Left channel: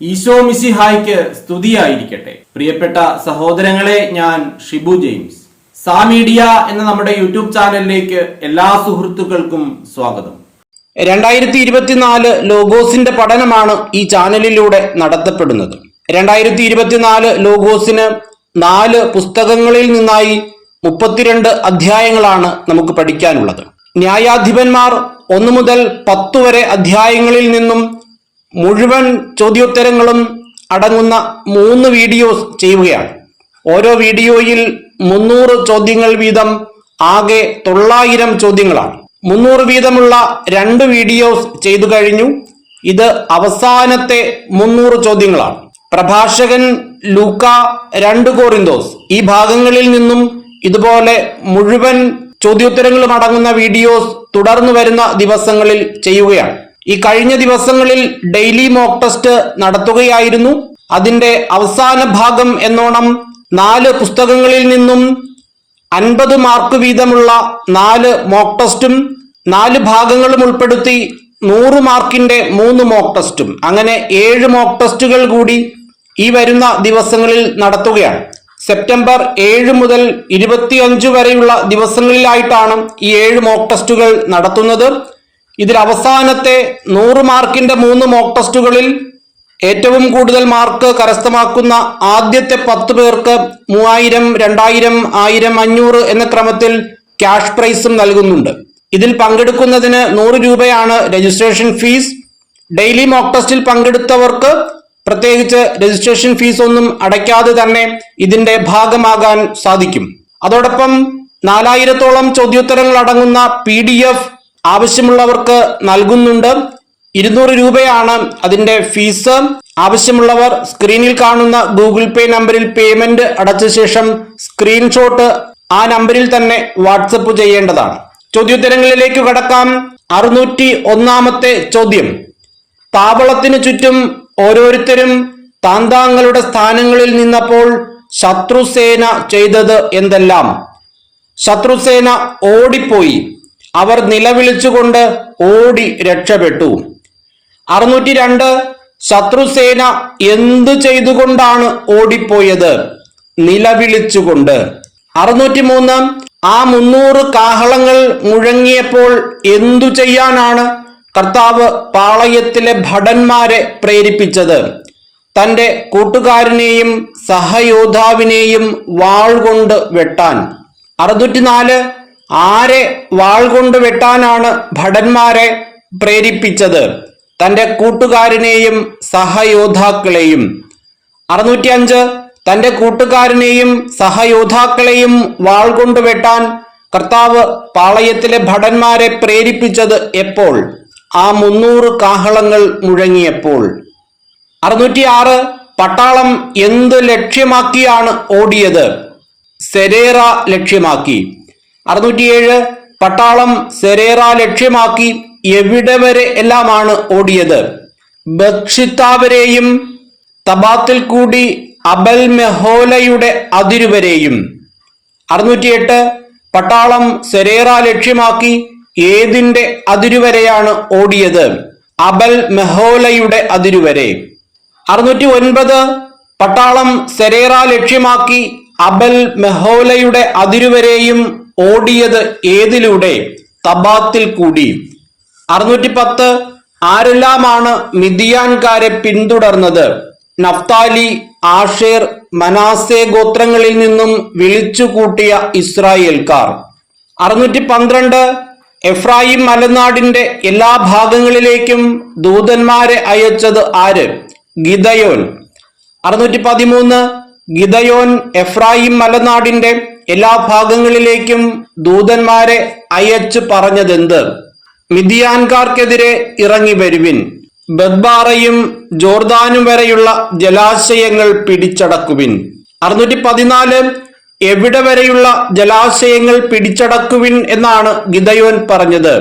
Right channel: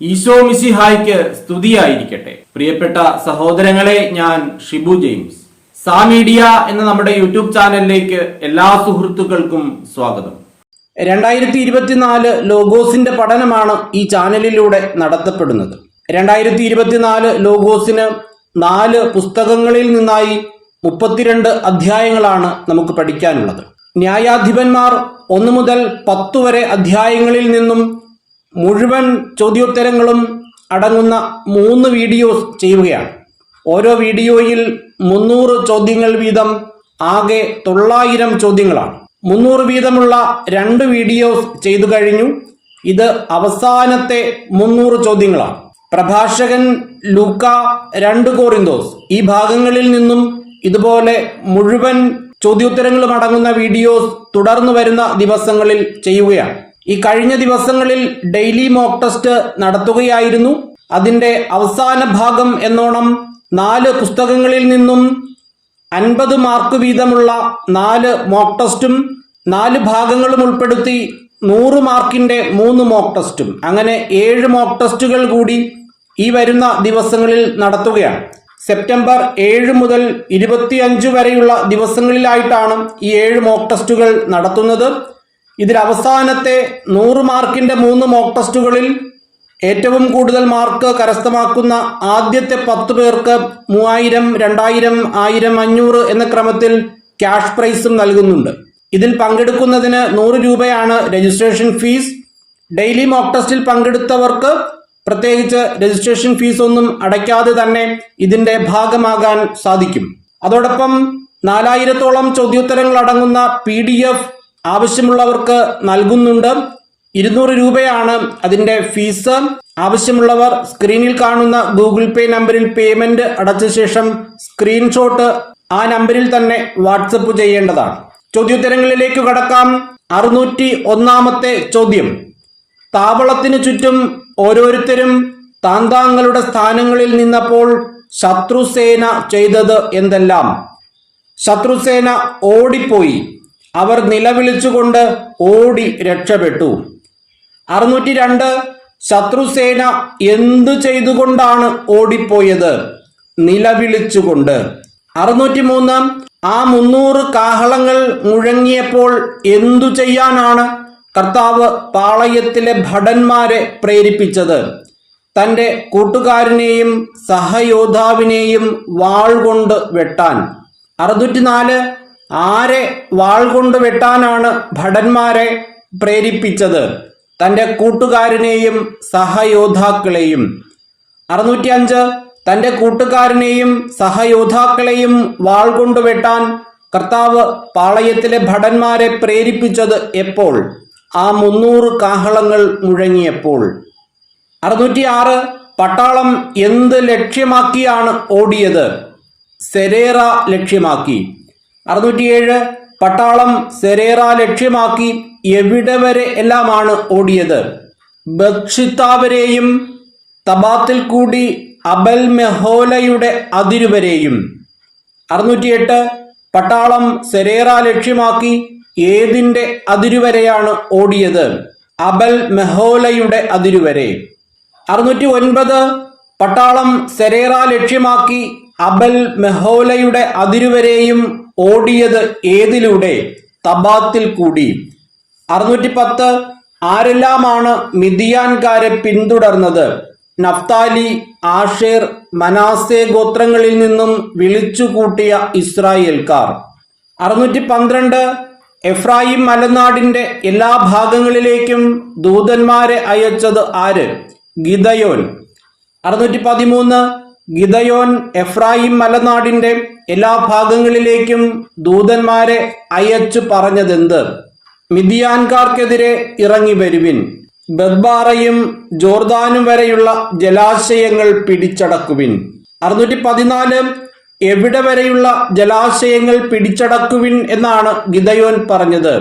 ഈശോ മിശിഹായ്ക്ക് സ്തുതിയായിരിക്കട്ടെ. പ്രിയപ്പെട്ട സഹോദരങ്ങളെ, ഞാൻ ഷിബു ജെയിംസ്. സാ മീഡിയ എന്ന നമ്മുടെ യൂട്യൂബ് ചാനലിലേക്ക് എല്ലാ സുഹൃത്തുക്കൾക്കും സ്വാഗതം. 2024 ലോഗോസിന്റെ പഠനമാണ് ഈ ചാനലിലൂടെ നടത്തപ്പെടുന്നത്. 2024 ലോഗോസിന് 4 പുസ്തകങ്ങളിൽ നിന്നായി 32 അധ്യായങ്ങളാണ് നമുക്ക് പഠിക്കാനുള്ളത്. ന്യായാധിപന്മാർ 1 മുതൽ 10 വരെ അധ്യായങ്ങളിൽ നിന്നും മുഴുവൻ ചോദ്യോത്തരങ്ങളും അടങ്ങുന്ന 3 വീഡിയോസ് ചെയ്യുകയാണ്. ഓരോ വീഡിയോയിൽ 300 ചോദ്യങ്ങൾ വീതം, ആകെ 900 ചോദ്യങ്ങളാണ്. 300 വീതമുള്ള 2 വീഡിയോസ് ചെയ്തു കഴിഞ്ഞു. ഇത് അവസാനത്തെ 300 ചോദ്യങ്ങളാണ്. പ്രഭാഷകൻ ലൂക്ക, 2 കോറിന്തോസ്, ഈ ഭാഗങ്ങളിൽ നിന്നും ഇതുപോലെ മുഴുവൻ ചോദ്യോത്തരങ്ങളും അടങ്ങുന്ന വീഡിയോസ് തുടർന്നു വരുന്ന ദിവസങ്ങളിൽ ചെയ്യുകയാണ്. ഈ കഴിഞ്ഞ ദിവസങ്ങളിൽ ഡെയിലി മോക്ക് ടെസ്റ്റ് നടത്തുകയായിരുന്നു. അതിന്റെ അവസാന ഭാഗം എന്നോണം 4 പുസ്തകങ്ങളിൽ നിന്നും 50 മാർക്ക് വീതമുള്ള 4 മോക്ക് ടെസ്റ്റും 4 ഭാഗങ്ങളും ഉൾപ്പെടുത്തി 100 മാർക്കിന്റെ 3 മോക്ക് ടെസ്റ്റും, അങ്ങനെ 7 മോക്ക് ടെസ്റ്റുകൾ കൂടി ഈ വരുന്ന ദിവസങ്ങളിൽ നടത്തുകയാണ്. സെപ്റ്റംബർ 7 മുതൽ 25 വരെയുള്ള ദിവസങ്ങളിലായിട്ടാണ് ഈ 7 മോക്ക് ടെസ്റ്റുകൾ നടത്തുന്നത്. ഇതിൽ അവസാനത്തെ 100 മാർക്കിന്റെ 3 മോക്ക് ടെസ്റ്റുകളിൽ ഏറ്റവും കൂടുതൽ മാർക്ക് കരസ്ഥമാക്കുന്ന ആദ്യത്തെ 10 പേർക്ക് 3000, 2000, 1000, 500 എന്ന ക്രമത്തിൽ ക്യാഷ് പ്രൈസും നൽകുന്നുണ്ട്. ഇതിൽ പങ്കെടുക്കുന്നതിന് 100 രൂപയാണ് രജിസ്ട്രേഷൻ ഫീസ്. ഡെയിലി മോക്ക് ടെസ്റ്റിൽ പങ്കെടുത്തവർക്ക് പ്രത്യേകിച്ച് രജിസ്ട്രേഷൻ ഫീസ് ഒന്നും അടയ്ക്കാതെ തന്നെ ഇതിന്റെ ഭാഗമാകാൻ സാധിക്കും. അതോടൊപ്പം 4000-ഓളം ചോദ്യോത്തരങ്ങൾ അടങ്ങുന്ന PDF ആവശ്യമുള്ളവർക്ക് നൽകുന്നുണ്ട്. 200 രൂപയാണ് അതിന്റെ ഫീസ്. ആവശ്യമുള്ളവർ സ്ക്രീനിൽ കാണുന്ന ഗൂഗിൾ പേ നമ്പറിൽ പേയ്മെന്റ് അടച്ച ശേഷം സ്ക്രീൻഷോട്ട് ആ നമ്പറിൽ തന്നെ വാട്സപ്പ് ചെയ്യേണ്ടതാണ്. ചോദ്യോത്തരങ്ങളിലേക്ക് കടക്കാം. 601-ാമത്തെ ചോദ്യം: താവളത്തിനു ചുറ്റും ഓരോരുത്തരും താന്താങ്ങളുടെ സ്ഥാനങ്ങളിൽ നിന്നപ്പോൾ ശത്രുസേന ചെയ്തത് എന്തെല്ലാം? ശത്രുസേന ഓടിപ്പോയി. അവർ നിലവിളിച്ചുകൊണ്ട് ഓടി രക്ഷപ്പെട്ടു. 602 ശത്രുസേന എന്തു ചെയ്തുകൊണ്ടാണ് ഓടിപ്പോയത്? നിലവിളിച്ചുകൊണ്ട്. 603 ആ 300 കാഹളങ്ങൾ മുഴങ്ങിയപ്പോൾ എന്തു ചെയ്യാനാണ് കർത്താവ് പാളയത്തിലെ ഭടന്മാരെ പ്രേരിപ്പിച്ചത്? തന്റെ കൂട്ടുകാരനെയും സഹയോദ്ധാവിനെയും വാൾ കൊണ്ട് വെട്ടാൻ. 604 ആരെ വാൾ കൊണ്ട് വെട്ടാനാണ് ഭടന്മാരെ പ്രേരിപ്പിച്ചത്? തന്റെ കൂട്ടുകാരനെയും സഹയോദ്ധാക്കളെയും. 605 തന്റെ കൂട്ടുകാരനെയും സഹയോദ്ധാക്കളെയും വാൾ കൊണ്ട് വെട്ടാൻ കർത്താവ് പാളയത്തിലെ ഭടന്മാരെ പ്രേരിപ്പിച്ചത് എപ്പോൾ? ആ 300 കാഹളങ്ങൾ മുഴങ്ങിയപ്പോൾ. 606 പട്ടാളം എന്ത് ലക്ഷ്യമാക്കിയാണ് ഓടിയത്? സെരേറ ലക്ഷ്യമാക്കി. 607 പട്ടാളം സെരേറ ലക്ഷ്യമാക്കി എവിടെ വരെ എല്ലാമാണ് ഓടിയത്? ബത്ഷിത്ത വരെയും തബാത്തിൽ കൂടി അബൽ മെഹോലയുടെ അതിരുവരെയും. 608 പട്ടാളം സെരേറ ലക്ഷ്യമാക്കി ഏതിന്റെ അതിരുവരെയാണ് ഓടിയത്? അബൽ മെഹോലയുടെ അതിരുവരെ. 609 പട്ടാളം സെരേറ ലക്ഷ്യമാക്കി അബൽ മെഹോലയുടെ അതിരുവരെയും ഓടിയത് ഏതിലൂടെ? തബാത്തിൽ കൂടി. 610 ആരെല്ലാമാണ് മിദിയാൻകാരെ പിന്തുടർന്നത്? നഫ്താലി, ആഷേർ, മനാസെ ഗോത്രങ്ങളിൽ നിന്നും വിളിച്ചുകൂട്ടിയ ഇസ്രായേൽക്കാർ. 612 എഫ്രായിം മലനാടിന്റെ എല്ലാ ഭാഗങ്ങളിലേക്കും ദൂതന്മാരെ അയച്ചത് ആര്? ഗിദയോൻ. 613 ഗിദയോൻ എഫ്രായിം മലനാടിന്റെ എല്ലാ ഭാഗങ്ങളിലേക്കും ദൂതന്മാരെ അയച്ചു പറഞ്ഞതെന്ത്? മിദിയാൻകാർക്കെതിരെ ഇറങ്ങി വരുവിൻ, ബദ്ബാറയും ജോർദാനും വരെയുള്ള ജലാശയങ്ങൾ പിടിച്ചടക്കുവിൻ. 614 എവിടെ വരെയുള്ള ജലാശയങ്ങൾ പിടിച്ചടക്കുവിൻ എന്നാണ് ഗിദയോൻ പറഞ്ഞത്?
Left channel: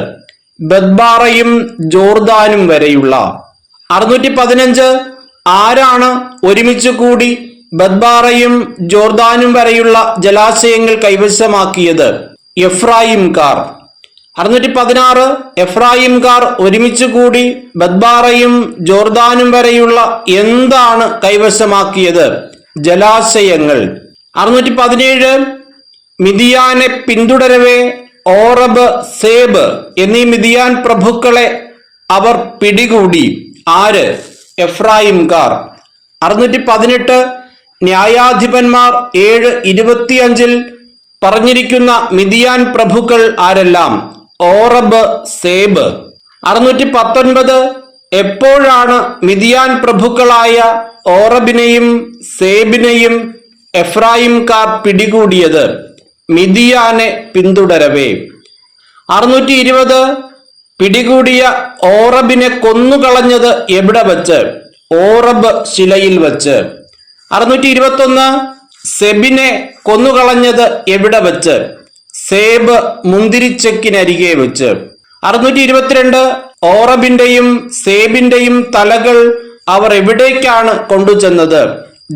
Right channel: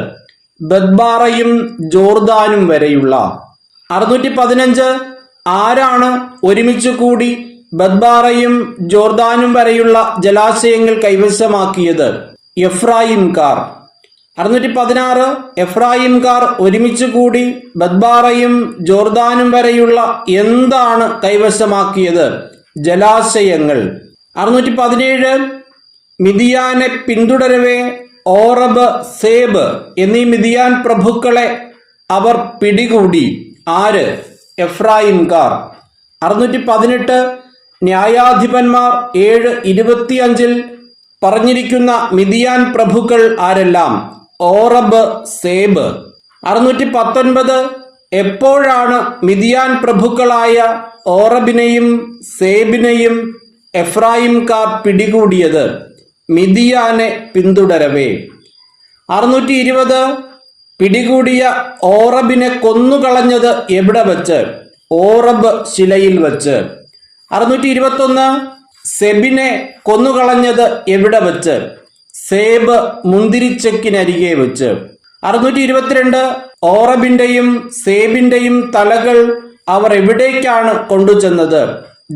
ബദ്ബാറയും ജോർദാനും വരെയുള്ള. 615 ആരാണ് ഒരുമിച്ച് കൂടി ബദ്ബാറയും ജോർദാനും വരെയുള്ള ജലാശയങ്ങൾ കൈവശമാക്കിയത്? എഫ്രായിംകാർ. 616 എഫ്രായിംകാർ ഒരുമിച്ച് കൂടി ബദ്ബാറയും ജോർദാനും വരെയുള്ള എന്താണ് കൈവശമാക്കിയത്? ജലാശയങ്ങൾ. 617 മിദിയാനെ പിന്തുടരവേ ഓറബ്, സേബ് എന്നീ മിദിയാൻ പ്രഭുക്കളെ അവർ പിടികൂടി. ആര്? എഫ്രായിംകാർ. 618 ന്യായാധിപന്മാർ 7:25 പറഞ്ഞിരിക്കുന്ന മിദിയാൻ പ്രഭുക്കൾ ആരെല്ലാം? ഓറബ്, സേബ്. 619 എപ്പോഴാണ് മിദിയാൻ പ്രഭുക്കളായ ഓറബിനെയും സേബിനെയും എഫ്രായിംകാർ പിടികൂടിയത്? മിദിയാനെ പിന്തുടരവേ. 620 പിടികൂടിയ ഓറബിനെ കൊന്നുകളഞ്ഞത് എവിടെ വച്ച്? ഓറബ് ശിലയിൽ വച്ച്. 621 സെബിനെ കൊന്നുകളഞ്ഞത് എവിടെ വച്ച്? സേബ് മുന്തിരിച്ചക്കിനരികെ വെച്ച്. 622 ഓറബിന്റെയും സേബിന്റെയും തലകൾ അവർ എവിടേക്കാണ് കൊണ്ടുചെന്നത്?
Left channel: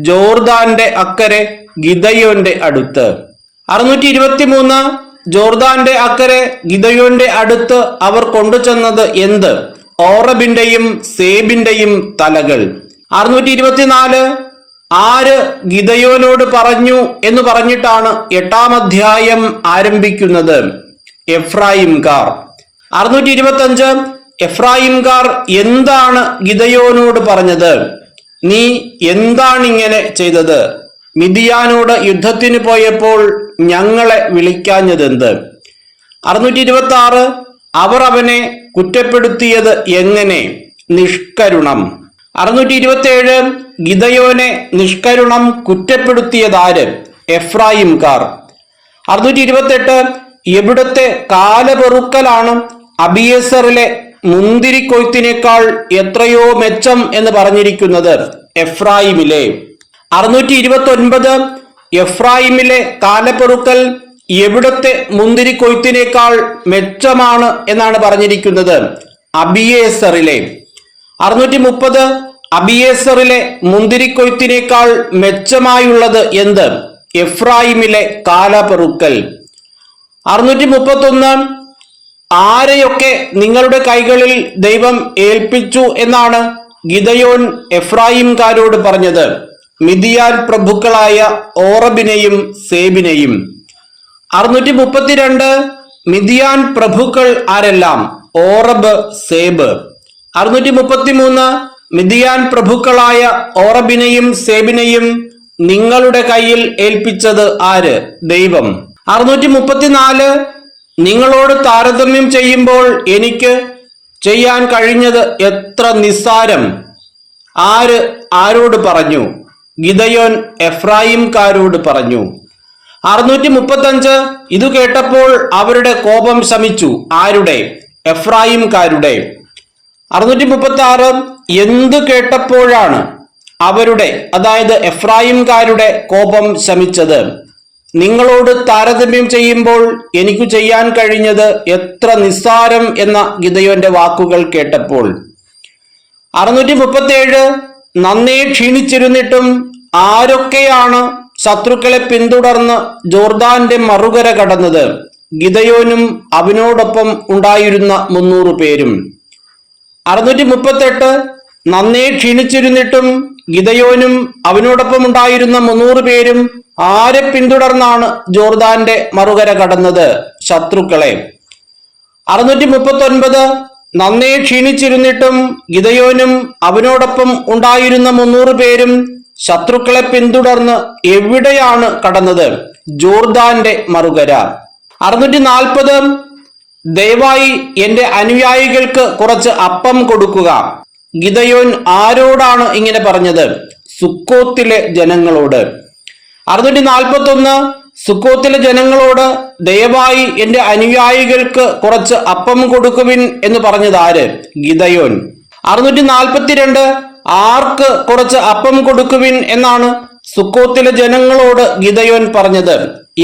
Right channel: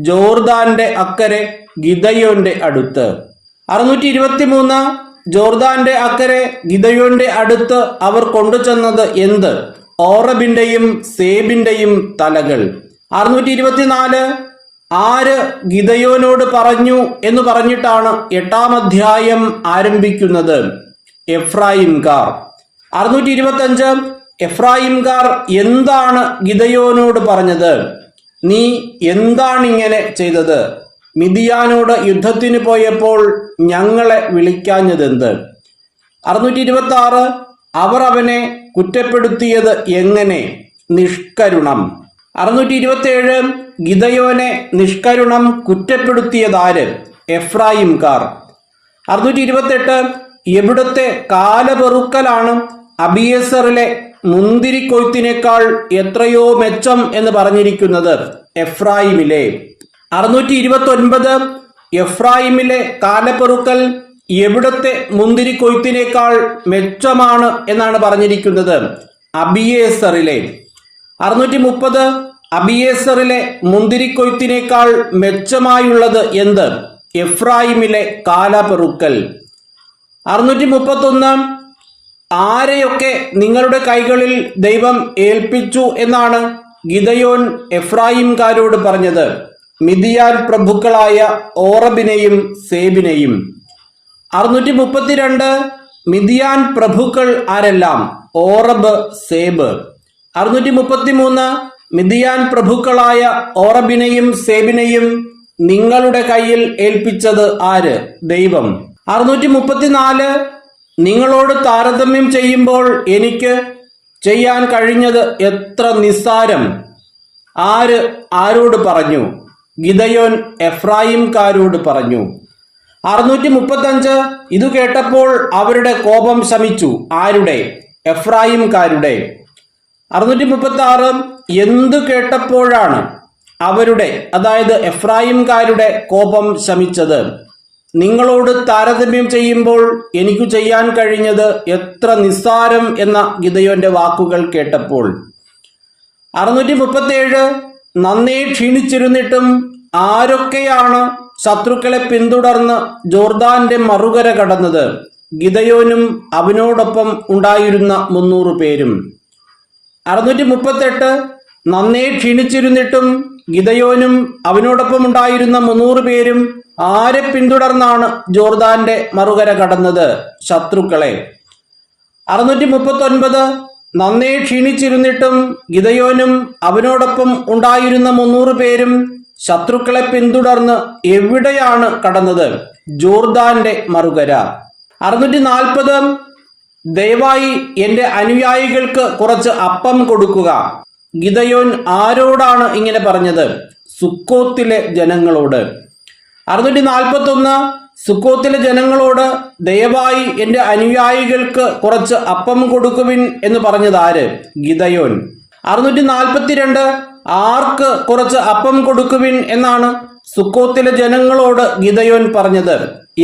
ജോർദാന്റെ അക്കരെ ഗിദയോന്റെ അടുത്ത്. 623 ജോർദാന്റെ അക്കരെ ഗിദയോന്റെ അടുത്ത് അവർ കൊണ്ടുചെന്നത് എന്ത്? ഓറബിന്റെയും സേബിന്റെയും തലകൾ. 624 ആര് ഗിദയോനോട് പറഞ്ഞു എന്ന് പറഞ്ഞിട്ടാണ് 8-ാം അധ്യായം ആരംഭിക്കുന്നത്? എഫ്രായിംകാർ. 625 എഫ്രായിംകാർ എന്താണ് ഗിദയോനോട് പറഞ്ഞത്? നീ എന്താണിങ്ങനെ ചെയ്തത്? മിദിയാനോട് യുദ്ധത്തിന് പോയപ്പോൾ ഞങ്ങളെ വിളിക്കാഞ്ഞതെന്ത്? 626 അവർ അവനെ കുറ്റപ്പെടുത്തിയത് എങ്ങനെ? നിഷ്കരുണം. 627 ഗിദയോനെ നിഷ്കരുണം കുറ്റപ്പെടുത്തിയതാര്? എഫ്രായിംകാർ. 628 എവിടുത്തെ കാലപെറുക്കലാണ് അബിയേസറിലെ മുന്തിരിക്കൊയ്ത്തിനേക്കാൾ എത്രയോ മെച്ചം എന്ന് പറഞ്ഞിരിക്കുന്നത്? എഫ്രായിമിലെ. 629 എഫ്രായിമിലെ കാലപ്പെറുക്കൽ എവിടത്തെ മുന്തിരിക്കൊയ്ത്തിനേക്കാൾ മെച്ചമാണ് എന്നാണ് പറഞ്ഞിരിക്കുന്നത്? അബിയേസറിലെ. 630 അബിയേസറിലെ മുന്തിരിക്കൊയ്ത്തിനേക്കാൾ മെച്ചമായുള്ളത് എന്ത്? എഫ്രായിമിലെ കാലപ്പെറുക്കൽ. 631 ആരെയൊക്കെ നിങ്ങളുടെ കൈകളിൽ ദൈവം ഏൽപ്പിച്ചു എന്നാണ് ഗിദയോൻ എഫ്രായിംകാരോട് പറഞ്ഞത്? മിദിയാൻ പ്രഭുക്കളായ ഓറബിനെയും സേബിനെയും. 632 മിദിയാൻ പ്രഭുക്കൾ ആരെല്ലാം? ഓറബ്, സേബ്. 633 മിദിയാൻ പ്രഭുക്കളായ ഓറബിനെയും സേബിനെയും നിങ്ങളുടെ കയ്യിൽ ഏൽപ്പിച്ചത് ആര്? ദൈവം. 634 നിങ്ങളോട് താരതമ്യം ചെയ്യുമ്പോൾ എനിക്ക് ചെയ്യാൻ കഴിഞ്ഞത് എത്ര നിസ്സാരം! ആര് ആരോട് പറഞ്ഞു? ഗിദയോൻ എഫ്രായിംകാരോട് പറഞ്ഞു. 635 ഇതു കേട്ടപ്പോൾ അവരുടെ കോപം ശമിച്ചു. ആരുടെ? എഫ്രായിംകാരുടെ. 636 എന്തു കേട്ടപ്പോഴാണ് അവരുടെ, അതായത് എഫ്രായിംകാരുടെ കോപം ശമിച്ചത്? നിങ്ങളോട് താരതമ്യം ചെയ്യുമ്പോൾ എനിക്ക് ചെയ്യാൻ കഴിഞ്ഞത് എത്ര നിസ്സാരം എന്ന ഗിദയോന്റെ വാക്കുകൾ കേട്ടപ്പോൾ. 637 നന്നേ ക്ഷീണിച്ചിരുന്നിട്ടും ആരൊക്കെയാണ് ശത്രുക്കളെ പിന്തുടർന്ന് ജോർദാന്റെ മറുകര കടന്നത്? ഗിദയോനും അവനോടൊപ്പം ഉണ്ടായിരുന്ന 300 പേരും. 638 നന്നേ ക്ഷീണിച്ചിരുന്നിട്ടും ഗിദയോനും അവനോടൊപ്പം ഉണ്ടായിരുന്ന 300 പേരും ആരെ പിന്തുടർന്നാണ് ജോർദാന്റെ മറുകര കടന്നത്? ശത്രുക്കളെ. 639 നന്നേ ക്ഷീണിച്ചിരുന്നിട്ടും ഗിദയോനും അവനോടൊപ്പം ഉണ്ടായിരുന്ന 300 പേരും ശത്രുക്കളെ പിന്തുടർന്ന് എവിടെയാണ് കടന്നത്? ജോർദാന്റെ മറുകര. 640 ദയവായി എന്റെ അനുയായികൾക്ക് കുറച്ച് അപ്പം കൊടുക്കുക. ഗിദയോൻ ആരോടാണ് ഇങ്ങനെ പറഞ്ഞത്? സുക്കോത്തിലെ ജനങ്ങളോട്. 641 സുക്കോത്തിലെ ജനങ്ങളോട് ദയവായി എന്റെ അനുയായികൾക്ക് കുറച്ച് അപ്പം കൊടുക്കുവിൻ എന്ന് പറഞ്ഞത് ആര്? ഗിദയോൻ. 642 ആർക്ക് കുറച്ച് അപ്പം കൊടുക്കുവിൻ എന്നാണ് സുക്കോത്തിലെ ജനങ്ങളോട് ഗിദയോൻ പറഞ്ഞത്?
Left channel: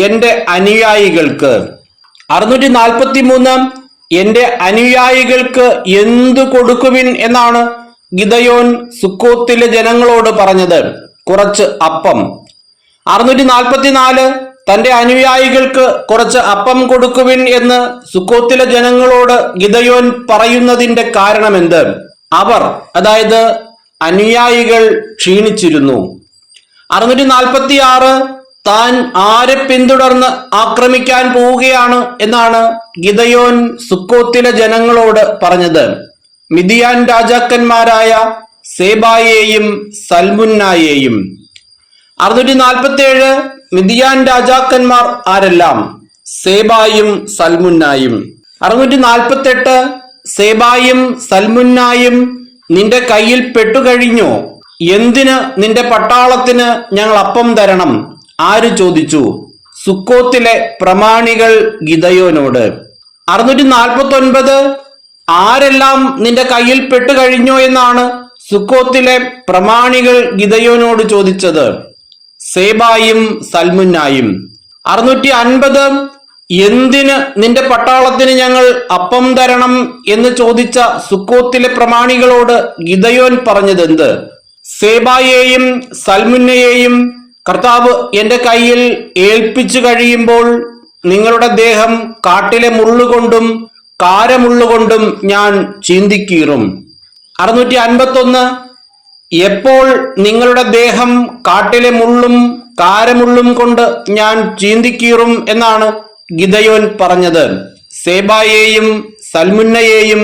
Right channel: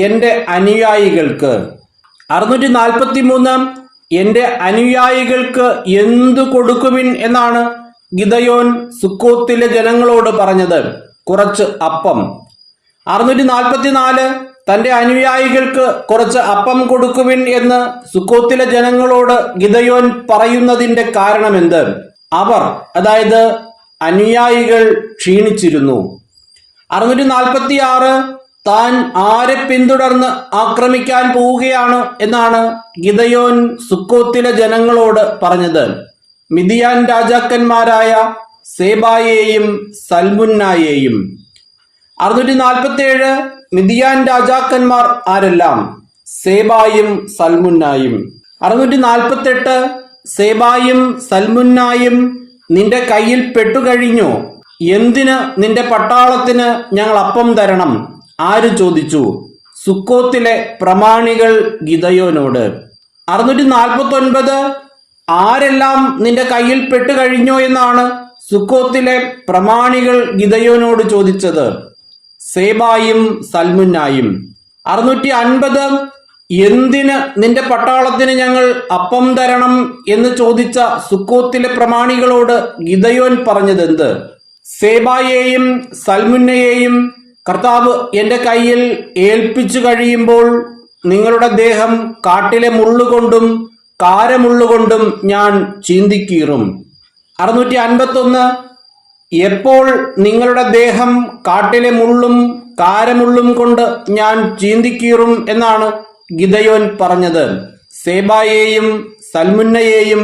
എന്റെ അനുയായികൾക്ക്. 643 എന്റെ അനുയായികൾക്ക് എന്തു കൊടുക്കുവിൻ എന്നാണ് ഗിദയോൻ സുക്കോത്തിലെ ജനങ്ങളോട് പറഞ്ഞത്? കുറച്ച് അപ്പം. 644 തന്റെ അനുയായികൾക്ക് കുറച്ച് അപ്പം കൊടുക്കുവിൻ എന്ന് സുക്കോത്തിലെ ജനങ്ങളോട് ഗിദയോൻ പറയുന്നതിന്റെ കാരണമെന്ത്? അവർ, അതായത് അനുയായികൾ, ക്ഷീണിച്ചിരുന്നു. 646 താൻ ആരെ പിന്തുടർന്ന് ആക്രമിക്കാൻ പോവുകയാണ് എന്നാണ് ഗിദയോൻ സുക്കോത്തിലെ ജനങ്ങളോട് പറഞ്ഞത്. മിദിയാൻ രാജാക്കന്മാരായ സേബായെയും സൽമുന്നായെയും. 647 മിദിയാൻ രാജാക്കന്മാർ ആരെല്ലാം? സേബായും സൽമുന്നായും. 648 സേബായും സൽമുന്നായും നിന്റെ കയ്യിൽ പെട്ടുകഴിഞ്ഞോ? എന്തിന് നിന്റെ പട്ടാളത്തിന് ഞങ്ങൾ അപ്പം തരണം? ആര് ചോദിച്ചു? സുക്കോത്തിലെ പ്രമാണികൾ ഗിദയോനോട്. 649 ആരെല്ലാം നിന്റെ കയ്യിൽ പെട്ടുകഴിഞ്ഞോ എന്നാണ് സുക്കോത്തിലെ പ്രമാണികൾ ഗിദയോനോട് ചോദിച്ചത്. സേബായും സൽമുന്നായും. 650 എന്തിന് നിന്റെ പട്ടാളത്തിന് ഞങ്ങൾ അപ്പം തരണം എന്ന് ചോദിച്ച സുക്കോത്തിലെ പ്രമാണികളോട് ഗിദയോൻ പറഞ്ഞതെന്ത്? സേബായെയും സൽമുന്നയെയും കർത്താവ് എന്റെ കയ്യിൽ ഏൽപ്പിച്ചു കഴിയുമ്പോൾ നിങ്ങളുടെ ദേഹം കാട്ടിലെ മുള്ളുകൊണ്ടും കാരമുള്ളുകൊണ്ടും ഞാൻ ചീന്തിക്കീറും. 651 എപ്പോൾ നിങ്ങളുടെ ദേഹം കാട്ടിലെ മുള്ളും കാരമുള്ളും കൊണ്ട് ഞാൻ ചീന്തിക്കീറും എന്നാണ് ഗിദയോൻ പറഞ്ഞത്. സേബായെയും സൽമുന്നയെയും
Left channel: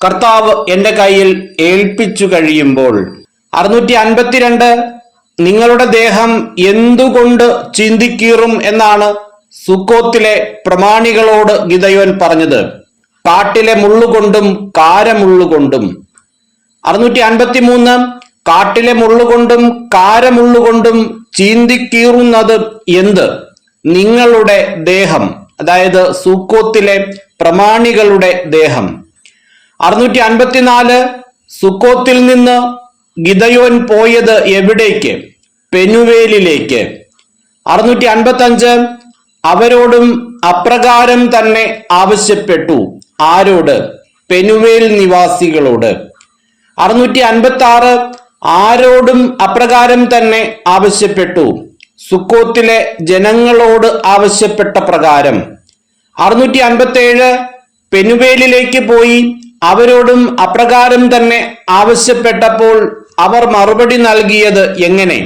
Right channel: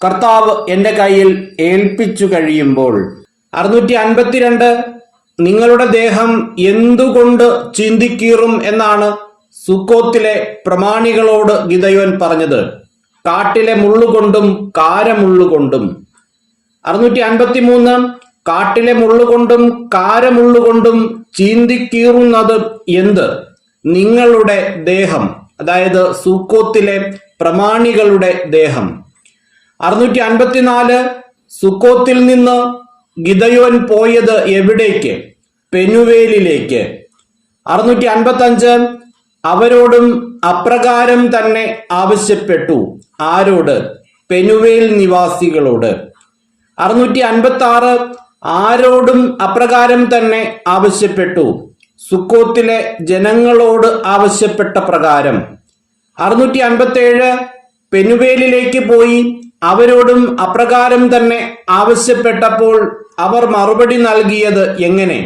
കർത്താവ് എന്റെ കയ്യിൽ ഏൽപ്പിച്ചു കഴിയുമ്പോൾ. 652 നിങ്ങളുടെ ദേഹം എന്തുകൊണ്ട് ചീന്തിക്കീറും എന്നാണ് സുക്കോത്തിലെ പ്രമാണികളോട് ഗിദയോൻ പറഞ്ഞത്. കാട്ടിലെ മുള്ളുകൊണ്ടും കാരമുള്ളുകൊണ്ടും. 653 കാട്ടിലെ മുള്ളുകൊണ്ടും കാരമുള്ളുകൊണ്ടും ചീന്തിക്കീറുന്നത് എന്ത്? നിങ്ങളുടെ ദേഹം, അതായത് സുക്കോത്തിലെ പ്രമാണികളുടെ ദേഹം. 654 സുക്കോത്തിൽ നിന്ന് ഗിദയോൻ പോയത് എവിടേക്ക്? പെനുവേലിലേക്ക്. 655 അവരോടും അപ്രകാരം തന്നെ ആവശ്യപ്പെട്ടു. ആരോട്? പെനുവേൽ നിവാസികളോട്. 656 ആരോടും അപ്രകാരം തന്നെ ആവശ്യപ്പെട്ടു? സുക്കോത്തിലെ ജനങ്ങളോട് ആവശ്യപ്പെട്ട പ്രകാരം. 657 പെനുവേലിലേക്ക് പോയി അവരോടും അപ്രകാരം തന്നെ ആവശ്യപ്പെട്ടപ്പോൾ അവർ മറുപടി നൽകിയത് എങ്ങനെ?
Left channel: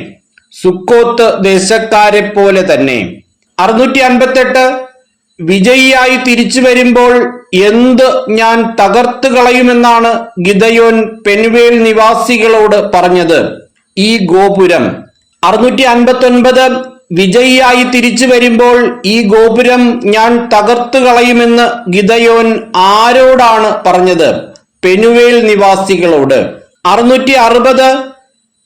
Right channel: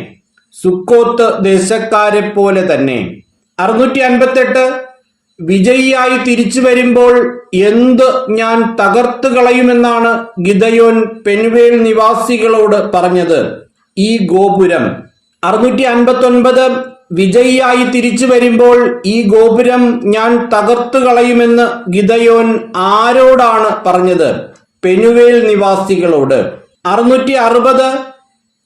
സുക്കോത്ത് ദേശക്കാരെ പോലെ തന്നെ. 658 വിജയിയായി തിരിച്ചു വരുമ്പോൾ എന്ത് ഞാൻ തകർത്തു കളയുമെന്നാണ് ഗിദയോൻ പെനുവേൽ നിവാസികളോട് പറഞ്ഞത്? ഈ ഗോപുരം. 659 വിജയിയായി തിരിച്ചു വരുമ്പോൾ ഈ ഗോപുരം ഞാൻ തകർത്തു കളയുമെന്ന് ഗിദയോൻ ആരോടാണ് പറഞ്ഞത്? പെനുവേൽ നിവാസികളോട്. 660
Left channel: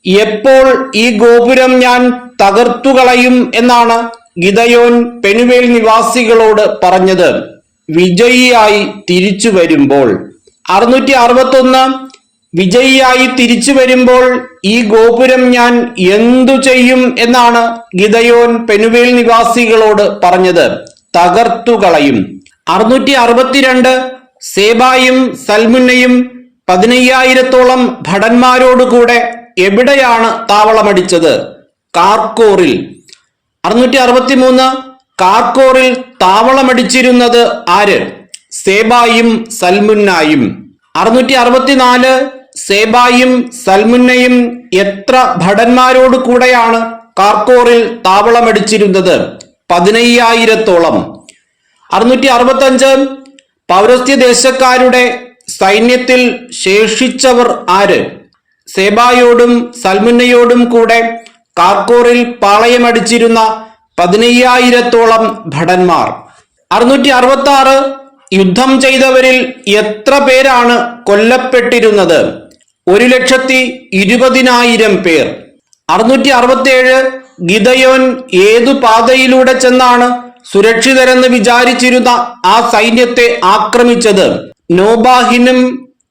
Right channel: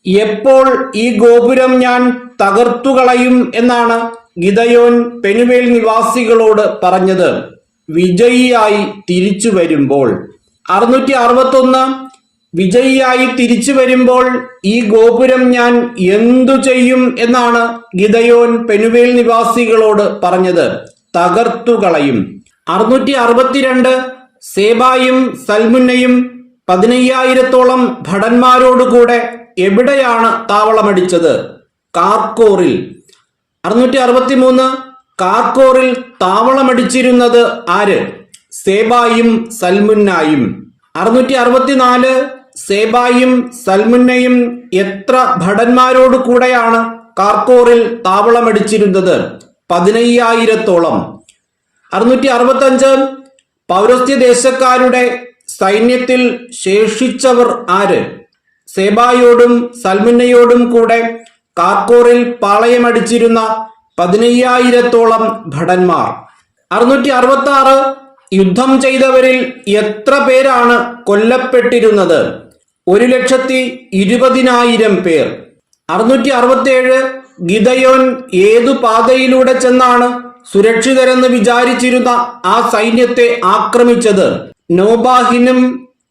എപ്പോൾ ഈ ഗോപുരം ഞാൻ തകർത്തു കളയും എന്നാണ് ഗിദയോൻ പെനുവേൽ നിവാസികളോട് പറഞ്ഞത്? വിജയിയായി തിരിച്ചു വരുമ്പോൾ. 661 വിജയിയായി തിരിച്ചു വരുമ്പോൾ ഈ ഗോപുരം ഞാൻ എന്തു ചെയ്യും എന്നാണ് ഗിദയോൻ പെനുവേൽ നിവാസികളോട് പറഞ്ഞത്? തകർത്തു കളയും. 662 സേബായും സൽമുന്നയും 15,000-ഓളം ഭടന്മാരോടുകൂടെ എവിടെയാണ് താവളമടിച്ചത്? കാർക്കോറിൽ. 663 കാർക്കോറിൽ താവളമടിച്ചിരുന്നത് ആര്? സേബായും സൽമുന്നായും. 664 സേബായും സൽമുന്നയും എത്ര ഭടന്മാരോട് കൂടെയാണ് കാർക്കോറിൽ താവളമടിച്ചിരുന്നത്? 15,000-ഓളം. 665 പൗരസ്ത്യ ദേശക്കാരുടെ സൈന്യത്തിൽ ശേഷിച്ചവർ ആര്? സേബായോടും സൽമുന്നയോടും കൂടെ കാർക്കോറിൽ പാളയമടിച്ചിരുന്ന 15,000-ഓളം ഭടന്മാർ. 666 യുദ്ധം ചെയ്തവരിൽ എത്ര പേരാണ് കൊല്ലപ്പെട്ടിരുന്നത്? 1,20,000 പേർ. 667 ഗിദയോൻ ഏതു പാതയിലൂടെ ചെന്നാണ് സുരക്ഷിതരെന്ന് വിചാരിച്ചിരുന്ന ആ സൈന്യത്തെ ആക്രമിച്ചത്? നോബാഹിനും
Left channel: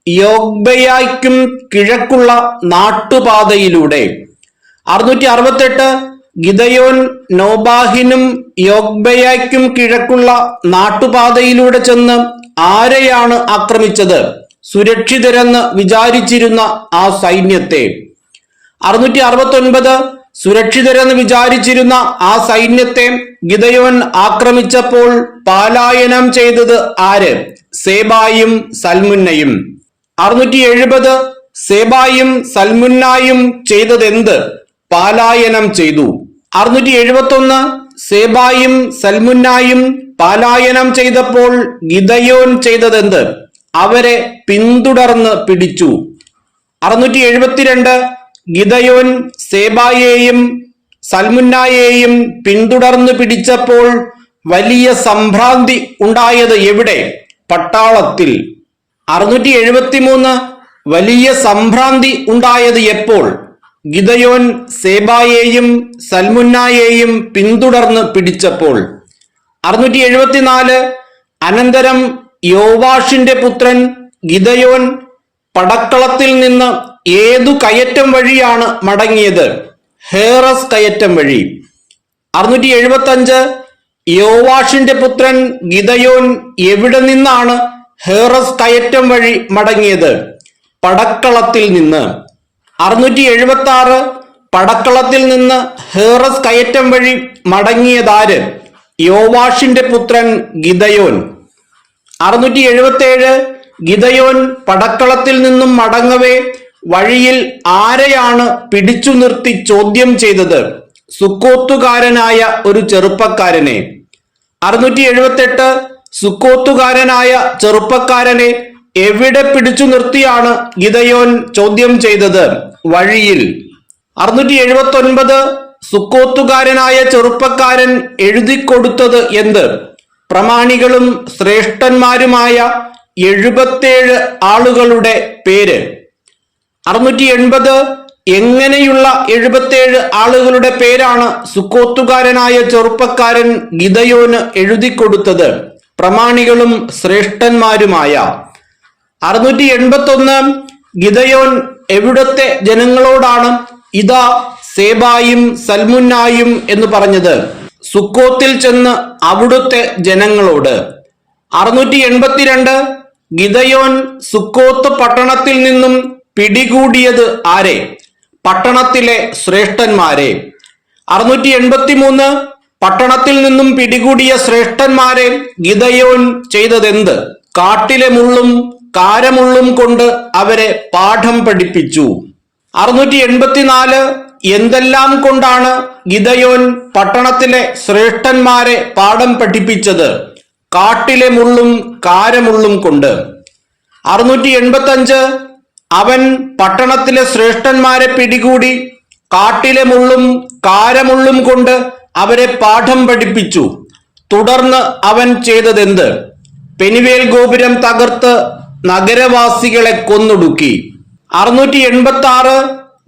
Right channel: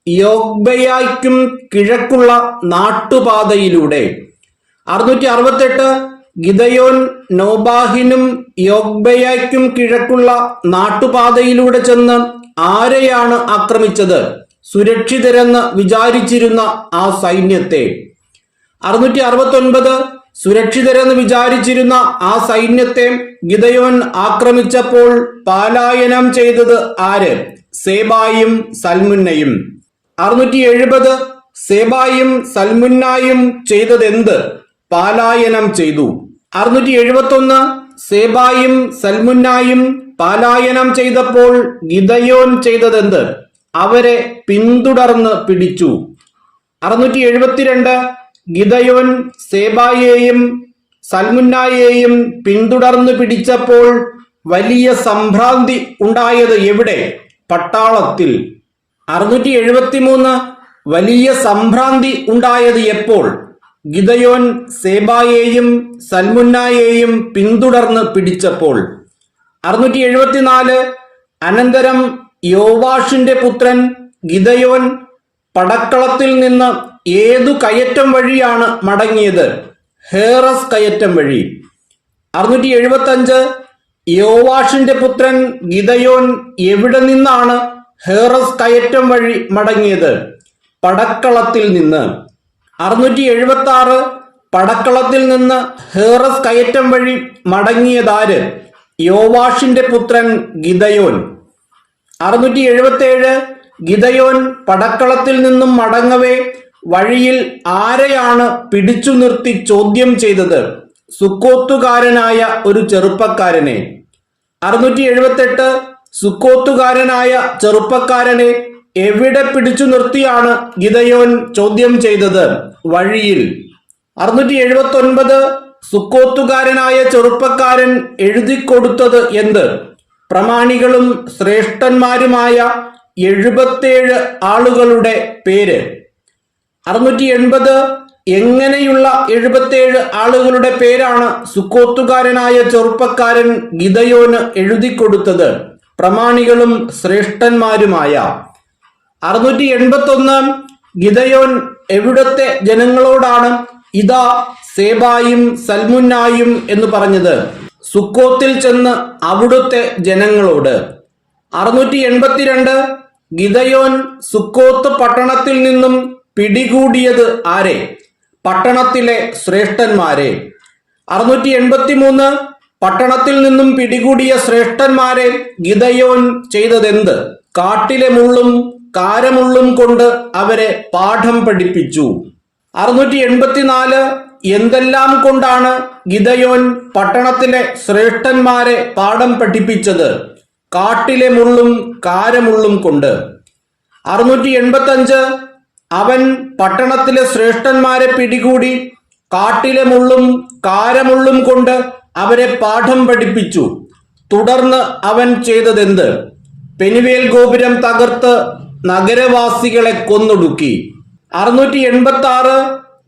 യോഗ്ബയായ്ക്കും കിഴക്കുള്ള നാട്ടുപാതയിലൂടെ. 668 ഗിദയോൻ നോബാഹിനും യോഗ്ബയായ്ക്കും കിഴക്കുള്ള നാട്ടുപാതയിലൂടെ ചെന്ന് ആരെയാണ് ആക്രമിച്ചത്? സുരക്ഷിതരെന്ന് വിചാരിച്ചിരുന്ന ആ സൈന്യത്തെ. 669 സുരക്ഷിതരെന്ന് വിചാരിച്ചിരുന്ന ആ സൈന്യത്തെ ഗിദയോൻ ആക്രമിച്ചപ്പോൾ പലായനം ചെയ്തത് ആര്? സേബായും സൽമുന്നയും. 670 സേബായും സൽമുന്നായും ചെയ്തതെന്ത്? പലായനം ചെയ്തു. 671 സേബായും സൽമുന്നായും പലായനം ചെയ്തപ്പോൾ ഗിദയോൻ ചെയ്തതെന്ത്? അവരെ പിന്തുടർന്ന് പിടിച്ചു. 672 ഗിദയോൻ സേബായെയും സൽമുന്നായെയും പിന്തുടർന്ന് പിടിച്ചപ്പോൾ വലിയ സംഭ്രാന്തി ഉണ്ടായത് എവിടെ? പട്ടാളത്തിൽ. 673 വലിയ സംഭ്രാന്തി ഉണ്ടായത് എപ്പോൾ? ഗിദയോൻ സേബായെയും സൽമുന്നായെയും പിന്തുടർന്ന് പിടിച്ചപ്പോൾ. 674 അനന്തരം യോവാഷിന്റെ പുത്രൻ ഗിദയോൻ പടക്കളത്തിൽ നിന്ന് ഏതു കയറ്റം വഴിയാണ് മടങ്ങിയത്? ഹേറസ് കയറ്റം വഴി. 675 യോവാഷിന്റെ പുത്രൻ ഗിദയോൻ എവിടെ നിന്നാണ് ഹേറസ് കയറ്റം വഴി മടങ്ങിയത്? പടക്കളത്തിൽ നിന്ന്. 676 പടക്കളത്തിൽ നിന്ന് ഹേറസ് കയറ്റം വഴി മടങ്ങിയതാര്? യോവാഷിന്റെ പുത്രൻ ഗിദയോൻ. 677 ഗിദയോൻ പടക്കളത്തിൽ നിന്നും മടങ്ങവേ വഴിയിൽ ആരെയാണ് പിടിച്ചു നിർത്തി ചോദ്യം ചെയ്തത്? സുക്കോത്തുകാരനായ ഒരു ചെറുപ്പക്കാരനെ. 678 സുക്കോത്തുകാരനായ ചെറുപ്പക്കാരനെ എവിടെ പിടിച്ചു നിർത്തിയാണ് ഗിദയോൻ ചോദ്യം ചെയ്തത്? വഴിയിൽ. 679 സുക്കോത്തുകാരനായ ചെറുപ്പക്കാരൻ എഴുതിക്കൊടുത്തത് എന്ത്? പ്രമാണികളും ശ്രേഷ്ഠന്മാരുമായ 77 ആളുകളുടെ പേര്. 680 എങ്ങനെയുള്ള 77 ആളുകളുടെ പേരാണ് സുക്കോത്തുകാരനായ ചെറുപ്പക്കാരൻ ഗിദയോന് എഴുതിക്കൊടുത്തത്? പ്രമാണികളും ശ്രേഷ്ഠന്മാരുമായ. 681 ഗിദയോൻ എവിടത്തെ ജനങ്ങളോടാണ് ഇതാ സേബായും സൽമുന്നായും എന്ന് പറഞ്ഞത്? സുക്കോത്തിൽ ചെന്ന് അവിടുത്തെ ജനങ്ങളോട്. 682 ഗിദയോൻ സുക്കോത്ത് പട്ടണത്തിൽ നിന്നും പിടികൂടിയത് ആരെ? പട്ടണത്തിലെ ശ്രേഷ്ഠന്മാരെ. 683 പട്ടണത്തിൽ നിന്നും പിടികൂടിയ ശ്രേഷ്ഠന്മാരെ ഗിദയോൻ ചെയ്തതെന്ത്? കാട്ടിലെ മുള്ളും കാരമുള്ളും കൊണ്ട് അവരെ പാഠം പഠിപ്പിച്ചു. 684 എന്തെല്ലാം കൊണ്ടാണ് ഗിദയോൻ പട്ടണത്തിലെ ശ്രേഷ്ഠന്മാരെ പാഠം പഠിപ്പിച്ചത്? കാട്ടിലെ മുള്ളും കാരമുള്ളും കൊണ്ട്. 685 അവൻ പട്ടണത്തിലെ ശ്രേഷ്ഠന്മാരെ പിടികൂടി കാട്ടിലെ മുള്ളും കാരമുള്ളും കൊണ്ട് അവരെ പാഠം പഠിപ്പിച്ചു. തുടർന്ന് അവൻ ചെയ്തതെന്ത്? പെനുവേൽ ഗോപുരം തകർത്ത് നഗരവാസികളെ കൊന്നൊടുക്കി. 686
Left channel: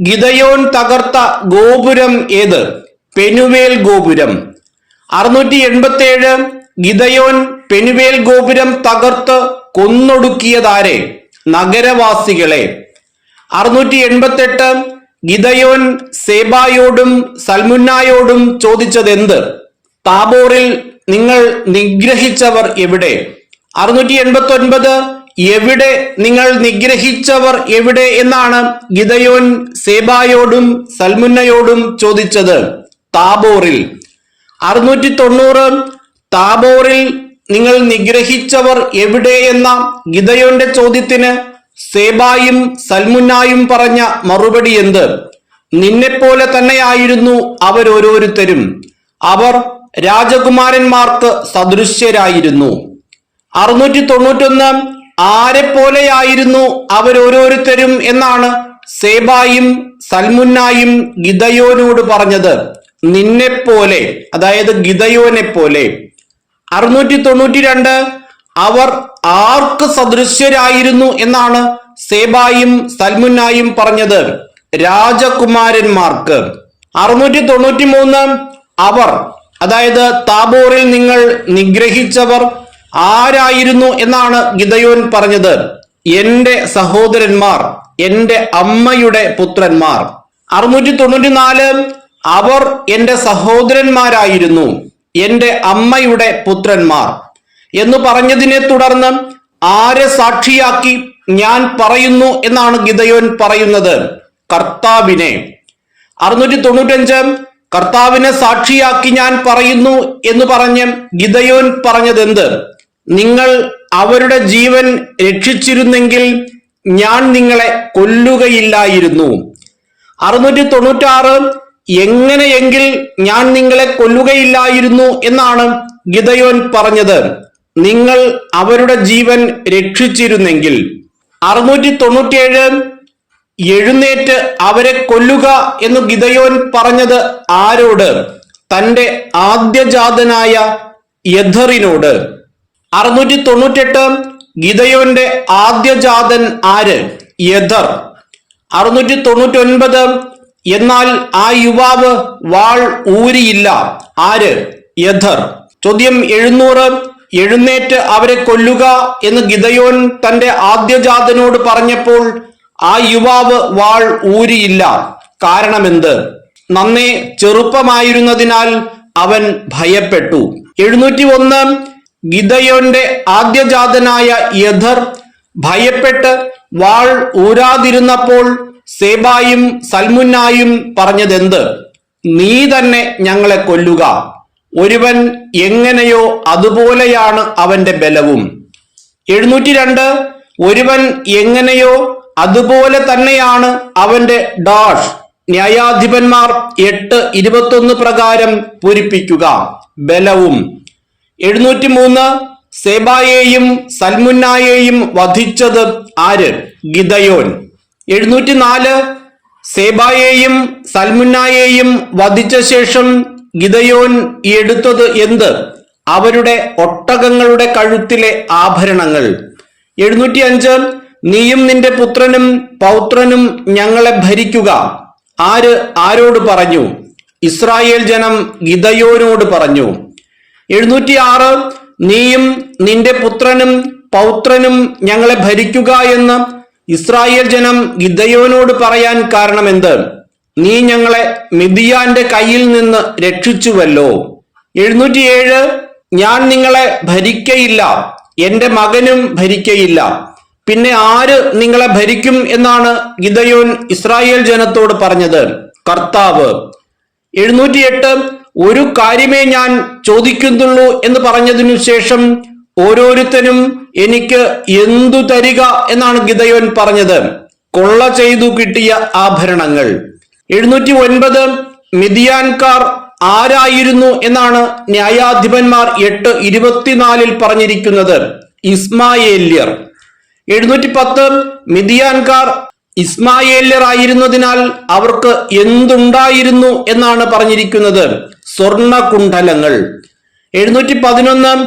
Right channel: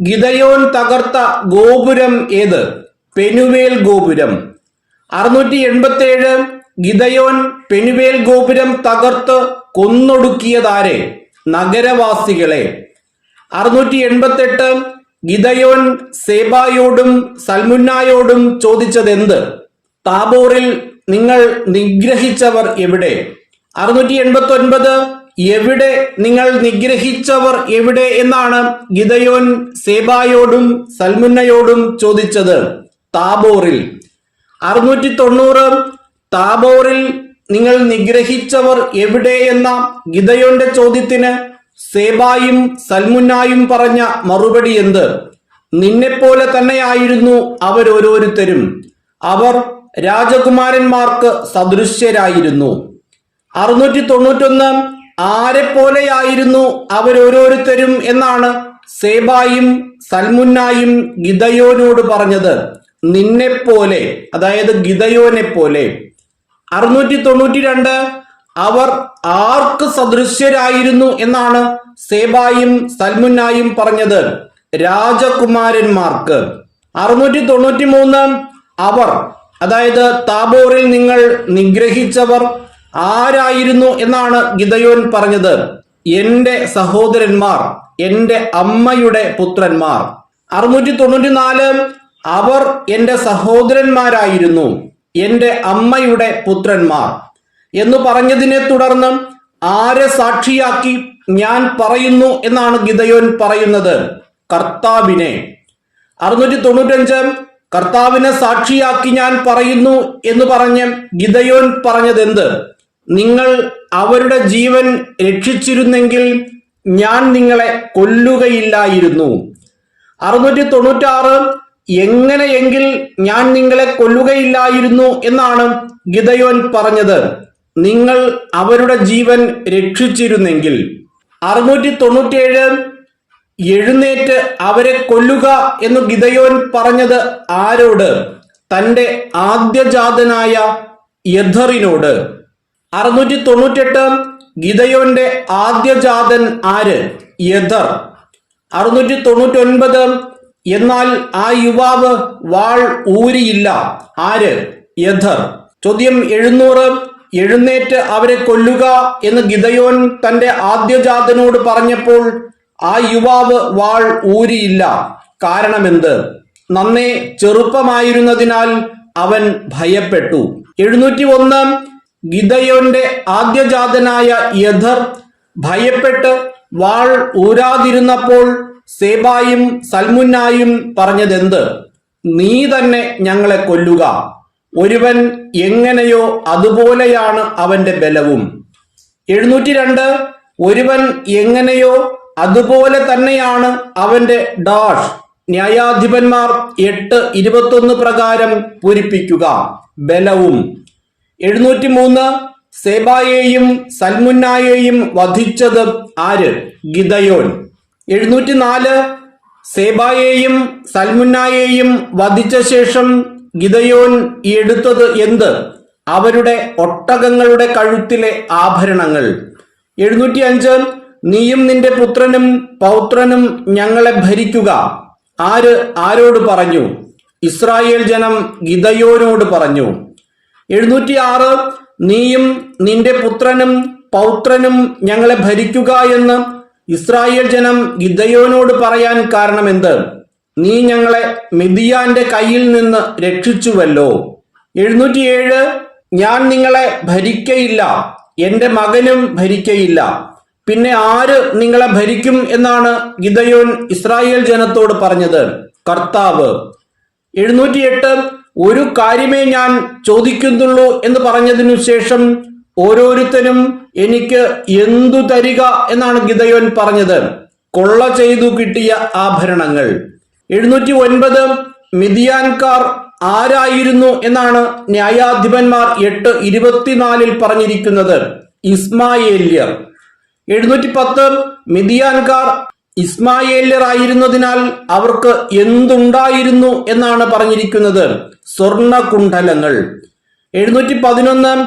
ഗിദയോൻ തകർത്ത ഗോപുരം ഏത്? പെനുവേൽ ഗോപുരം. 687 ഗിദയോൻ പെനുവേൽ ഗോപുരം തകർത്ത് കൊന്നൊടുക്കിയതാരെ? നഗരവാസികളെ. 688 ഗിദയോൻ സേബായോടും സൽമുന്നായോടും ചോദിച്ചതെന്ത്? താബോറിൽ നിങ്ങൾ നിഗ്രഹിച്ചവർ എവിടെ? 689 എവിടെ നിങ്ങൾ നിഗ്രഹിച്ചവർ എവിടെ എന്നാണ് ഗിദയോൻ സേബായോടും സൽമുന്നയോടും ചോദിച്ചത്? താബോറിൽ. 690 താബോറിൽ നിങ്ങൾ നിഗ്രഹിച്ചവർ എവിടെ എന്ന ഗിദയോന്റെ ചോദ്യത്തിന് സേബായും സൽമുന്നായും പറഞ്ഞ മറുപടി എന്ത്? നിന്നെപ്പോലെ തന്നെയായിരുന്നു അവരോരോരുത്തരും. അവർ രാജകുമാരന്മാർക്ക് സദൃശ്യരായിരുന്നു. 691 ആരെപ്പോലെയായിരുന്നു അവരോരോരുത്തരും എന്നാണ് സേബായും സൽമുന്നായും ഗിദയോനോട് പറഞ്ഞത്? നിന്നെപ്പോലെ, അതായത് ഗിദയോനെ പോലെ. 692 അവർ ആർക്ക് സദൃശ്യരായിരുന്നു എന്നാണ് സേബായും സൽമുന്നായും പറഞ്ഞത്? രാജകുമാരന്മാർക്ക്. 693 അവർ, അതായത് താബോറിൽ നിങ്ങൾ നിഗ്രഹിച്ചവർ ആരായിരുന്നു എന്നാണ് ഗിദയോൻ പറഞ്ഞത്? എന്റെ സഹോദരന്മാർ, എന്റെ അമ്മയുടെ പുത്രന്മാർ. 694 അവർ എന്റെ സഹോദരന്മാരായിരുന്നു, എന്റെ അമ്മയുടെ പുത്രന്മാർ എന്ന് പറഞ്ഞതിനെ തുടർന്ന് ആരെ സാക്ഷിയാക്കി ഞാൻ പറയുന്നു എന്നാണ് ഗിദയോൻ പറയുന്നത്? കർത്താവിനെ. 695 കർത്താവിനെ സാക്ഷിയാക്കി ഞാൻ പറയുന്നു എന്ന് പറഞ്ഞ് ഗിദയോൻ പറഞ്ഞതെന്ത്? നിങ്ങൾ അവരുടെ ജീവൻ രക്ഷിച്ചിരുന്നെങ്കിൽ ഞാൻ നിങ്ങളെ കൊല്ലുകയില്ലായിരുന്നു. 696 എങ്ങനെയെങ്കിൽ ഞാൻ നിങ്ങളെ കൊല്ലുകയില്ലായിരുന്നു എന്നാണ് ഗിദയോൻ പറഞ്ഞത്. നിങ്ങൾ അവരുടെ ജീവൻ രക്ഷിച്ചിരുന്നെങ്കിൽ. 697 എഴുന്നേറ്റ് അവരെ കൊല്ലുക എന്ന് ഗിദയോൻ പറഞ്ഞത് ആരോട്? തന്റെ ആദ്യജാതനായ യഥറിനോട്. 698 ഗിദയോന്റെ ആദ്യജാതൻ ആര്? യഥർ. 699 എന്നാൽ ആ യുവാവ് വാൾ ഊരിയില്ല. ആര്? യഥർ. ചോദ്യം 700 എഴുന്നേറ്റ് അവരെ കൊല്ലുക എന്ന് ഗിദയോൻ തന്റെ ആദ്യജാതനോട് പറഞ്ഞപ്പോൾ ആ യുവാവ് വാൾ ഊരിയില്ല. കാരണമെന്ത്? നന്നേ ചെറുപ്പമായിരുന്നതിനാൽ അവൻ ഭയപ്പെട്ടു. 701 ഗിദയോന്റെ ആദ്യജാതനായ യഥർ ഭയപ്പെട്ട് വാൾ ഊരാതിരുന്നപ്പോൾ സേബായും സൽമുന്നായും പറഞ്ഞതെന്ത്? നീ തന്നെ ഞങ്ങളെ കൊല്ലുക. ഒരുവൻ എങ്ങനെയോ അതുപോലെയാണ് അവന്റെ ബലവും. 702 ഒരുവൻ എങ്ങനെയോ അതുപോലെ തന്നെയാണ് അവന്റെ ഡാഷ്. ന്യായാധിപന്മാർ 8:21 പ്രകാരം പൂരിപ്പിക്കുക ബലവും. 703 സേബായെയും സൽമുന്നായെയും വധിച്ചത് ആര്? ഗിദയോൻ. 704 സേബായെയും സൽമുന്നായെയും വധിച്ച ശേഷം ഗിദയോൻ എടുത്തത് എന്ത്? അവരുടെ ഒട്ടകങ്ങളുടെ കഴുത്തിലെ ആഭരണങ്ങൾ. 705 നീയും നിന്റെ പുത്രനും പൗത്രനും ഞങ്ങളെ ഭരിക്കുക. ആര് ആരോട് പറഞ്ഞു? ഇസ്രായേൽ ജനം ഗിദയോനോട് പറഞ്ഞു. 706 നീയും നിന്റെ പുത്രനും പൗത്രനും ഞങ്ങളെ ഭരിക്കുക എന്ന് ഇസ്രായേൽ ജനം ഗിദയോനോട് പറയാൻ കാരണമെന്ത്? നീ ഞങ്ങളെ മിദ്യാന്റെ കയ്യിൽ നിന്ന് രക്ഷിച്ചുവല്ലോ. 707 ഞാൻ നിങ്ങളെ ഭരിക്കയില്ല, എന്റെ മകനും ഭരിക്കയില്ല, പിന്നെ ആര് നിങ്ങളെ ഭരിക്കും എന്നാണ് ഗിദയോൻ ഇസ്രായേൽ ജനത്തോട് പറഞ്ഞത്? കർത്താവ്. 708 ഒരു കാര്യമേ ഞാൻ ചോദിക്കുന്നുള്ളൂ എന്ന് പറഞ്ഞതിനു ശേഷം ഓരോരുത്തരും എനിക്ക് എന്തു തരിക എന്നാണ് ഗിദയോൻ പറഞ്ഞത്? കൊള്ള ചെയ്തു കിട്ടിയ ആഭരണങ്ങൾ. 709 മിദ്യാൻകാർ ആരായിരുന്നു എന്നാണ് ന്യായാധിപന്മാർ 8:24 പറഞ്ഞിരിക്കുന്നത്? ഇസ്മായേല്യർ. 710 മിദ്യാൻകാർ ഇസ്മായേല്യർ ആയിരുന്നതിനാൽ അവർക്ക് എന്തുണ്ടായിരുന്നു എന്നാണ് പറഞ്ഞിരിക്കുന്നത്? സ്വർണകുണ്ഡലങ്ങൾ. 711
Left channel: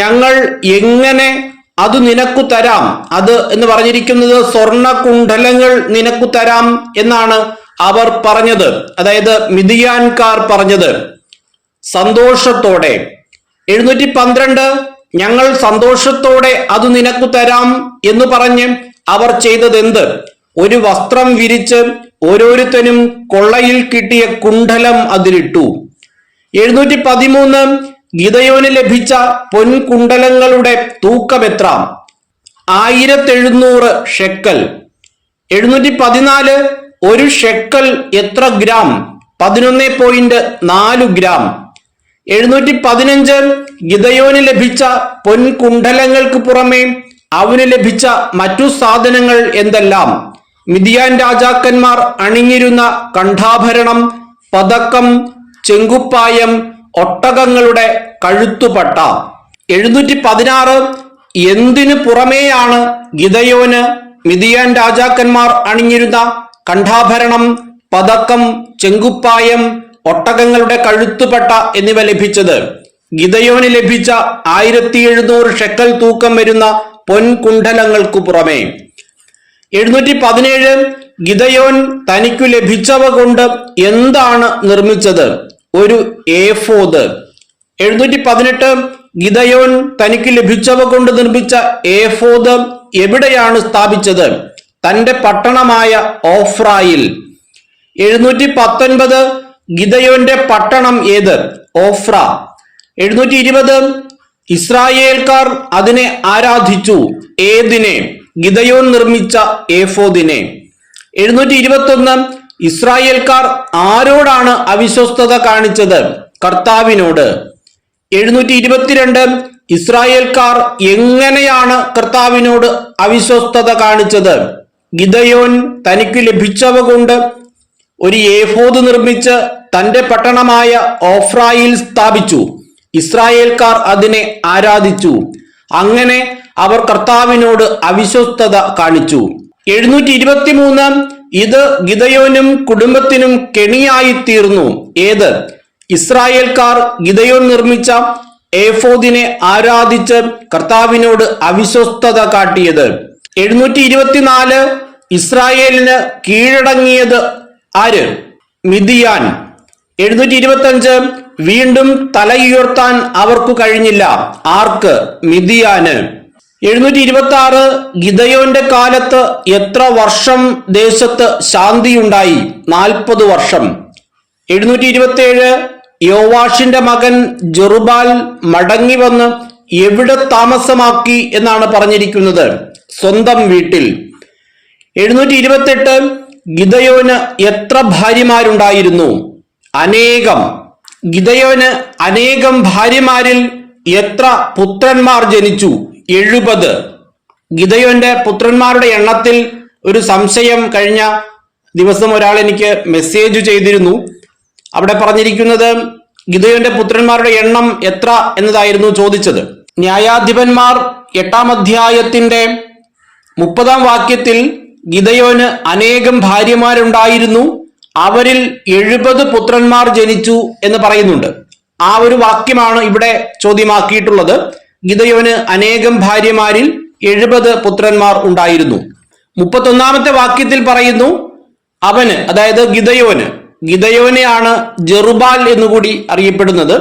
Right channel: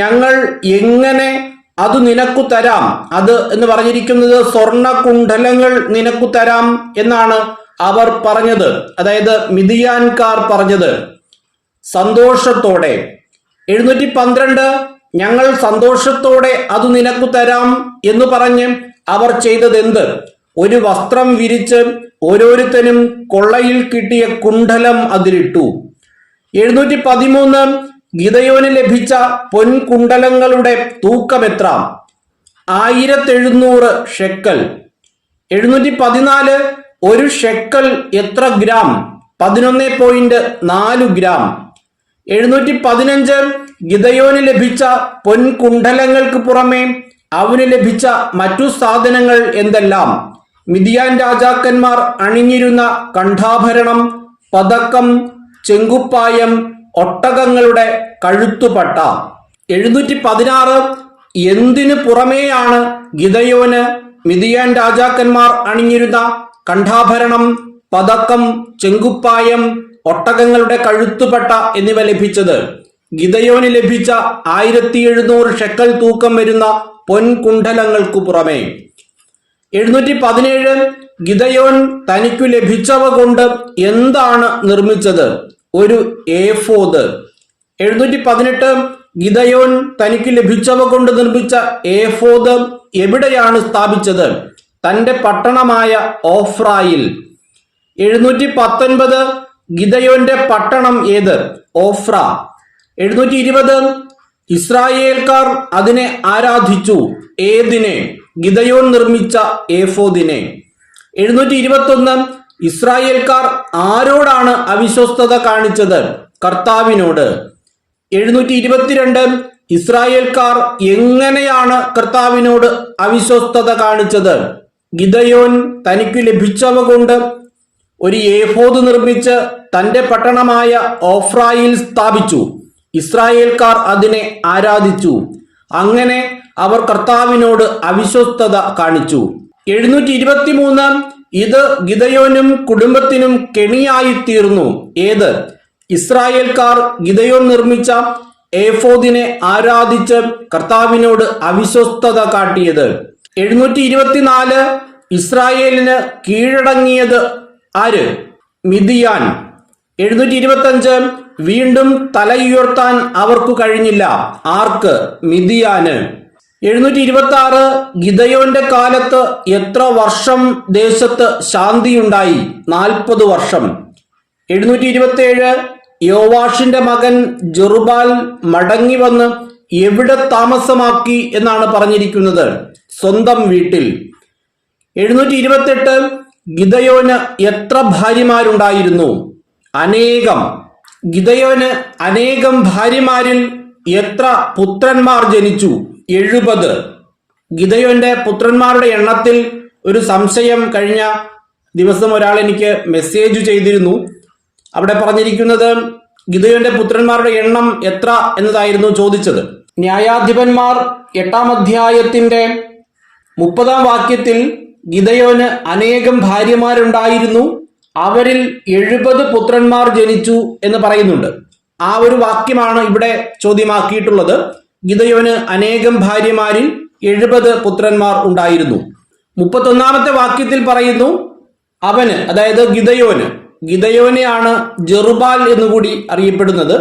ഞങ്ങൾ എങ്ങനെ അത് നിനക്കു തരാം. അത് എന്ന് പറഞ്ഞിരിക്കുന്നത് സ്വർണകുണ്ഡലങ്ങൾ നിനക്കു തരാം എന്നാണ് അവർ പറഞ്ഞത്. അതായത് മിദ്യാൻകാർ പറഞ്ഞത് സന്തോഷത്തോടെ. 712 ഞങ്ങൾ സന്തോഷത്തോടെ അത് നിനക്കു തരാം എന്ന് പറഞ്ഞ് അവർ ചെയ്തത് എന്ത്? ഒരു വസ്ത്രം വിരിച്ച് ഓരോരുത്തരും കൊള്ളയിൽ കിട്ടിയ കുണ്ഡലം അതിലിട്ടു. 713 ഗിദയോന് ലഭിച്ച പൊൻകുണ്ഡലങ്ങളുടെ തൂക്കം എത്ര? 1700 ഷെക്കൽ. 714 ഒരു ഷെക്കൽ എത്ര ഗ്രാം? 11.4 ഗ്രാം. 715 ഗിദയോന് ലഭിച്ച പൊൻകുണ്ഡലങ്ങൾക്ക് പുറമെ അവന് ലഭിച്ച മറ്റു സാധനങ്ങൾ എന്തെല്ലാം? മിദ്യാൻ രാജാക്കന്മാർ അണിഞ്ഞിരുന്ന കണ്ഠാഭരണം, പതക്കം, ചെങ്കുപ്പായം, ഒട്ടകങ്ങളുടെ കഴുത്തുപട്ട. 716 എന്തിനു പുറമേയാണ് ഗിദയോന് മിദ്യാൻ രാജാക്കന്മാർ അണിഞ്ഞിരുന്ന കണ്ഠാഭരണം, പതക്കം, ചെങ്കുപ്പായം, ഒട്ടകങ്ങളുടെ കഴുത്തുപട്ട എന്നിവ ലഭിച്ചത്? ഗിദയോന് ലഭിച്ച 1700 ഷെക്കൽ തൂക്കം വരുന്ന പൊൻകുണ്ഡലങ്ങൾക്കു പുറമെ. 717 ഗിദയോൻ തനിക്കു ലഭിച്ചവ കൊണ്ട് എന്താണ് നിർമ്മിച്ചത്? ഒരു ഏഫോദ്. 718 ഗിദയോൻ തനിക്ക് ലഭിച്ചവ കൊണ്ട് നിർമ്മിച്ച ഏഫോദ് എവിടെയാണ് സ്ഥാപിച്ചത്? തന്റെ പട്ടണമായ ഓഫ്രായിൽ. 719 ഗിദയോന്റെ പട്ടണം ഏത്? ഓഫ്ര. 720 ഇസ്രായേൽക്കാർ അതിനെ ആരാധിച്ചു. ഏതിനെ? ഗിദയോൻ നിർമ്മിച്ച ഏഫോദിനെ. 721 ഇസ്രായേൽക്കാർ ആരോടാണ് അവിശ്വസ്തത കാണിച്ചത്? കർത്താവിനോട്. 722 ഇസ്രായേൽക്കാർ എങ്ങനെയാണ് കർത്താവിനോട് അവിശ്വസ്തത കാണിച്ചത്? ഗിദയോൻ തനിക്ക് ലഭിച്ചവ കൊണ്ട് ഒരു ഏഫോദ് നിർമ്മിച്ച് തന്റെ പട്ടണമായ ഓഫ്രായിൽ സ്ഥാപിച്ചു. ഇസ്രായേൽക്കാർ അതിനെ ആരാധിച്ചു. അങ്ങനെ അവർ കർത്താവിനോട് അവിശ്വസ്തത കാണിച്ചു. 723 ഇത് ഗിദയോനും കുടുംബത്തിനും കെണിയായി തീർന്നു. ഏത്? ഇസ്രായേൽക്കാർ ഗിദയോൻ നിർമ്മിച്ച ഏഫോദിനെ ആരാധിച്ച് കർത്താവിനോട് അവിശ്വസ്തത കാട്ടിയത്. 724 ഇസ്രായേലിന് കീഴടങ്ങിയത് ആര്? മിദിയാൻ. 725 വീണ്ടും തലയുയർത്താൻ അവർക്ക് കഴിഞ്ഞില്ല. ആർക്ക്? മിദിയാന്. 726 ഗിദയോന്റെ കാലത്ത് എത്ര വർഷം ദേശത്ത് ശാന്തിയുണ്ടായി? 40 വർഷം. 727 യോവാഷിന്റെ മകൻ ജെറുബാൽ മടങ്ങി വന്ന് എവിടെ താമസമാക്കി എന്നാണ് പറഞ്ഞിരിക്കുന്നത്? സ്വന്തം വീട്ടിൽ. 728 ഗിദയോന് എത്ര ഭാര്യമാരുണ്ടായിരുന്നു? അനേകം. ഗിദയോന് അനേകം ഭാര്യമാരിൽ എത്ര പുത്രന്മാർ ജനിച്ചു? 70. ഗിദയോന്റെ പുത്രന്മാരുടെ എണ്ണത്തിൽ ഒരു സംശയം കഴിഞ്ഞ ദിവസം ഒരാൾ എനിക്ക് മെസ്സേജ് ചെയ്തിരുന്നു. അവിടെ പറഞ്ഞിരിക്കുന്നത് ഗിദയോന്റെ പുത്രന്മാരുടെ എണ്ണം എത്ര എന്നതായിരുന്നു ചോദിച്ചത്. ന്യായാധിപന്മാർ 8-ാം അധ്യായത്തിന്റെ 30-ാം വാക്യത്തിൽ ഗിദയോന് അനേകം ഭാര്യമാരുണ്ടായിരുന്നു, അവരിൽ 70 പുത്രന്മാർ ജനിച്ചു എന്ന് പറയുന്നുണ്ട്. ആ ഒരു വാക്യമാണ് ഇവിടെ ചോദ്യമാക്കിയിട്ടുള്ളത്. ഗിദയോന് അനേകം ഭാര്യമാരിൽ 70 പുത്രന്മാർ ഉണ്ടായിരുന്നു. 31-ാമത്തെ വാക്യത്തിൽ പറയുന്നു അവന്, അതായത് ഗിദയോനെയാണ് ജെറുബാൽ എന്നുകൂടി അറിയപ്പെടുന്നത്.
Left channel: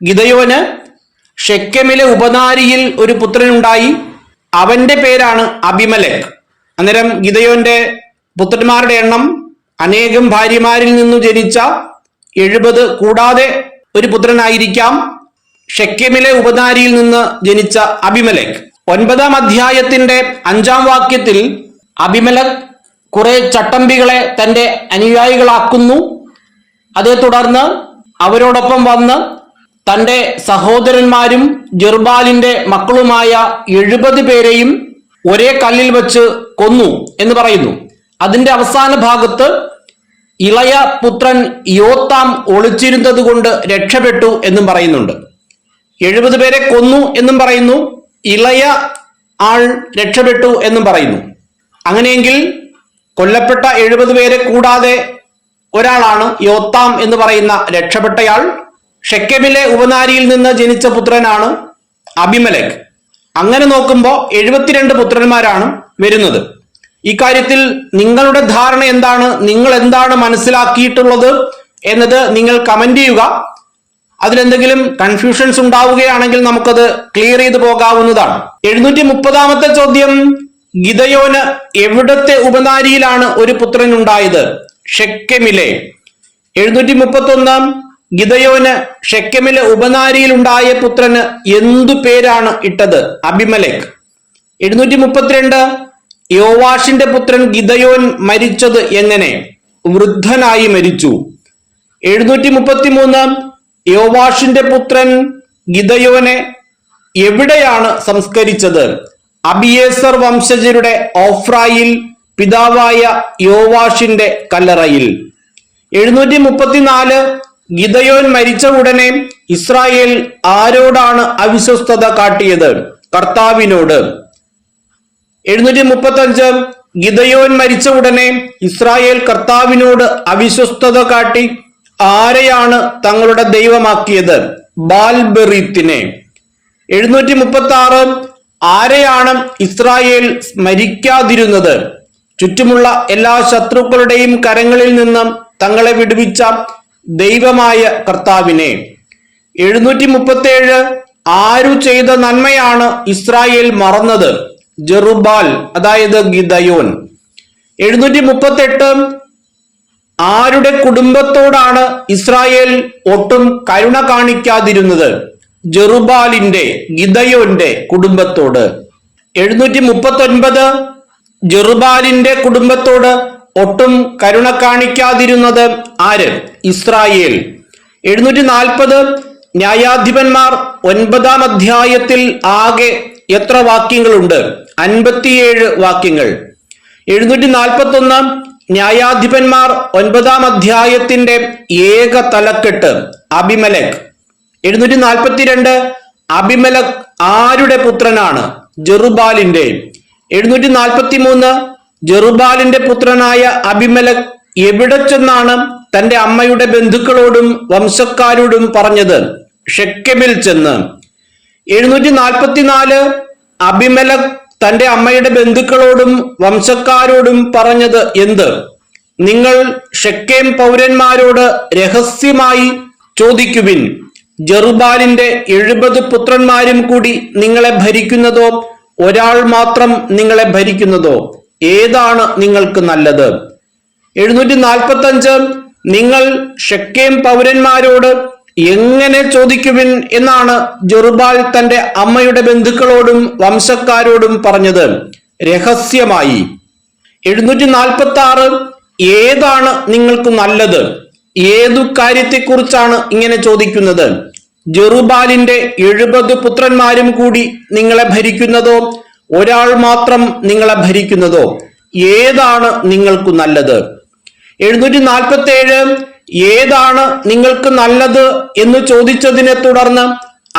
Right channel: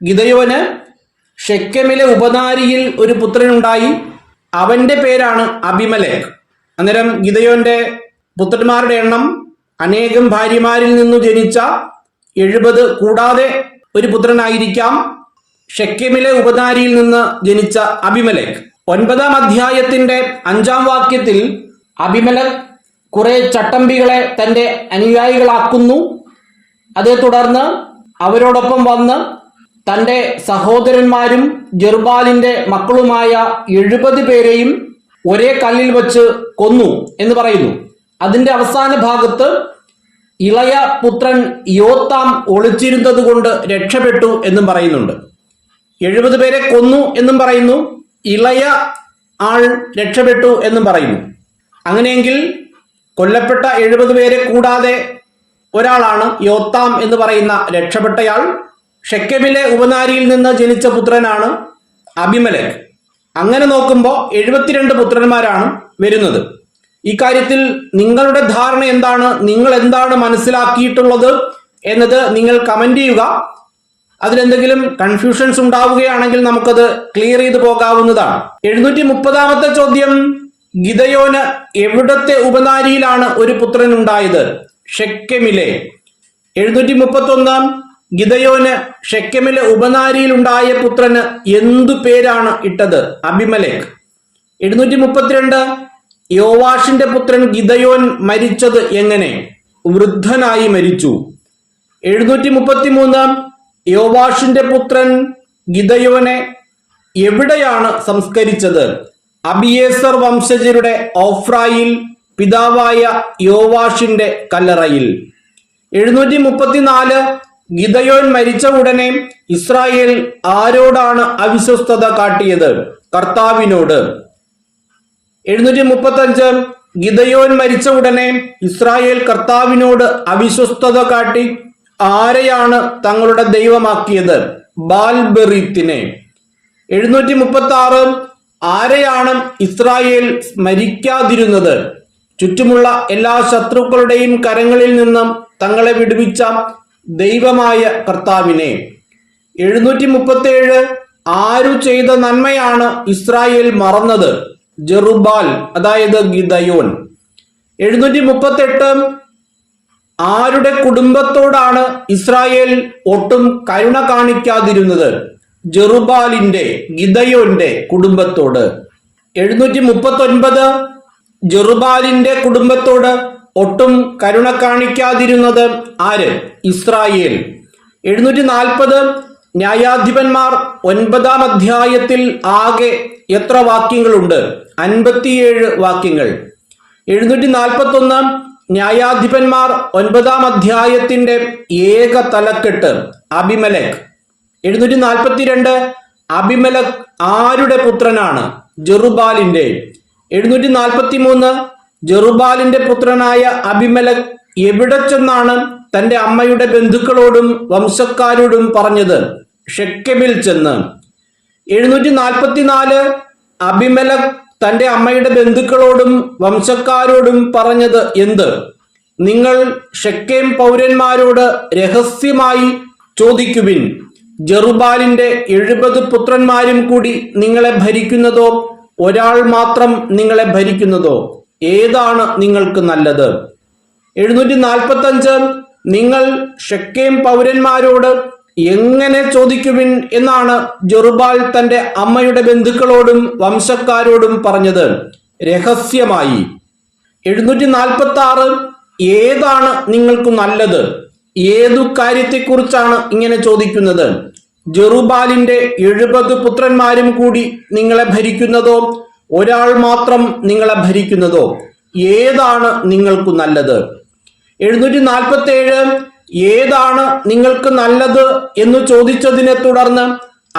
ഗിദയോന് ഷെക്കെമിലെ ഉപനാരിയിൽ ഒരു പുത്രനുണ്ടായി, അവന്റെ പേരാണ് അബിമലെക്ക്. അന്നേരം ഗിദയോന്റെ പുത്രന്മാരുടെ എണ്ണം അനേകം ഭാര്യമാരിൽ നിന്നു ജനിച്ച 70 കൂടാതെ ഒരു പുത്രനായിരിക്കാം ഷെക്കെമിലെ ഉപനാരിയിൽ നിന്ന് ജനിച്ച അബിമലെക്ക്. 9-ാം അധ്യായത്തിന്റെ 5-ാം വാക്യത്തിൽ അബിമലെക്ക് കുറെ ചട്ടമ്പികളെ തന്റെ അനുയായികളാക്കുന്നു. അതേ തുടർന്ന് അവരോടൊപ്പം വന്ന് തന്റെ സഹോദരന്മാരും ജെറുബാലിന്റെ മക്കളുമായ 70 പേരെയും ഒരേ കല്ലിൽ വെച്ച് കൊന്നു എന്ന് പറയുന്നു. അതിന്റെ അവസാന ഭാഗത്ത് ഇളയ പുത്രൻ യോത്താം ഒളിച്ചിരുന്നത് കൊണ്ട് രക്ഷപ്പെട്ടു എന്നും പറയുന്നുണ്ട്. 70 പേരെ കൊന്നു എന്നും പറയുന്നു, ഇളയ ആൾ രക്ഷപ്പെട്ടു എന്നും പറയുന്നു. അങ്ങനെയെങ്കിൽ കൊല്ലപ്പെട്ട 70 പേരെ കൂടാതെ ഒരാളാണ് യോത്താം എന്ന് പറയുന്ന രക്ഷപ്പെട്ടയാൾ. ഷെക്കെമിലെ ഉപനാരിയിൽ നിന്ന് ജനിച്ച പുത്രനാണ് അബിമലെക്ക്. അങ്ങനെ നോക്കുമ്പോൾ 72 പുത്രന്മാരാണ് വരുന്നത്. ഈ കാര്യത്തിൽ നിങ്ങളുടെ ധാരണ എന്താണ്? നിങ്ങൾ എന്താണ് മനസ്സിലാക്കിയിട്ടുള്ളത് എന്നത് നിങ്ങൾ കമന്റ് ചെയ്യുക. അതിലെന്തെങ്കിലും കൺഫ്യൂഷൻസ് ഉണ്ടാവുകയാണെങ്കിൽ നമുക്കത് ക്ലിയർ ചെയ്ത് പോകാവുന്നതാണ്. 730-ാമത്തെ ചോദ്യം, ഗിദയോന് എവിടത്തെ ഉപനാരിയിലാണ് ഒരു പുത്രൻ ഉണ്ടായത്? ഷെക്കെമിലെ. 731 ഗിദയോന് ഷെക്കെമിലെ ഉപനാരിയിൽ ഉണ്ടായ പുത്രന് എന്തു പേരാണ് ഇട്ടത്? അബിമലെക്ക്. 732 യോവാഷിന്റെ പുത്രൻ ഗിദയോൻ മരിച്ചത് എങ്ങനെ? വൃദ്ധനായി മരിച്ചു. 733 യോവാഷിന്റെ പുത്രൻ ഗിദയോനെ എവിടെയാണ് സംസ്കരിച്ചത്? അബിയേസർ വംശജരുടെ ഓഫ്രായിൽ പിതാവായ യോവാഷിന്റെ കല്ലറയിൽ. 734 ഗിദയോൻ മരിച്ച ഉടനെ ഇസ്രായേൽ ആരോടാണ് അവിശ്വസ്തത കാട്ടിയത്? കർത്താവിനോട്. 735 ഗിദയോൻ മരിച്ച ഉടനെ ഇസ്രായേൽ കർത്താവിനോട് അവിശ്വസ്തത കാട്ടി ആരെയാണ് തങ്ങളുടെ ദൈവമാക്കിയത്? ബാൽബെറീത്തിനെ. 736 ആരെയാണ് ഇസ്രായേൽ സ്മരിക്കാതിരുന്നത്? ചുറ്റുമുള്ള എല്ലാ ശത്രുക്കളുടെയും കരങ്ങളിൽ നിന്നും തങ്ങളെ വിടുവിച്ച ദൈവമായ കർത്താവിനെ. 737 ആരു ചെയ്ത നന്മയാണ് ഇസ്രായേൽ മറന്നത്? ജെറുബാൽ, അതായത് ഗിദയോൻ. 738 ആരുടെ കുടുംബത്തോടാണ് ഇസ്രായേൽ ഒട്ടും കരുണ കാണിക്കാതിരുന്നത്? ജെറുബാലിന്റെ, ഗിദയോന്റെ കുടുംബത്തോട്. 739 ജെറുബാലിന്റെ കുടുംബത്തോട് ഒട്ടും കരുണ കാണിക്കാതിരുന്നത് ആര്? ഇസ്രായേൽ. 740 ന്യായാധിപന്മാർ 9-ാം അധ്യായത്തിൽ ആകെ എത്ര വാക്യങ്ങളുണ്ട്? 57 വാക്യങ്ങൾ. 741 ന്യായാധിപന്മാർ 9-ാം അധ്യായത്തിന്റെ ഏക തലക്കെട്ട് അബിമലെക്ക്. 742 അബിമലെക്ക് ആരുടെ പുത്രനാണ്? ജെറുബാലിന്റെ. 743 ജെറുബാലിന്റെ പുത്രനായ അബിമലെക്ക് എവിടെ ചെന്നാണ് തന്റെ അമ്മയുടെ ബന്ധുക്കളോടും വംശക്കാരോടും പറഞ്ഞത്? ഷെക്കെമിൽ ചെന്ന്. 744 അബിമലെക്ക് തന്റെ അമ്മയുടെ ബന്ധുക്കളോടും വംശക്കാരോടും പറഞ്ഞത് എന്ത്? നിങ്ങൾ ഷെക്കേം പൗരന്മാരോട് രഹസ്യമായി ചോദിക്കുവിൻ, ജെറുബാലിന്റെ 70 പുത്രന്മാരും കൂടി നിങ്ങളെ ഭരിക്കുന്നതോ ഒരാൾ മാത്രം നിങ്ങളെ ഭരിക്കുന്നതോ? ഏതാണ് നിങ്ങൾക്ക് നല്ലത്? 745 നിങ്ങൾ ഷെക്കേം പൗരന്മാരോട് എങ്ങനെ ചോദിക്കുവിൻ എന്നാണ് ജെറുബാൽ തന്റെ അമ്മയുടെ ബന്ധുക്കളോടും വംശക്കാരോടും പറഞ്ഞത്? രഹസ്യമായി. 746 ഏതാണ് നിങ്ങൾക്ക് നല്ലത്? ഏതു കാര്യത്തെക്കുറിച്ചാണ് ഇങ്ങനെ ചോദിക്കുന്നത്? ജെറുബാലിന്റെ 70 പുത്രന്മാരും കൂടി നിങ്ങളെ ഭരിക്കുന്നതോ ഒരാൾ മാത്രം നിങ്ങളെ ഭരിക്കുന്നതോ? ഏതാണ് നിങ്ങൾക്ക് നല്ലത്? 747 ഏതാണ് നിങ്ങൾക്ക് നല്ലത് എന്ന് ചോദിച്ചതിനെ തുടർന്ന്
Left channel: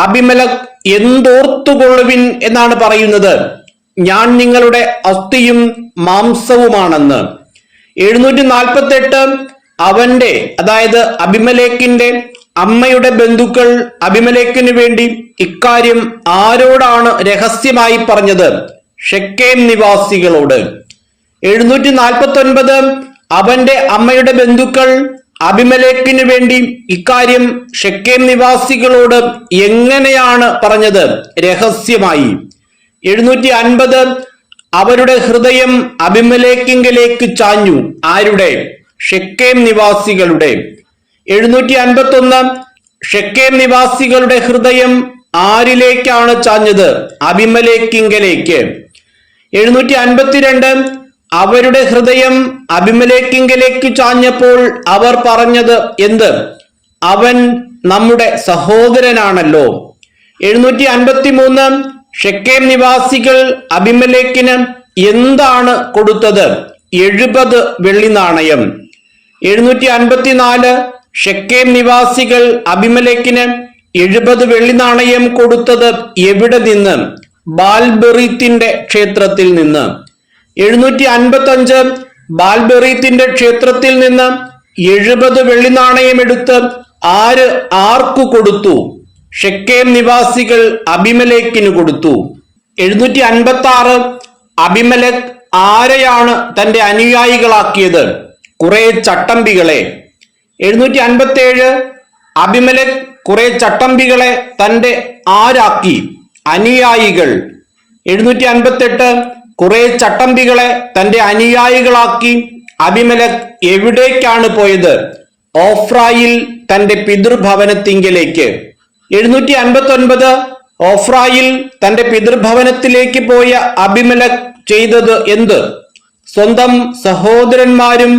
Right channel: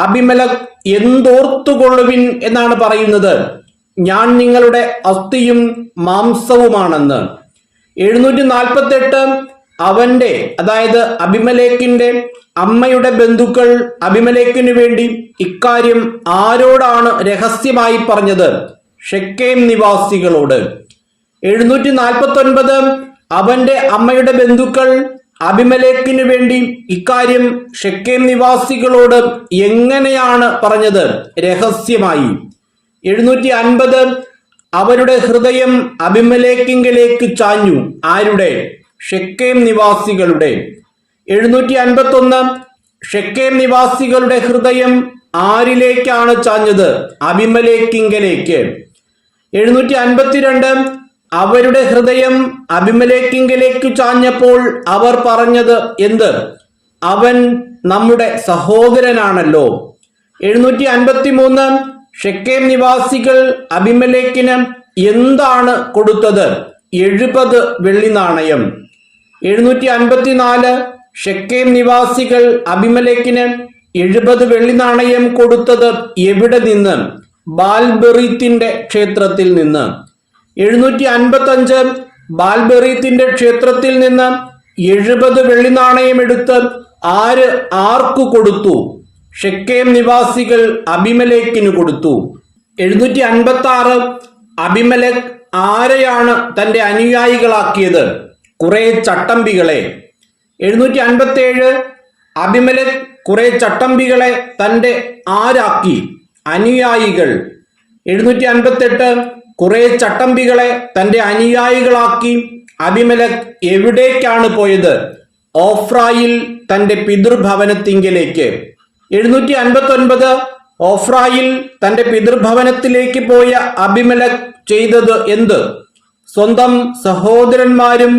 അബിമലെക്ക് എന്തോർത്തുകൊള്ളുവിൻ എന്നാണ് പറയുന്നത്? ഞാൻ നിങ്ങളുടെ അസ്ഥിയും മാംസവുമാണെന്ന്. 748 അവന്റെ, അതായത് അബിമലേക്കിന്റെ അമ്മയുടെ ബന്ധുക്കൾ അബിമലേക്കിന് വേണ്ടി ഇക്കാര്യം ആരോടാണ് രഹസ്യമായി പറഞ്ഞത്? ഷെക്കേം നിവാസികളോട്. 749 അവന്റെ അമ്മയുടെ ബന്ധുക്കൾ അബിമലേക്കിന് വേണ്ടി ഇക്കാര്യം ഷെക്കേം നിവാസികളോട് എങ്ങനെയാണ് പറഞ്ഞത്? രഹസ്യമായി. 750 അവരുടെ ഹൃദയം അബിമലേക്കിങ്കലേക്ക് ചാഞ്ഞു. ആരുടെ? ഷെക്കേം നിവാസികളുടെ. 751 ഷെക്കേം നിവാസികളുടെ ഹൃദയം ആരിലേക്കാണ് ചാഞ്ഞത്? അബിമലേക്കിങ്കലേക്ക്. 752 അവരുടെ ഹൃദയം അബിമലേക്കിങ്കലേക്ക് ചാഞ്ഞപ്പോൾ അവർ പറഞ്ഞത് എന്ത്? അവൻ നമ്മുടെ സഹോദരനാണല്ലോ. 753 ഷെക്കേം നിവാസികൾ അബിമലേക്കിന് എന്താണ് കൊടുത്തത്? 70 വെള്ളി നാണയം. 754 ഷെക്കേം നിവാസികൾ അബിമലേക്കിന് 70 വെള്ളി നാണയം കൊടുത്തത് എവിടെ നിന്ന്? ബാൽബെറീത്തിന്റെ ക്ഷേത്രത്തിൽ നിന്ന്. 755 ബാൽബെറീത്തിന്റെ ക്ഷേത്രത്തിൽ നിന്ന് 70 വെള്ളി നാണയം എടുത്ത് ആർക്കു കൊടുത്തു? ഷെക്കേം നിവാസികൾ അബിമലേക്കിന് കൊടുത്തു. 756 അബിമലെക്ക് ആരെയാണ് തന്റെ അനുയായികളാക്കിയത്? കുറെ ചട്ടമ്പികളെ. 757 അബിമലെക്ക് കുറെ ചട്ടമ്പികളെ തന്റെ ആരാക്കി? അനുയായികൾ. 758 കുറെ ചട്ടമ്പികളെ തന്റെ അനുയായികളാക്കി അബിമലെക്ക് എവിടേക്കാണ് പോയത്? ഓഫ്രായിൽ തന്റെ പിതൃഭവനത്തിങ്കിലേക്ക്. 759 ഓഫ്രായിൽ തന്റെ പിതൃഭവനത്തിലേക്ക് പോയ അബിമലെക്ക് ചെയ്തത് എന്ത്? സ്വന്തം സഹോദരന്മാരും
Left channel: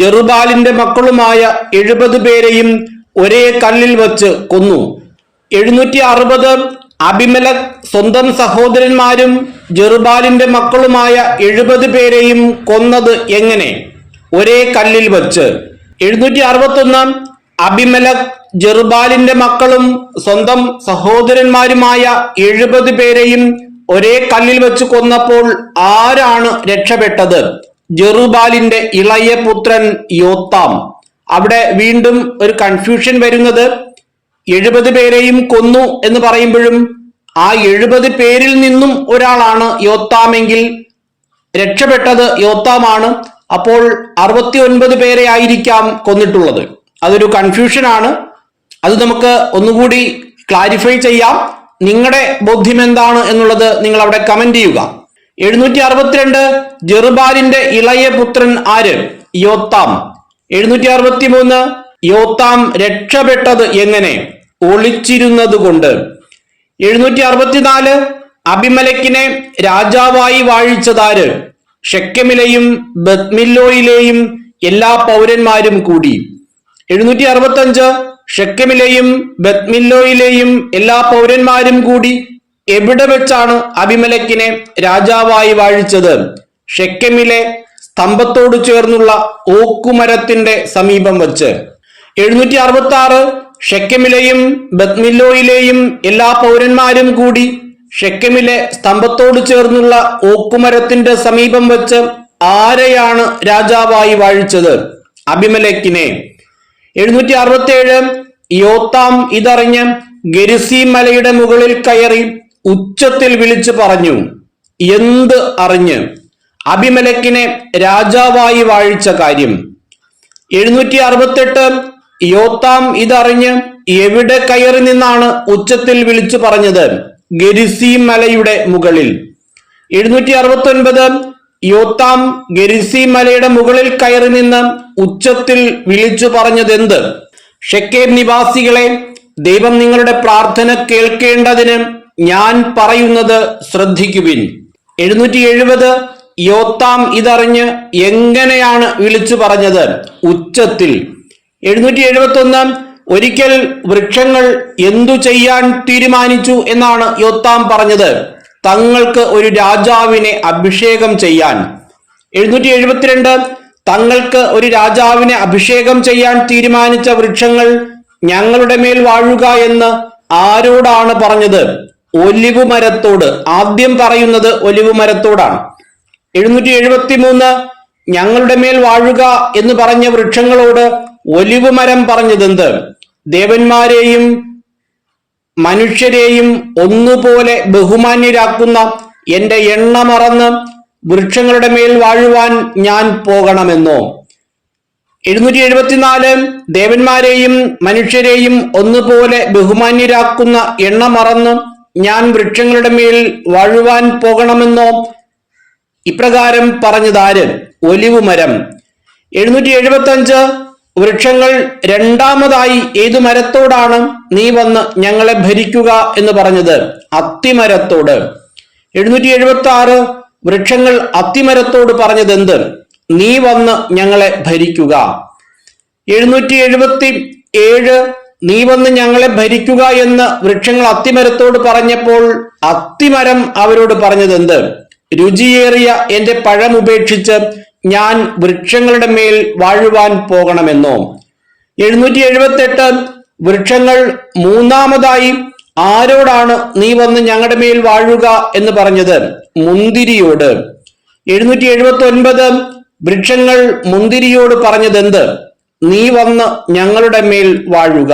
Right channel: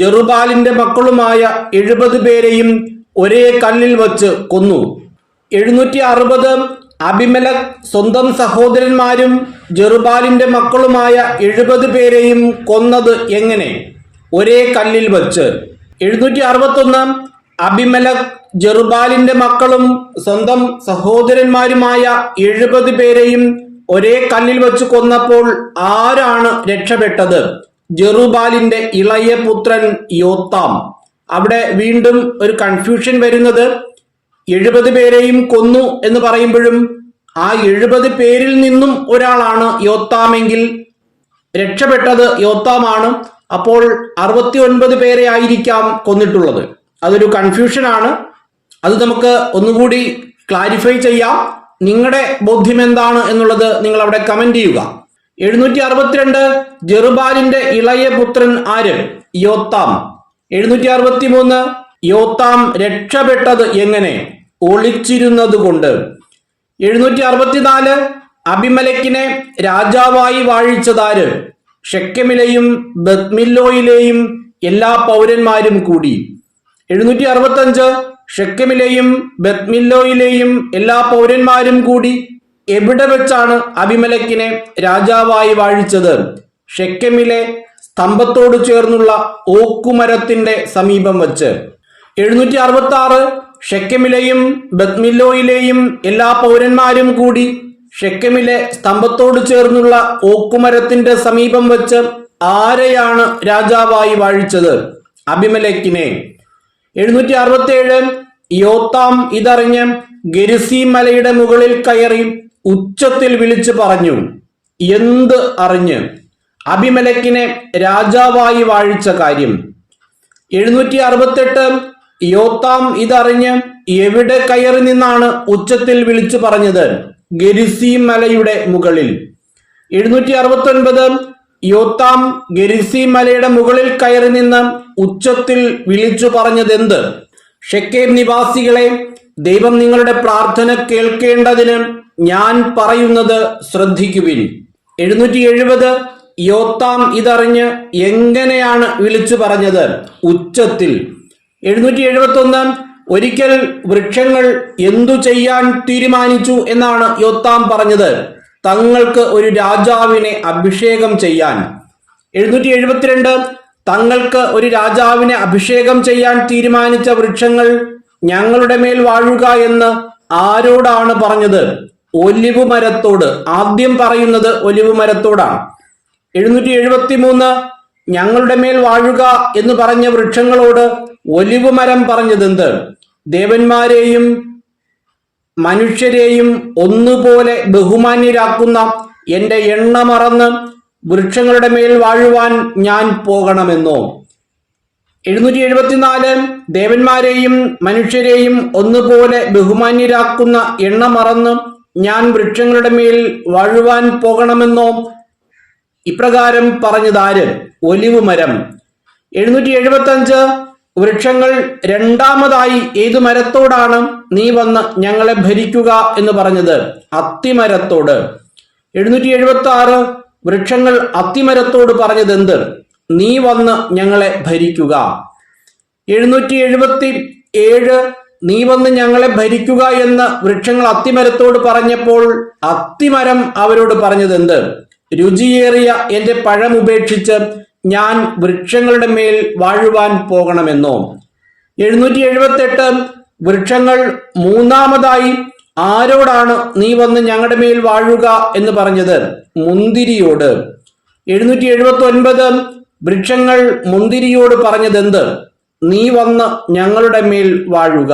ജെറുബാലിന്റെ മക്കളുമായ 70 പേരെയും ഒരേ കല്ലിൽ വച്ച് കൊന്നു. 760 അബിമലെക്ക് സ്വന്തം സഹോദരന്മാരും ജെറുബാലിന്റെ മക്കളുമായ 70 പേരെയും കൊന്നത് എങ്ങനെ? ഒരേ കല്ലിൽ വച്ച്. 761 അബിമലെക്ക് ജെറുബാലിന്റെ മക്കളും സ്വന്തം സഹോദരന്മാരുമായ 70 പേരെയും ഒരേ കല്ലിൽ വെച്ച് കൊന്നപ്പോൾ ആരാണ് രക്ഷപ്പെട്ടത്? ജെറുബാലിന്റെ ഇളയ പുത്രൻ യോത്താം. അവിടെ വീണ്ടും ഒരു കൺഫ്യൂഷൻ വരുന്നത് 70 പേരെയും കൊന്നു എന്ന് പറയുമ്പോഴും ആ 70 പേരിൽ നിന്നും ഒരാളാണ് യോത്താമെങ്കിൽ രക്ഷപ്പെട്ടത് യോത്താമാണ്. അപ്പോൾ 69 പേരെ ആയിരിക്കാം കൊന്നിട്ടുള്ളത്. അതൊരു കൺഫ്യൂഷനാണ്. അത് നമുക്ക് ഒന്നുകൂടി ക്ലാരിഫൈ ചെയ്യാം. നിങ്ങളുടെ ബോധ്യം എന്താണ് എന്നുള്ളത് നിങ്ങൾ അവിടെ കമന്റ് ചെയ്യുക. 762 ജെറുബാലിന്റെ ഇളയ പുത്രൻ ആര്? യോത്താം. 763 യോത്താം രക്ഷപ്പെട്ടത് എങ്ങനെ? ഒളിച്ചിരുന്നത് കൊണ്ട്. 764 അബിമലെക്കിനെ രാജാവായി വാഴിച്ചതാര്? ഷെക്കെമിലെയും ബത്മില്ലോയിലെയും എല്ലാ പൗരന്മാരും കൂടി. 765 ഷെക്കെമിലെയും ബത്മില്ലോയിലെയും എല്ലാ പൗരന്മാരും കൂടി എവിടെ വെച്ചാണ് അബിമലെക്കിനെ രാജാവായി വാഴിച്ചത്? ഷെക്കെമിലെ സ്തംഭത്തോട് ചേർന്നുള്ള ഓക്കുമരത്തിന്റെ സമീപം വച്ച്. 766 ഷെക്കെമിലെയും ബത്മില്ലോയിലെയും എല്ലാ പൗരന്മാരും കൂടി ഷെക്കെമിലെ സ്തംഭത്തോട് ചേർന്നുള്ള ഓക്കുമരത്തിന്റെ സമീപം വെച്ച് ആരെയാണ് രാജാവായി വാഴിച്ചത്? അബിമലെക്കിനെ. 767 യോത്താം ഇതറിഞ്ഞ് ഗെരിസീം മലയുടെ മുകളിൽ കയറി ഉച്ചത്തിൽ വിളിച്ചു പറഞ്ഞു. എന്ത് അറിഞ്ഞ്? അബിമലെക്കിനെ രാജാവായി വാഴിച്ച കാര്യം. 768 യോത്താം ഇതറിഞ്ഞ് എവിടെ കയറി നിന്നാണ് ഉച്ചത്തിൽ വിളിച്ചു പറഞ്ഞത്? ഗെരിസീം മലയുടെ മുകളിൽ. 769 യോത്താം ഗെരിസീം മലയുടെ മുകളിൽ കയറി നിന്ന് ഉച്ചത്തിൽ വിളിച്ചു പറഞ്ഞതെന്ത്? ഷെക്കേം നിവാസികളെ, ദൈവം നിങ്ങളുടെ പ്രാർത്ഥന കേൾക്കേണ്ടതിന് ഞാൻ പറയുന്നത് ശ്രദ്ധിക്കുവിൻ. 770 യോത്താം ഇതറിഞ്ഞ് എങ്ങനെയാണ് വിളിച്ചു പറഞ്ഞത്? ഉച്ചത്തിൽ. 771 ഒരിക്കൽ വൃക്ഷങ്ങൾ എന്തു ചെയ്യാൻ തീരുമാനിച്ചു എന്നാണ് യോത്താം പറഞ്ഞത്? തങ്ങൾക്ക് ഒരു രാജാവിനെ അഭിഷേകം ചെയ്യാൻ. 772 തങ്ങൾക്ക് ഒരു രാജാവിനെ അഭിഷേകം ചെയ്യാൻ തീരുമാനിച്ച വൃക്ഷങ്ങൾ ഞങ്ങളുടെ മേൽ വാഴുക എന്ന് ആരോടാണ് പറഞ്ഞത്? ഒലിവ് മരത്തോട്. ആദ്യം പറയുന്നത് ഒലിവ് മരത്തോടാണ്. 773 ഞങ്ങളുടെ മേൽ വാഴുക എന്ന് പറഞ്ഞ വൃക്ഷങ്ങളോട് ഒലിവ് മരം പറഞ്ഞതെന്ത്? ദേവന്മാരെയും മനുഷ്യരെയും ഒന്നുപോലെ ബഹുമാന്യരാക്കുന്ന എന്റെ എണ്ണ മറന്ന് വൃക്ഷങ്ങളുടെ മേൽ വാഴുവാൻ ഞാൻ പോകണമെന്നോ? 774 ദേവന്മാരെയും മനുഷ്യരെയും ഒന്നുപോലെ ബഹുമാന്യരാക്കുന്ന എണ്ണ മറന്ന് ഞാൻ വൃക്ഷങ്ങളുടെ മേൽ വാഴുവാൻ പോകണമെന്നോ? ഇപ്രകാരം പറഞ്ഞതാര്? ഒലിവ് മരം. 775 വൃക്ഷങ്ങൾ രണ്ടാമതായി ഏതു മരത്തോടാണ് നീ വന്ന് ഞങ്ങളെ ഭരിക്കുക എന്ന് പറഞ്ഞത്? അത്തിമരത്തോട്. 776 വൃക്ഷങ്ങൾ അത്തിമരത്തോട് പറഞ്ഞതെന്ത്? നീ വന്ന് ഞങ്ങളെ ഭരിക്കുക. 777 നീ വന്ന് ഞങ്ങളെ ഭരിക്കുക എന്ന് വൃക്ഷങ്ങൾ അത്തിമരത്തോട് പറഞ്ഞപ്പോൾ അത്തിമരം അവരോട് പറഞ്ഞതെന്ത്? രുചിയേറിയ എന്റെ പഴം ഉപേക്ഷിച്ച് ഞാൻ വൃക്ഷങ്ങളുടെ മേൽ വാഴുവാൻ പോകണമെന്നോ? 778 വൃക്ഷങ്ങൾ മൂന്നാമതായി ആരോടാണ് നീ വന്ന് ഞങ്ങളുടെ മേൽ വാഴുക എന്ന് പറഞ്ഞത്? മുന്തിരിയോട്. 779 വൃക്ഷങ്ങൾ മുന്തിരിയോട് പറഞ്ഞതെന്ത്? നീ വന്ന് ഞങ്ങളുടെ മേൽ വാഴുക.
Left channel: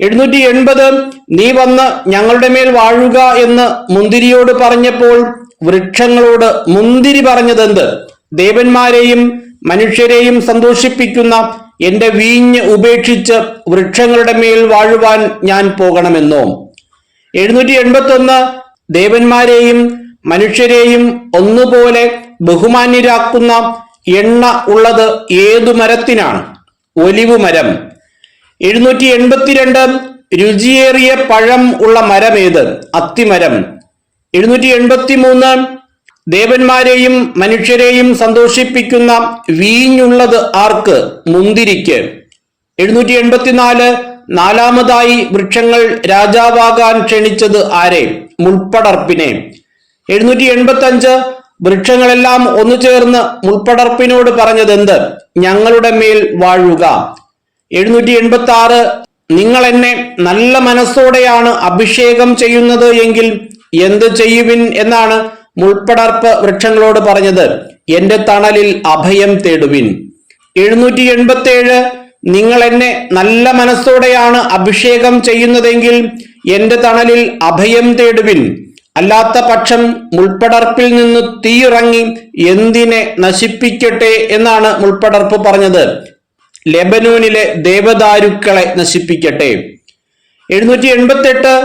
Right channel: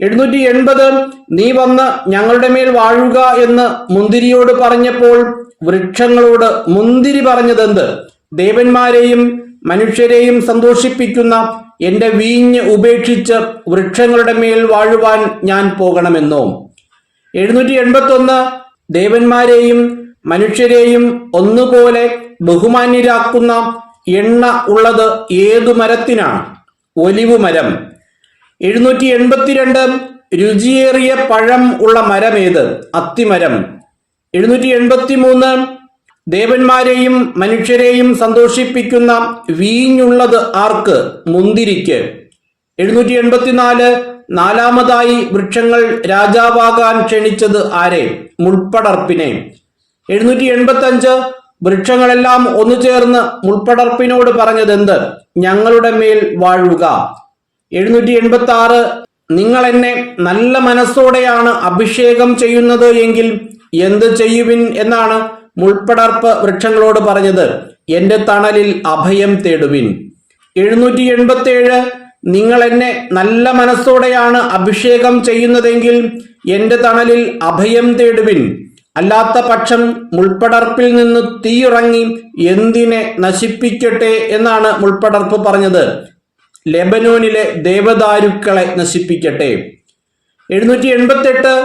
780 നീ വന്ന് ഞങ്ങളുടെ മേൽ വാഴുക എന്ന് മുന്തിരിയോട് പറഞ്ഞപ്പോൾ വൃക്ഷങ്ങളോട് മുന്തിരി പറഞ്ഞതെന്ത്? ദേവന്മാരെയും മനുഷ്യരെയും സന്തോഷിപ്പിക്കുന്ന എന്റെ വീഞ്ഞ് ഉപേക്ഷിച്ച് വൃക്ഷങ്ങളുടെ മേൽ വാഴുവാൻ ഞാൻ പോകണമെന്നോ? 781 ദേവന്മാരെയും മനുഷ്യരെയും ഒന്നുപോലെ ബഹുമാന്യരാക്കുന്ന എണ്ണ ഉള്ളത് ഏതു മരത്തിനാണ്? ഒലിവ് മരം. 782 രുചിയേറിയ പഴം ഉള്ള മരമേത്? അത്തിമരം. 783 ദേവന്മാരെയും മനുഷ്യരെയും സന്തോഷിപ്പിക്കുന്ന വീഞ്ഞുള്ളത് ആർക്ക്? മുന്തിരിക്ക്. 784 നാലാമതായി വൃക്ഷങ്ങൾ രാജാവാകാൻ ക്ഷണിച്ചത് ആരെ? മുൾപ്പടർപ്പിനെ. 785 വൃക്ഷങ്ങളെല്ലാം ഒന്നു ചേർന്ന് മുൾപ്പടർപ്പിനോട് പറഞ്ഞതെന്ത്? ഞങ്ങളുടെ മേൽ വാഴുക. 786 നിങ്ങൾ എന്നെ നല്ല മനസ്സോടെയാണ് അഭിഷേകം ചെയ്യുന്നത് എങ്കിൽ എന്ത് ചെയ്യുവിൻ എന്നാണ് മുൾപ്പടർപ്പ് വൃക്ഷങ്ങളോട് പറഞ്ഞത്? എന്റെ തണലിൽ അഭയം തേടുവിൻ. 787 നിങ്ങൾ എന്നെ നല്ല മനസ്സോടെയാണ് അഭിഷേകം ചെയ്യുന്നതെങ്കിൽ എന്റെ തണലിൽ അഭയം തേടുവിൻ. അല്ലാത്ത പക്ഷം മുൾപ്പടർപ്പിൽ നിന്ന് തീയിറങ്ങി എന്തിനെ നശിപ്പിക്കട്ടെ എന്നാണ് മുൾപ്പടർപ്പ് പറഞ്ഞത്? ലെബനോനിലെ ദേവദാരുക്കളെ നശിപ്പിക്കട്ടെ. 788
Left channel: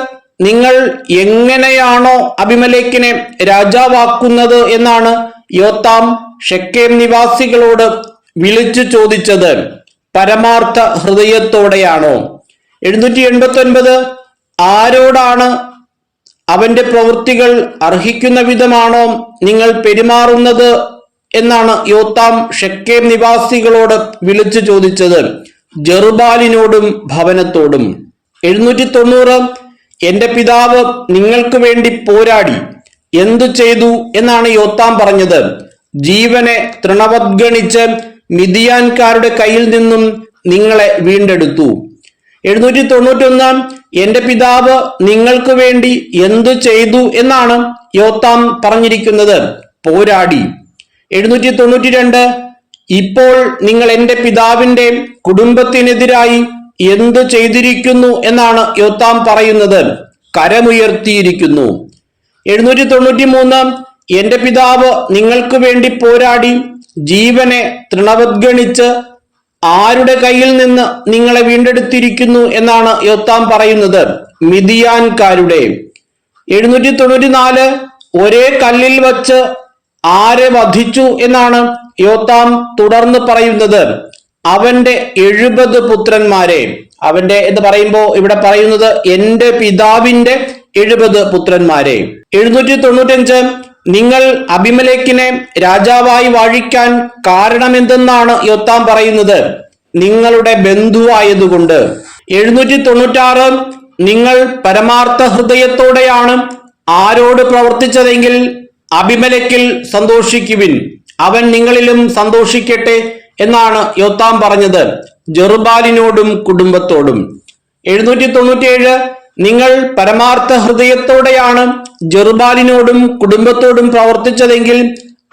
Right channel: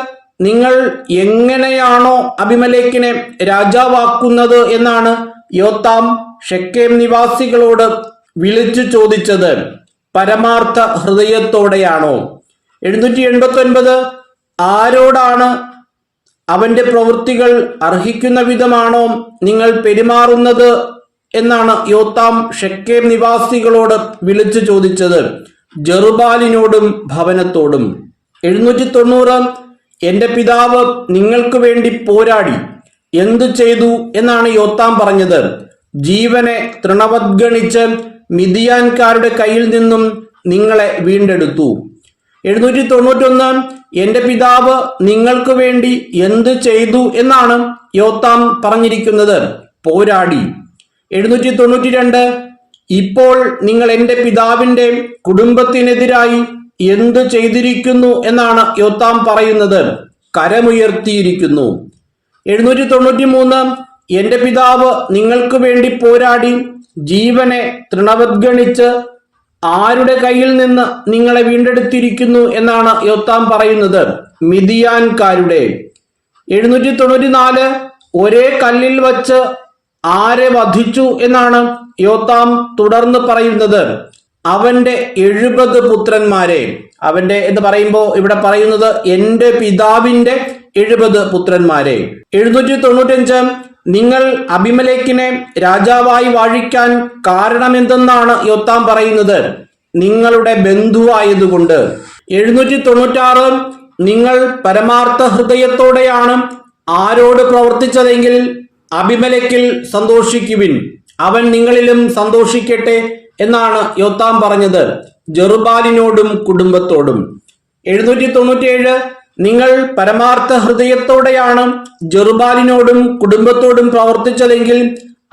നിങ്ങൾ എങ്ങനെയാണോ അബിമലേക്കിനെ രാജാവാക്കുന്നത് എന്നാണ് യോത്താം ഷെക്കേം നിവാസികളോട് വിളിച്ചു ചോദിച്ചത്. പരമാർത്ഥ ഹൃദയത്തോടെയാണോ? 789 ആരോടാണ് അവന്റെ പ്രവൃത്തികൾ അർഹിക്കുന്ന വിധമാണോ നിങ്ങൾ പെരുമാറുന്നത് എന്നാണ് യോത്താം ഷെക്കേം നിവാസികളോട് വിളിച്ചു ചോദിച്ചത്, ജെറുബാലിനോടും ഭവനത്തോടും. 790 എന്റെ പിതാവ് നിങ്ങൾക്ക് വേണ്ടി പോരാടി എന്തു ചെയ്തു എന്നാണ് യോത്താം പറഞ്ഞത്. ജീവനെ തൃണവദ്ഗണിച്ച് മിദിയാൻകാരുടെ കയ്യിൽ നിന്നും നിങ്ങളെ വീണ്ടെടുത്തു. 791 എന്റെ പിതാവ് നിങ്ങൾക്ക് വേണ്ടി എന്തു ചെയ്തു എന്നാണ് യോത്താം പറഞ്ഞിരിക്കുന്നത്, പോരാടി. 792 ഇപ്പോൾ നിങ്ങൾ എന്റെ പിതാവിന്റെ കുടുംബത്തിനെതിരായി എന്തു ചെയ്തിരിക്കുന്നു എന്നാണ് യോത്താം പറയുന്നത്, കരമുയർത്തിയിരിക്കുന്നു. 793 എന്റെ പിതാവ് നിങ്ങൾക്ക് വേണ്ടി പോരാടി ജീവനെ തൃണവദ്ഗണിച്ച് ആരുടെ കയ്യിൽ നിന്ന് നിങ്ങളെ വീണ്ടെടുത്തിരിക്കുന്നു എന്നാണ് യോത്താം പറയുന്നത്, മിദിയാൻകാരുടെ. 794 ഒരേ കല്ലിൽ വച്ച് ആരെ വധിച്ചു എന്നാണ് യോത്താം തുടർന്ന് പറയുന്നത്, അവന്റെ 70 പുത്രന്മാരെ. അവന്റെ എന്ന് പറയുമ്പോ ഇവിടെ പറയുന്നത് എന്റെ പിതാവിന്റെ 70 പുത്രന്മാരെ. 795 നിങ്ങൾ അബിമേലെക്കിനെ രാജാവായി വാഴിക്കാൻ കാരണമെന്തെന്നാണ് യോത്താം പറയുന്നത്, നിങ്ങളുടെ ബന്ധുവായതുകൊണ്ട്. 796 നിങ്ങൾ പരമാർത്ഥ ഹൃദയത്തോടെയാണ് ആരോട് പ്രവർത്തിച്ചതെങ്കിൽ അബിമേലെക്കിൽ സന്തോഷിക്കുവിൻ, അവൻ നിങ്ങളിലും സന്തോഷിക്കട്ടെ എന്നാണ് യോത്താം പറഞ്ഞത്, ജെറുബാലിനോടും കുടുംബത്തോടും. 797 നിങ്ങൾ പരമാർത്ഥ ഹൃദയത്തോടെയാണ് ജെറുബാലിനോടും കുടുംബത്തോടും പ്രവർത്തിച്ചതെങ്കിൽ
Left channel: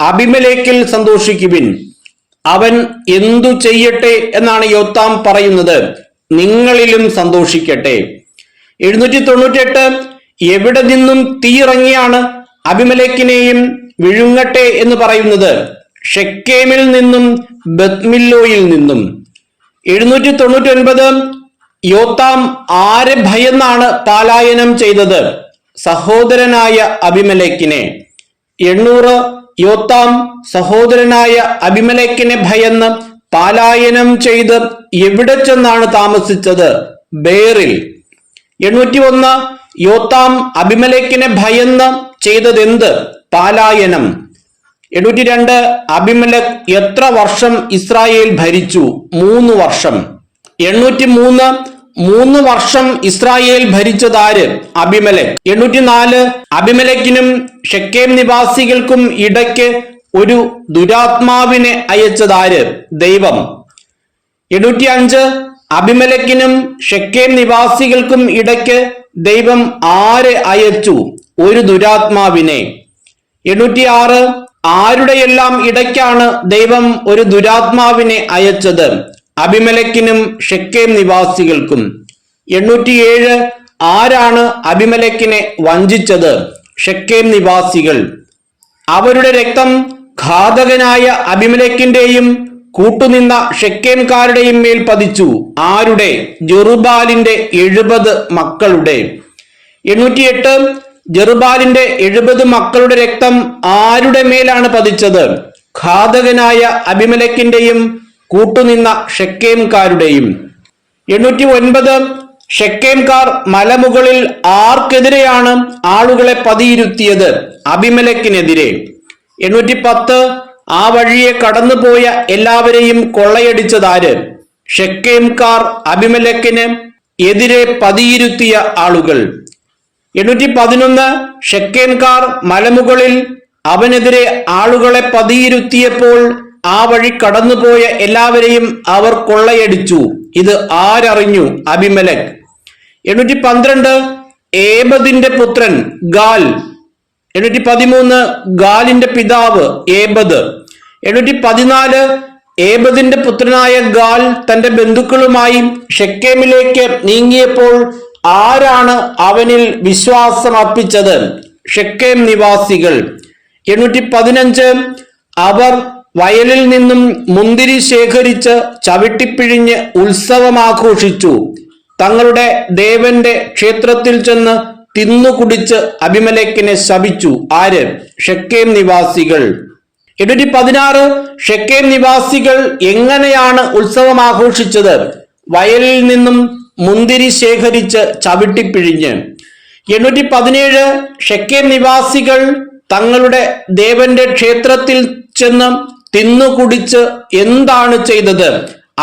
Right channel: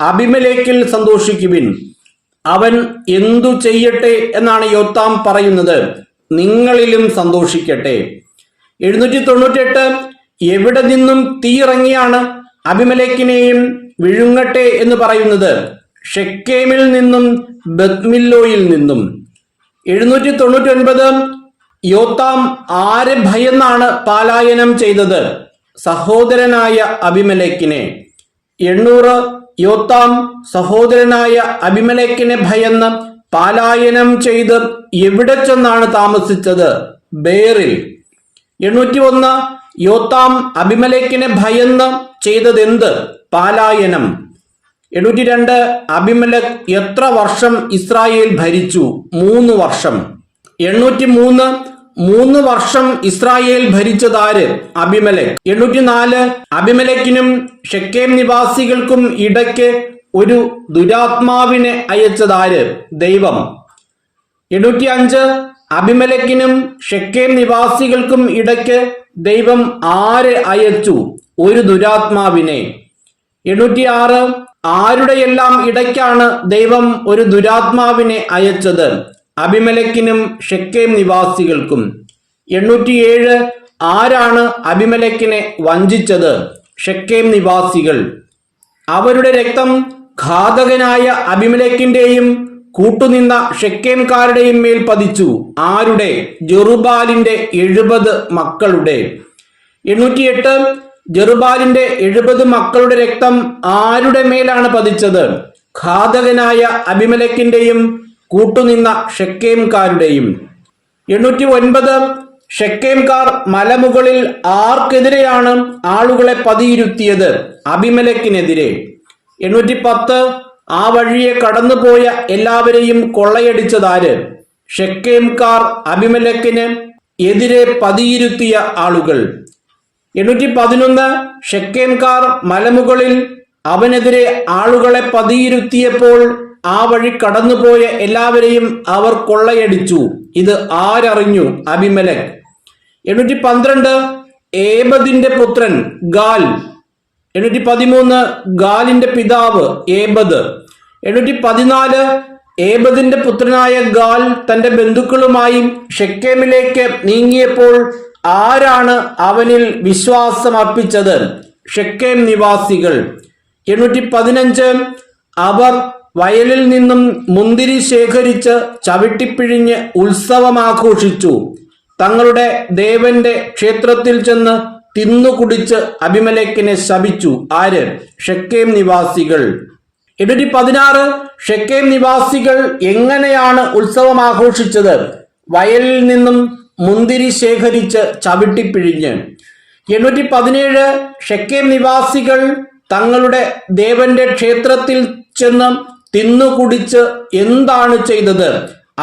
അബിമേലെക്കിൽ സന്തോഷിക്കുവിൻ, അവൻ എന്തു ചെയ്യട്ടെ എന്നാണ് യോത്താം പറയുന്നത്, നിങ്ങളിലും സന്തോഷിക്കട്ടെ. 798 എവിടെ നിന്നും തീയിറങ്ങിയാണ് അബിമേലെക്കിനെയും വിഴുങ്ങട്ടെ എന്ന് പറയുന്നത്, ഷെക്കേമിൽ നിന്നും ബത്മില്ലോയിൽ നിന്നും. 799 യോത്താം ആരെ ഭയന്നാണ് പാലായനം ചെയ്തത്, സഹോദരനായ അബിമേലെക്കിനെ. 800 യോത്താം സഹോദരനായ അബിമേലെക്കിനെ ഭയന്ന് പാലായനം ചെയ്ത് എവിടെ ചെന്നാണ് താമസിച്ചത്, ബേറിൽ. 801 യോത്താം അബിമേലെക്കിനെ ഭയന്ന് ചെയ്തതെന്ത്, പാലായനം. 802 അബിമേലെക്ക് എത്ര വർഷം ഇസ്രായേൽ ഭരിച്ചു, 3 വർഷം. 803 3 വർഷം ഇസ്രായേൽ ഭരിച്ചതാര്, അബിമേലെക്ക്. 804 അബിമേലെക്കിനും ഷെക്കേം നിവാസികൾക്കും ഇടയ്ക്ക് ഒരു ദുരാത്മാവിനെ അയച്ചതാര്, ദൈവം. 805 അബിമേലെക്കിനും ഷെക്കേം നിവാസികൾക്കും ഇടയ്ക്ക് ദൈവം ആരെ അയച്ചു, ഒരു ദുരാത്മാവിനെ. 806 ആരുടെയെല്ലാം ഇടയ്ക്കാണ് ദൈവം ഒരു ദുരാത്മാവിനെ അയച്ചത്, അബിമേലെക്കിനും ഷെക്കേം നിവാസികൾക്കും. 807 ആരാണ് അബിമേലെക്കിനെ വഞ്ചിച്ചത്, ഷെക്കേം നിവാസികൾ. അവരുടെ രക്തം ഘാതകനായ അബിമേലെക്കിന്റെയും കൂട്ടുനിന്ന ഷെക്കേംകാരുടെയും മേൽ പതിച്ചു, ആരുടെ, ജെറുബാലിന്റെ 70 മക്കളുടെ. 808 ജെറുബാലിന്റെ 70 മക്കളുടെ രക്തം ആരുടെ മേലാണ് പതിച്ചത്, ഘാതകനായ അബിമേലെക്കിന്റെയും കൂട്ടുനിന്ന ഷെക്കേംകാരുടെയും. 809 ഷെക്കേംകാർ മലമുകളിൽ ആർക്കെതിരെയാണ് ആളുകളെ പതിയിരുത്തിയത്, അബിമേലെക്കിനെതിരെ. 810 ആ വഴിയെ കടന്നുപോയ എല്ലാവരെയും കൊള്ളയടിച്ചതാര്, ഷെക്കേംകാർ അബിമേലെക്കിന് എതിരെ പതിയിരുത്തിയ ആളുകൾ. 811 ഷെക്കേംകാർ മലമുകളിൽ അവനെതിരെ ആളുകളെ പതിയിരുത്തിയപ്പോൾ ആ വഴി കടന്നുപോയ എല്ലാവരെയും അവർ കൊള്ളയടിച്ചു, ഇത് ആരറിഞ്ഞു, അബിമേലെക്ക്. 812 ഏബദിന്റെ പുത്രൻ ഗാൽ. 813 ഗാലിന്റെ പിതാവ് ഏബദ്. 814 ഏബദിന്റെ പുത്രനായ ഗാൽ തന്റെ ബന്ധുക്കളുമായി ഷെക്കേമിലേക്ക് നീങ്ങിയപ്പോൾ ആരാണ് അവനിൽ വിശ്വാസം അർപ്പിച്ചത്, ഷെക്കേം നിവാസികൾ. 815 അവർ വയലിൽ നിന്നും മുന്തിരി ശേഖരിച്ച് ചവിട്ടിപ്പിഴിഞ്ഞ് ഉത്സവമാഘോഷിച്ചു, തങ്ങളുടെ ദേവന്റെ ക്ഷേത്രത്തിൽ ചെന്ന് തിന്നുകുടിച്ച് അബിമേലെക്കിനെ ശപിച്ചു, ആര്, ഷെക്കേം നിവാസികൾ. 816 ഷെക്കേം നിവാസികൾ എങ്ങനെയാണ് ഉത്സവം ആഘോഷിച്ചത്, വയലിൽ നിന്നും മുന്തിരി ശേഖരിച്ച് ചവിട്ടിപ്പിഴിഞ്ഞ്. 817 ഷെക്കേം നിവാസികൾ തങ്ങളുടെ ദേവന്റെ ക്ഷേത്രത്തിൽ ചെന്ന് തിന്നുകുടിച്ച് എന്താണ് ചെയ്തത്?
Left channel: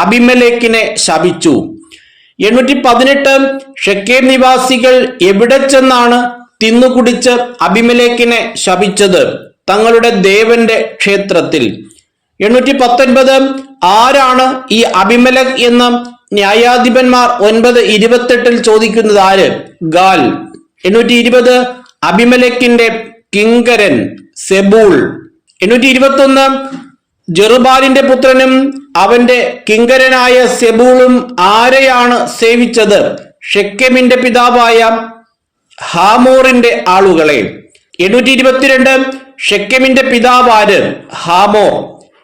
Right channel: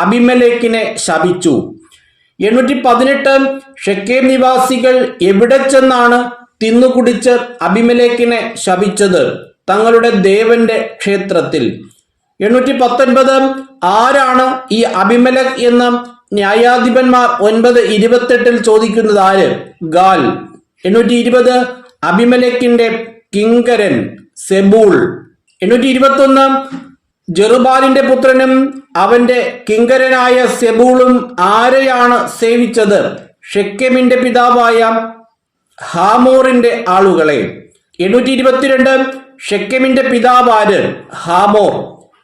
അബിമേലെക്കിനെ ശപിച്ചു. 818 ഷെക്കേം നിവാസികൾ എവിടെ ചെന്നാണ് തിന്നുകുടിച്ച് അബിമേലെക്കിനെ ശപിച്ചത്? തങ്ങളുടെ ദേവന്റെ ക്ഷേത്രത്തിൽ. 819 ആരാണ് ഈ അബിമേലെക്ക് എന്ന് ന്യായാധിപന്മാർ 9:28 ചോദിക്കുന്നത് ആര്? ഗാൽ. 820 അബിമേലെക്കിന്റെ കിങ്കരൻ സെബൂൾ. 821 ജെറുബാലിന്റെ പുത്രനും അവന്റെ കിങ്കരനായ സെബൂളും ആരെയാണ് സേവിച്ചത്? ഷെക്കെമിന്റെ പിതാവായ ഹാമോറിന്റെ ആളുകളെ. 822 ഷെക്കെമിന്റെ പിതാവാര്? ഹാമോർ.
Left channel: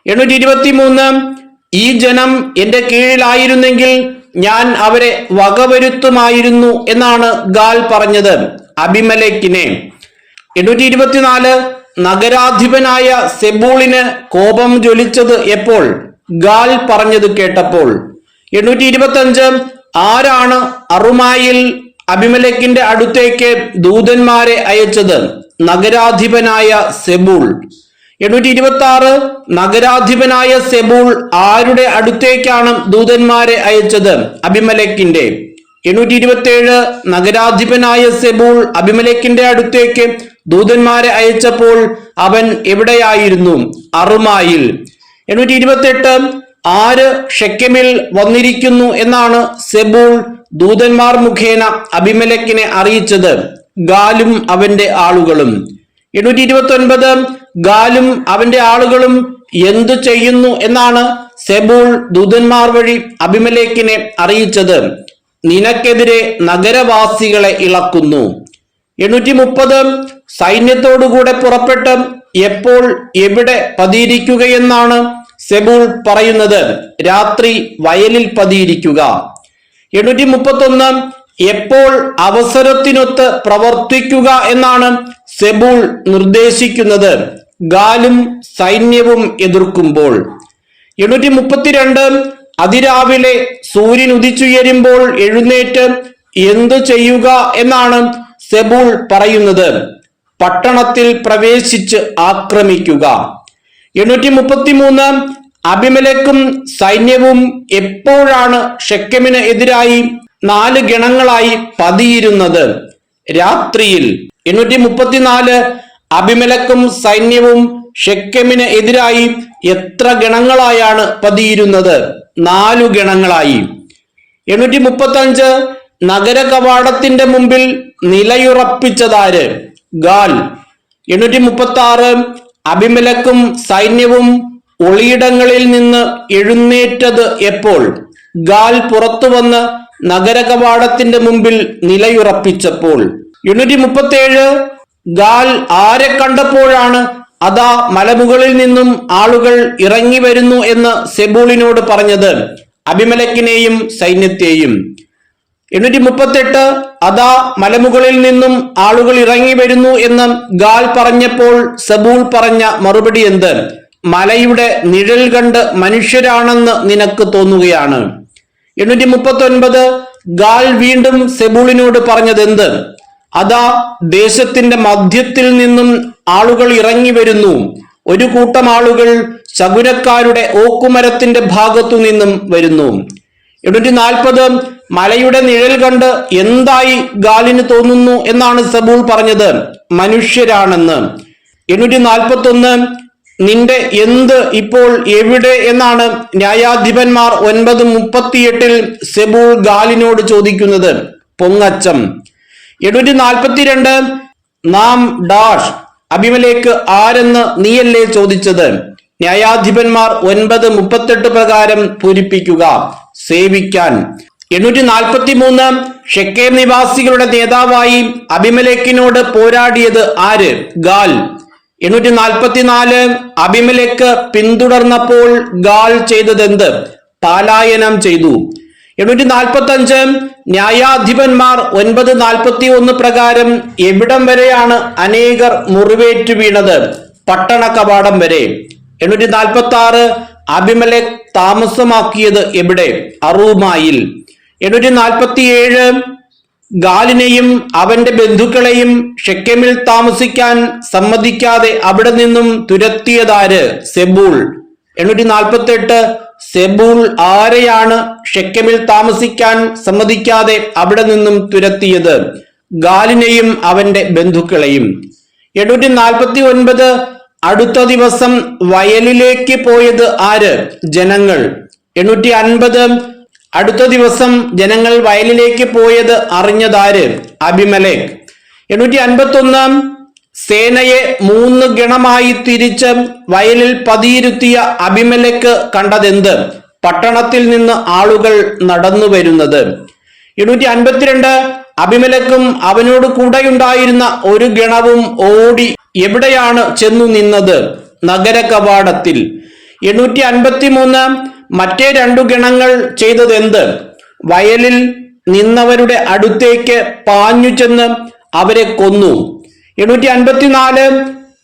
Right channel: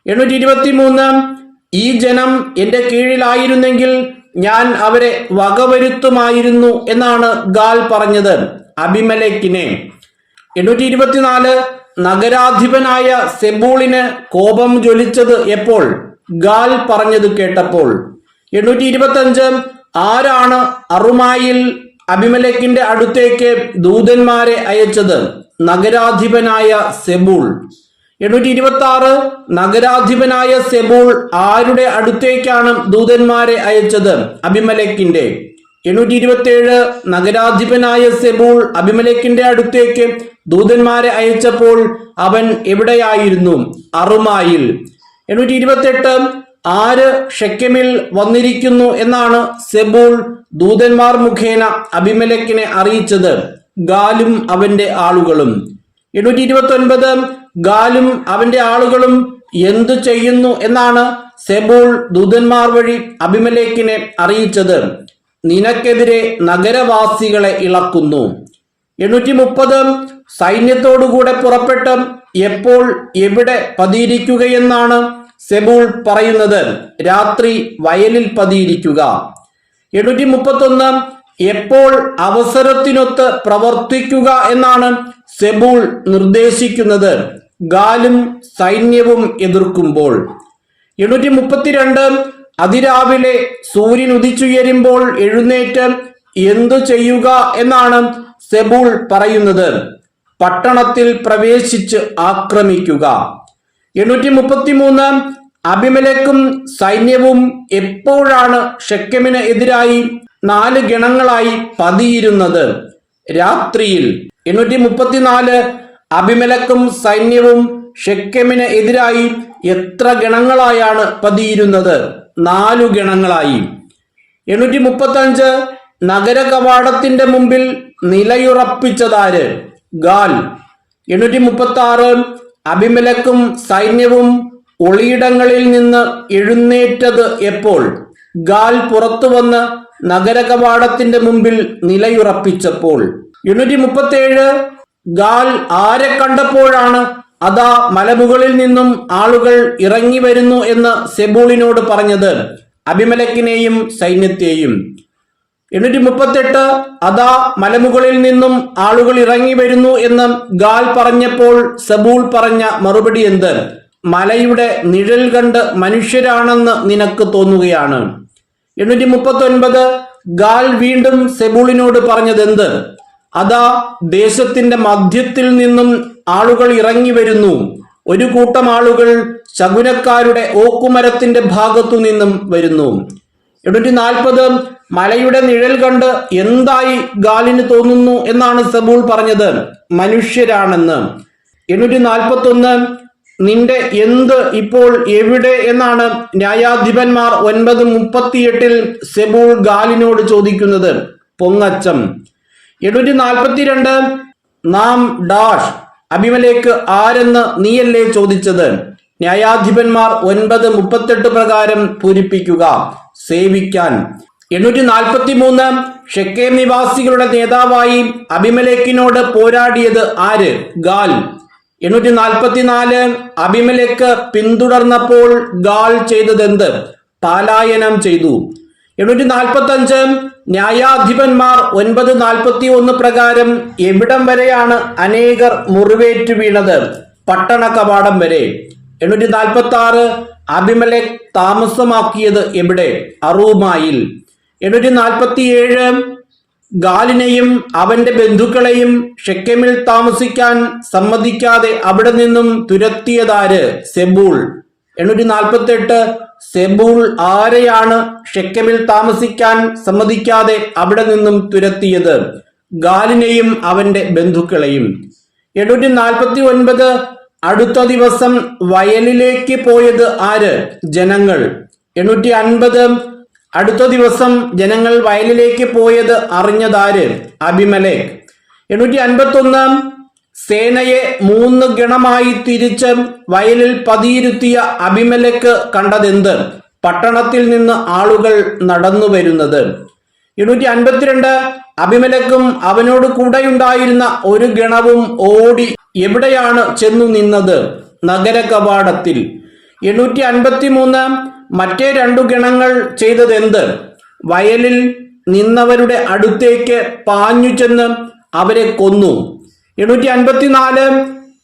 823 ഈ ജനം എന്റെ കീഴിലായിരുന്നെങ്കിൽ ഞാൻ അവരെ വകവരുത്തുമായിരുന്നു എന്നാണ് ഗാൽ പറഞ്ഞത് അബിമേലെക്കിനെ. 824 നഗരാധിപനായ സെബൂളിന് കോപം ജ്വലിച്ചത് എപ്പോൾ? ഗാൽ പറഞ്ഞത് കേട്ടപ്പോൾ. 825 ആരാണ് അറുമായിൽ അബിമേലെക്കിന്റെ അടുത്തേക്ക് ദൂതന്മാരെ അയച്ചത്? നഗരാധിപനായ സെബൂൾ. 826 നഗരാധിപനായ സെബൂൾ ആരുടെ അടുത്തേക്കാണ് ദൂതന്മാരെ അയച്ചത്? അബിമേലെക്കിന്റെ. 827 നഗരാധിപനായ സെബൂൾ അബിമേലെക്കിന്റെ അടുത്തേക്ക് ദൂതന്മാരെ അയച്ചപ്പോൾ അവൻ എവിടെയായിരുന്നു? അറുമായിൽ. 828 ആര് ഷെക്കെമിൽ വന്നിരിക്കുന്നു എന്നാണ് സെബൂൾ ദൂതന്മാർ മുഖേന അബിമേലെക്കിനെ അറിയിച്ചത്? ഗാലും അവന്റെ ആളുകളും. 829 ഗാലും അവന്റെ ആളുകളും എന്തു ചെയ്യുന്നു എന്നാണ് സെബൂൾ ദൂതന്മാർ വഴി അബിമേലെക്കിനെ അറിയിച്ചത്? നിനക്കെതിരെ നഗരവാസികളെ ഇളക്കുന്നു. 830 സൈന്യത്തോടുകൂടെ പുറപ്പെട്ട് എപ്പോൾ എവിടെ പതിയിരിക്കുകയെന്നാണ് സെബൂൾ പറയുന്നത്? രാത്രി വയലിൽ പതിയിരിക്കുക. 831 എപ്പോൾ അവസരത്തിനൊത്ത് പ്രവർത്തിക്കുക എന്നാണ് സെബൂൾ നിർദ്ദേശിക്കുന്നത്? ഗാലും സൈന്യവും എതിർക്കുമ്പോൾ. 832 അതിരാവിലെ സൂര്യൻ ഉദിച്ചുയരുമ്പോൾ എഴുന്നേറ്റ് എന്തു ചെയ്യുക എന്നാണ് സെബൂൾ പറയുന്നത്? പട്ടണത്തിൽ പ്രവേശിച്ച് ആക്രമിക്കുക. 833 അബിമേലെക്കും സൈന്യവും എപ്പോഴാണ് ഷെക്കെമിന് എതിരായി 4 ഗണങ്ങളായി പതിയിരുന്നത്? രാത്രിയിൽ. 834 അബിമേലെക്കും സൈന്യവും ഷെക്കെമിന് എതിരായി എത്ര ഗണങ്ങളായാണ് പതിയിരുന്നത്? 4 ഗണങ്ങളായി. 835 നഗര കവാടത്തിന്റെ മുമ്പിൽ നിലയുറപ്പിച്ചതാര്? ഗാൽ. 836 അബിമേലെക്കും സൈന്യവും ഒളിയിടങ്ങളിൽ നിന്ന് എഴുന്നേറ്റത് എപ്പോൾ? ഗാൽ പുറത്തു വന്ന് നഗര കവാടത്തിന്റെ മുമ്പിൽ നിലയുറപ്പിച്ചപ്പോൾ. 837 ഗാൽ ആരെ കണ്ടപ്പോഴാണ് അതാ മലമുകളിൽ നിന്നും ആളുകൾ ഇറങ്ങി വരുന്നു എന്ന് സെബൂളിനോട് പറഞ്ഞത്? അബിമേലെക്കിനെയും സൈന്യത്തെയും. 838 അതാ മലമുകളിൽ നിന്നും ആളുകൾ ഇറങ്ങി വരുന്നു എന്ന് ഗാൽ പറഞ്ഞപ്പോൾ സെബൂൾ പറഞ്ഞ മറുപടി എന്ത്? മലയുടെ നിഴൽ കണ്ട് മനുഷ്യരാണെന്ന് നിനക്ക് തോന്നുകയാണ്. 839 ഗാൽ വീണ്ടും സെബൂളിനോട് പറഞ്ഞത് എന്ത്? അതാ ദേശത്തിന്റെ മധ്യത്തിൽ നിന്നും ആളുകൾ ഇറങ്ങി വരുന്നു. ഒരു കൂട്ടം ആളുകൾ ശകുനക്കാരുടെ ഓക്കുമരത്തിന്റെ ഭാഗത്തു നിന്നും വരുന്നു. 840 മലയുടെ നിഴൽ കണ്ട് എന്തായി ഗാലിന് തോന്നുന്നു എന്നാണ് സെബൂൾ പറഞ്ഞത്? മനുഷ്യരാണെന്ന്. 841 നിന്റെ എന്ത് ഇപ്പോൾ എവിടെ എന്നാണ് ന്യായാധിപന്മാർ 9:38 സെബൂൾ ഗാലിനോട് ചോദിക്കുന്നത്? പൊങ്ങച്ചം. 842 നാം ഡാഷ് അബിമേലെക്ക് ആരെന്ന് നീയല്ലേ ചോദിച്ചത്? ന്യായാധിപന്മാർ 9:38 പ്രകാരം പൂരിപ്പിക്കുക. സേവിക്കാൻ. 843 ഷെക്കേം നിവാസികളുടെ നേതാവായി അബിമേലെക്കിനോട് പോരാടിയത് ആര്? ഗാൽ. 844 അബിമേലെക്ക് പിന്തുടർന്നപ്പോൾ ഗാൽ ചെയ്തതെന്ത്? പലായനം ചെയ്തു. 845 ന്യായാധിപന്മാർ 9:41 പ്രകാരം എവിടം വരെയാണ് അനേകർ മുറിവേറ്റു വീണത്? പട്ടണ കവാടം വരെ. 846 അബിമേലെക്ക് താമസമാക്കിയത് എവിടെ? അറൂമായിൽ. 847 ഗാലിനെയും അവന്റെ ബന്ധുക്കളെയും ഷെക്കെമിൽ താമസിക്കാൻ സമ്മതിക്കാതെ അവിടെ നിന്നും തുരത്തിയതാര്? സെബൂൾ. 848 സെബൂൾ ആരെയാണ് ഷെക്കെമിൽ താമസിക്കാൻ സമ്മതിക്കാതെ അവിടെ നിന്നും തുരത്തിയത്? ഗാലിനെയും അവന്റെ ബന്ധുക്കളെയും. 849 അടുത്ത ദിവസം വയലിലേക്ക് പോയത് ആര്? ജനങ്ങൾ. 850 അടുത്ത ദിവസം ജനങ്ങൾ വയലിലേക്ക് പോയത് അറിഞ്ഞതാര്? അബിമേലെക്ക്. 851 സേനയെ 3 ഗണമായി തിരിച്ച് വയലിൽ പതിയിരുത്തിയ അബിമേലെക്ക് കണ്ടതെന്ത്? പട്ടണത്തിൽ നിന്ന് ആളുകൾ നടന്നു വരുന്നത്. 852 അബിമേലെക്കും അവനോട് കൂടെയുണ്ടായിരുന്ന ഒരു ഗണവും ഓടി എവിടെയാണ് ചെന്നു നിന്നത്? നഗര കവാടത്തിൽ. 853 മറ്റേ 2 ഗണങ്ങൾ ചെയ്തതെന്ത്? വയലിൽ നിന്നവരുടെ അടുത്തേക്ക് പാഞ്ഞു ചെന്ന് അവരെ കൊന്നു. 854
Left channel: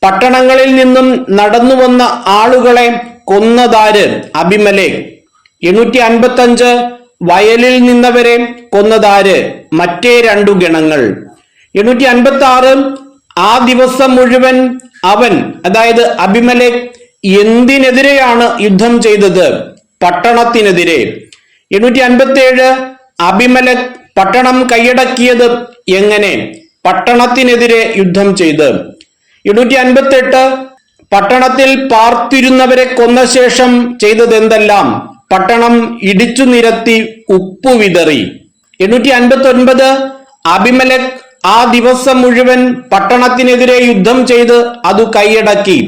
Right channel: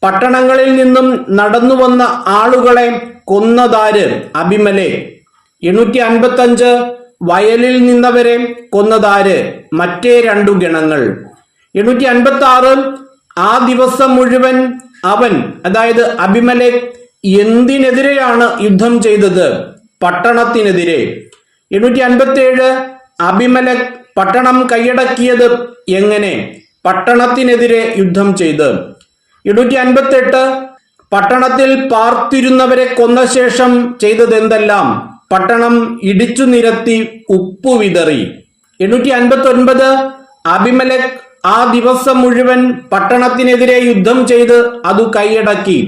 പട്ടണങ്ങളിൽ നിന്നും നടന്നു വന്ന ആളുകളെ കൊന്നതാര്? അബിമേലെക്ക്. 855 വയലിൽ നിന്നവരെ കൊന്നതാര്? മറ്റേ 2 ഗണങ്ങൾ. 856 ആ ദിവസം മുഴുവൻ അവൻ, അതായത് അബിമേലെക്ക്, എന്തിനെതിരെയാണ് യുദ്ധം ചെയ്തത്? പട്ടണത്തിനെതിരെ. 857 അബിമേലെക്ക് പട്ടണം കൈയടക്കിയത് എങ്ങനെ? പട്ടണത്തിനെതിരെ യുദ്ധം ചെയ്ത്. 858 പട്ടണത്തിൽ പാർത്തിരുന്നവരെ കൊന്ന ശേഷം ചെയ്തതെന്തെല്ലാം? പട്ടണം ഇടിച്ചു നിരത്തി ഉപ്പു വിതറി. 859 അബിമേലെക്ക് ആ ദിവസം മുഴുവൻ പട്ടണത്തിനെതിരെ യുദ്ധം ചെയ്ത് അത് കൈയടക്കി.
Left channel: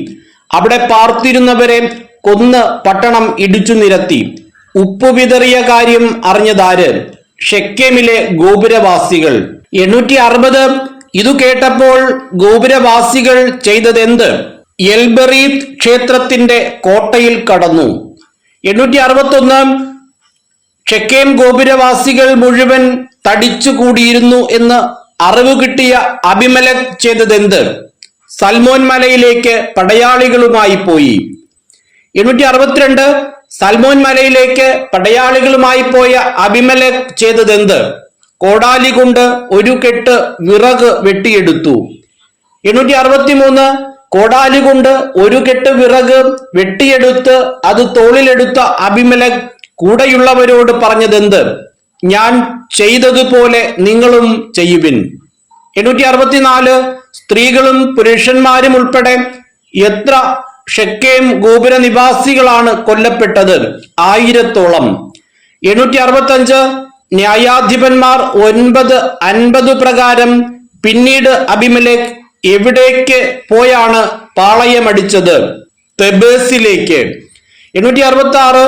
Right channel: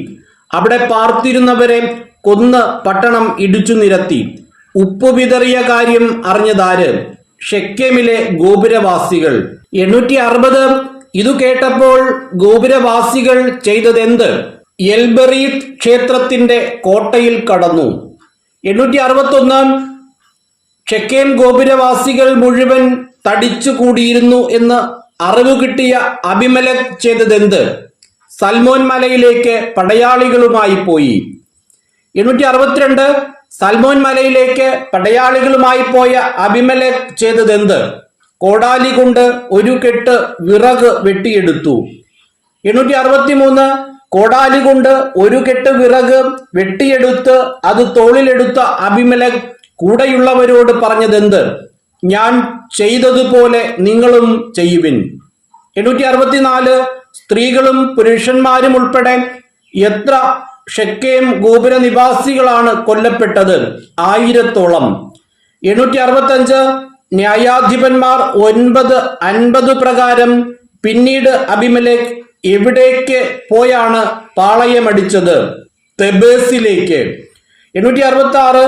അവിടെ പാർത്തിരുന്നവരെ കൊന്ന് പട്ടണം ഇടിച്ചു നിരത്തി. ഉപ്പു വിതറിയ കാര്യം അറിഞ്ഞതാര്? ഷെക്കെമിലെ ഗോപുരവാസികൾ. 860 ഇതു കേട്ടപ്പോൾ ഗോപുരവാസികൾ ചെയ്തതെന്ത്? എൽബെറീത്ത് ക്ഷേത്രത്തിന്റെ കോട്ടയിൽ കടന്നു. 861 ഷെക്കേം ഗോപുരവാസികൾ മുഴുവൻ തടിച്ചു കൂടിയിരുന്നു എന്ന് അറിവ് കിട്ടിയ അബിമേലെക്ക് ചെയ്തതെന്ത്? സൽമോൻ മലയിലേക്ക് പടയാളികളുമായി പോയി. 862 സൽമോൻ മലയിലേക്ക് പടയാളികളുമായി പോയ അബിമേലെക്ക് ചെയ്തതെന്ത്? കോടാലി കൊണ്ട് ഒരു കെട്ട് വിറക് വെട്ടിയെടുത്തു. 863 കോടാലി കൊണ്ട് ഒരു കെട്ട് വിറക് വെട്ടിയെടുത്ത് അത് തോളിലെടുത്ത അബിമേലെക്ക് കൂടെയുള്ളവരോട് പറഞ്ഞതെന്ത്? ഞാൻ ചെയ്തതുപോലെ നിങ്ങളും ചെയ്യുവിൻ. 864 സ്ത്രീകളും പുരുഷന്മാരും ഉൾപ്പെടെ എത്ര ഷെക്കേം ഗോപുര നിവാസികളാണ് കൊല്ലപ്പെട്ടത്? 1000-ഓളം. 865 ന്യായാധിപന്മാർ 9:50 പ്രകാരം പിന്നീട് അബിമേലെക്ക് എവിടേക്ക് പോയാണ് പാളയമടിച്ചത്? തെബേസിലേക്ക്. 866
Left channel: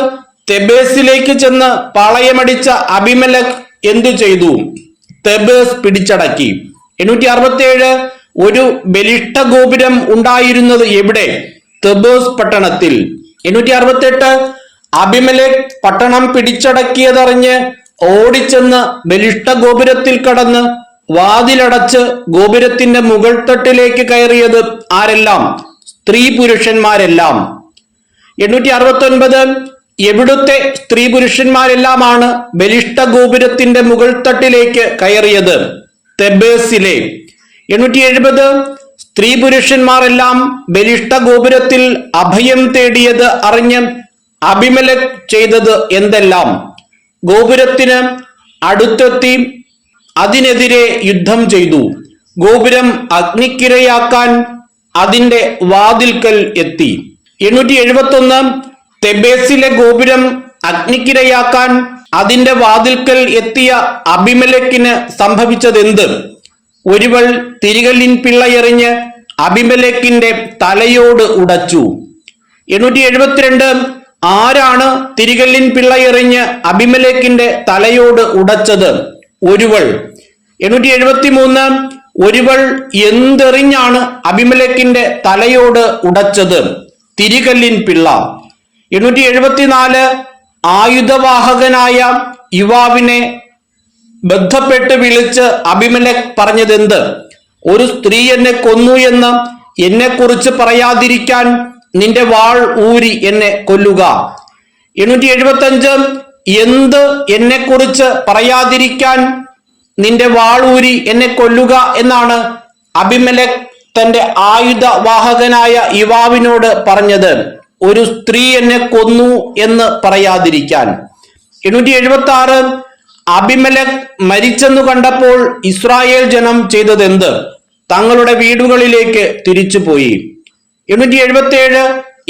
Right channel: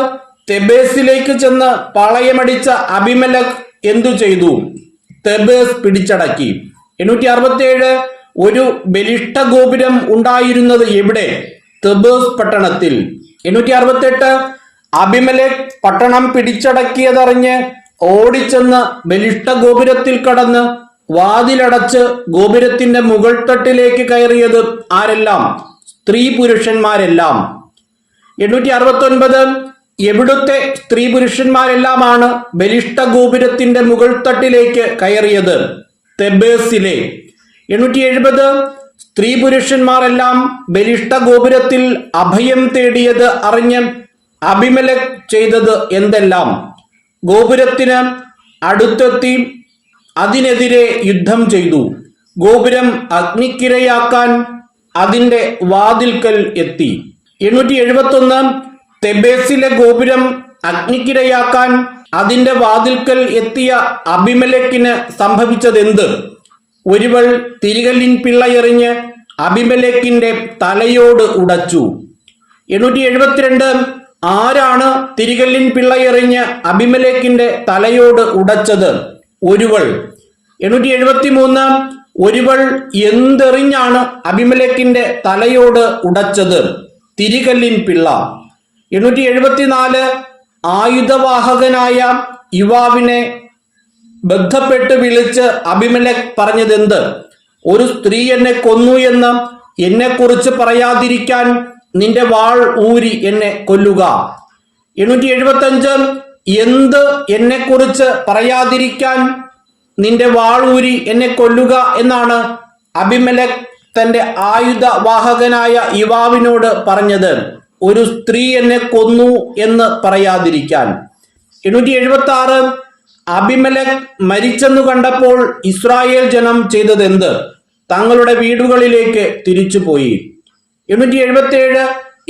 തെബേസിലേക്ക് ചെന്ന് പാളയമടിച്ച അബിമേലെക്ക് എന്തു ചെയ്തു? തെബേസ് പിടിച്ചടക്കി. 867 ഒരു ബലിഷ്ഠ ഗോപുരം ഉണ്ടായിരുന്നത് എവിടെ? തെബേസ് പട്ടണത്തിൽ. 868 അബിമേലെക്ക് പട്ടണം പിടിച്ചടക്കിയതറിഞ്ഞ് ഓടിച്ചെന്ന് ബലിഷ്ഠ ഗോപുരത്തിൽ കടന്ന് വാതിലടച്ച് ഗോപുരത്തിന്റെ മുകൾ തട്ടിലേക്ക് കയറിയത് ആരെല്ലാം? സ്ത്രീ പുരുഷന്മാരെല്ലാം. 869 എവിടുത്തെ സ്ത്രീ പുരുഷന്മാരെല്ലാമാണ് ബലിഷ്ഠ ഗോപുരത്തിന്റെ മുകൾ തട്ടിലേക്ക് കയറിയത്? തെബേസിലെ. 870 സ്ത്രീ പുരുഷന്മാരെല്ലാം ബലിഷ്ഠ ഗോപുരത്തിൽ അഭയം തേടിയത് അറിഞ്ഞ് അബിമേലെക്ക് ചെയ്തത് എന്തെല്ലാം? ഗോപുരത്തിന് അടുത്തെത്തി അതിനെതിരെ യുദ്ധം ചെയ്തു. ഗോപുരം അഗ്നിക്കിരയാക്കാൻ അതിന്റെ വാതിൽക്കൽ എത്തി. 871 തെബേസിലെ ഗോപുരം അഗ്നിക്കിരയാക്കാൻ അതിന്റെ വാതിൽക്കൽ എത്തിയ അബിമേലെക്കിന് സംഭവിച്ചതെന്ത്? ഒരുവൾ തിരികല്ലിൻ പിള്ളയെറിഞ്ഞ് അബിമേലെക്കിന്റെ തലയോട് ഉടച്ചു. 872 ആരാണ് തിരികല്ലിൻ പിള്ളയെറിഞ്ഞ് അബിമേലെക്കിന്റെ തലയോട് ഉടച്ചത്? ഒരുവൾ. 873 ഒരുവൾ എന്തെറിഞ്ഞാണ് അബിമേലെക്കിന്റെ തലയോട് ഉടച്ചത്? തിരികല്ലിൻ പിള്ള. 874 ആയുധവാഹകനായ യുവാവിനെ ബന്ധപ്പെട്ട് വിളിച്ച് അബിമേലെക്ക് പറഞ്ഞതെന്ത്? ഒരു സ്ത്രീ എന്നെ കൊന്നു എന്ന് എന്നെ കുറിച്ച് പറയാതിരിക്കാൻ നിന്റെ വാൾ ഊരി എന്നെ കൊല്ലുക. 875 എന്ത് എന്നെ കുറിച്ച് പറയാതിരിക്കാൻ നിന്റെ വാളൂരി എന്നെ കൊല്ലുക എന്നാണ് അബിമേലെക്ക് തന്റെ ആയുധവാഹകനായ യുവാവിനോട് പറഞ്ഞത്, ഒരു സ്ത്രീ എന്നെ കൊന്നു എന്ന് പറയാതിരിക്കാൻ. 876 അബിമേലെക്ക് മരിച്ചെന്നു കണ്ടപ്പോൾ ഇസ്രായേൽ ജനം ചെയ്തതെന്ത്? തങ്ങളുടെ വീടുകളിലേക്ക് തിരിച്ചുപോയി. 877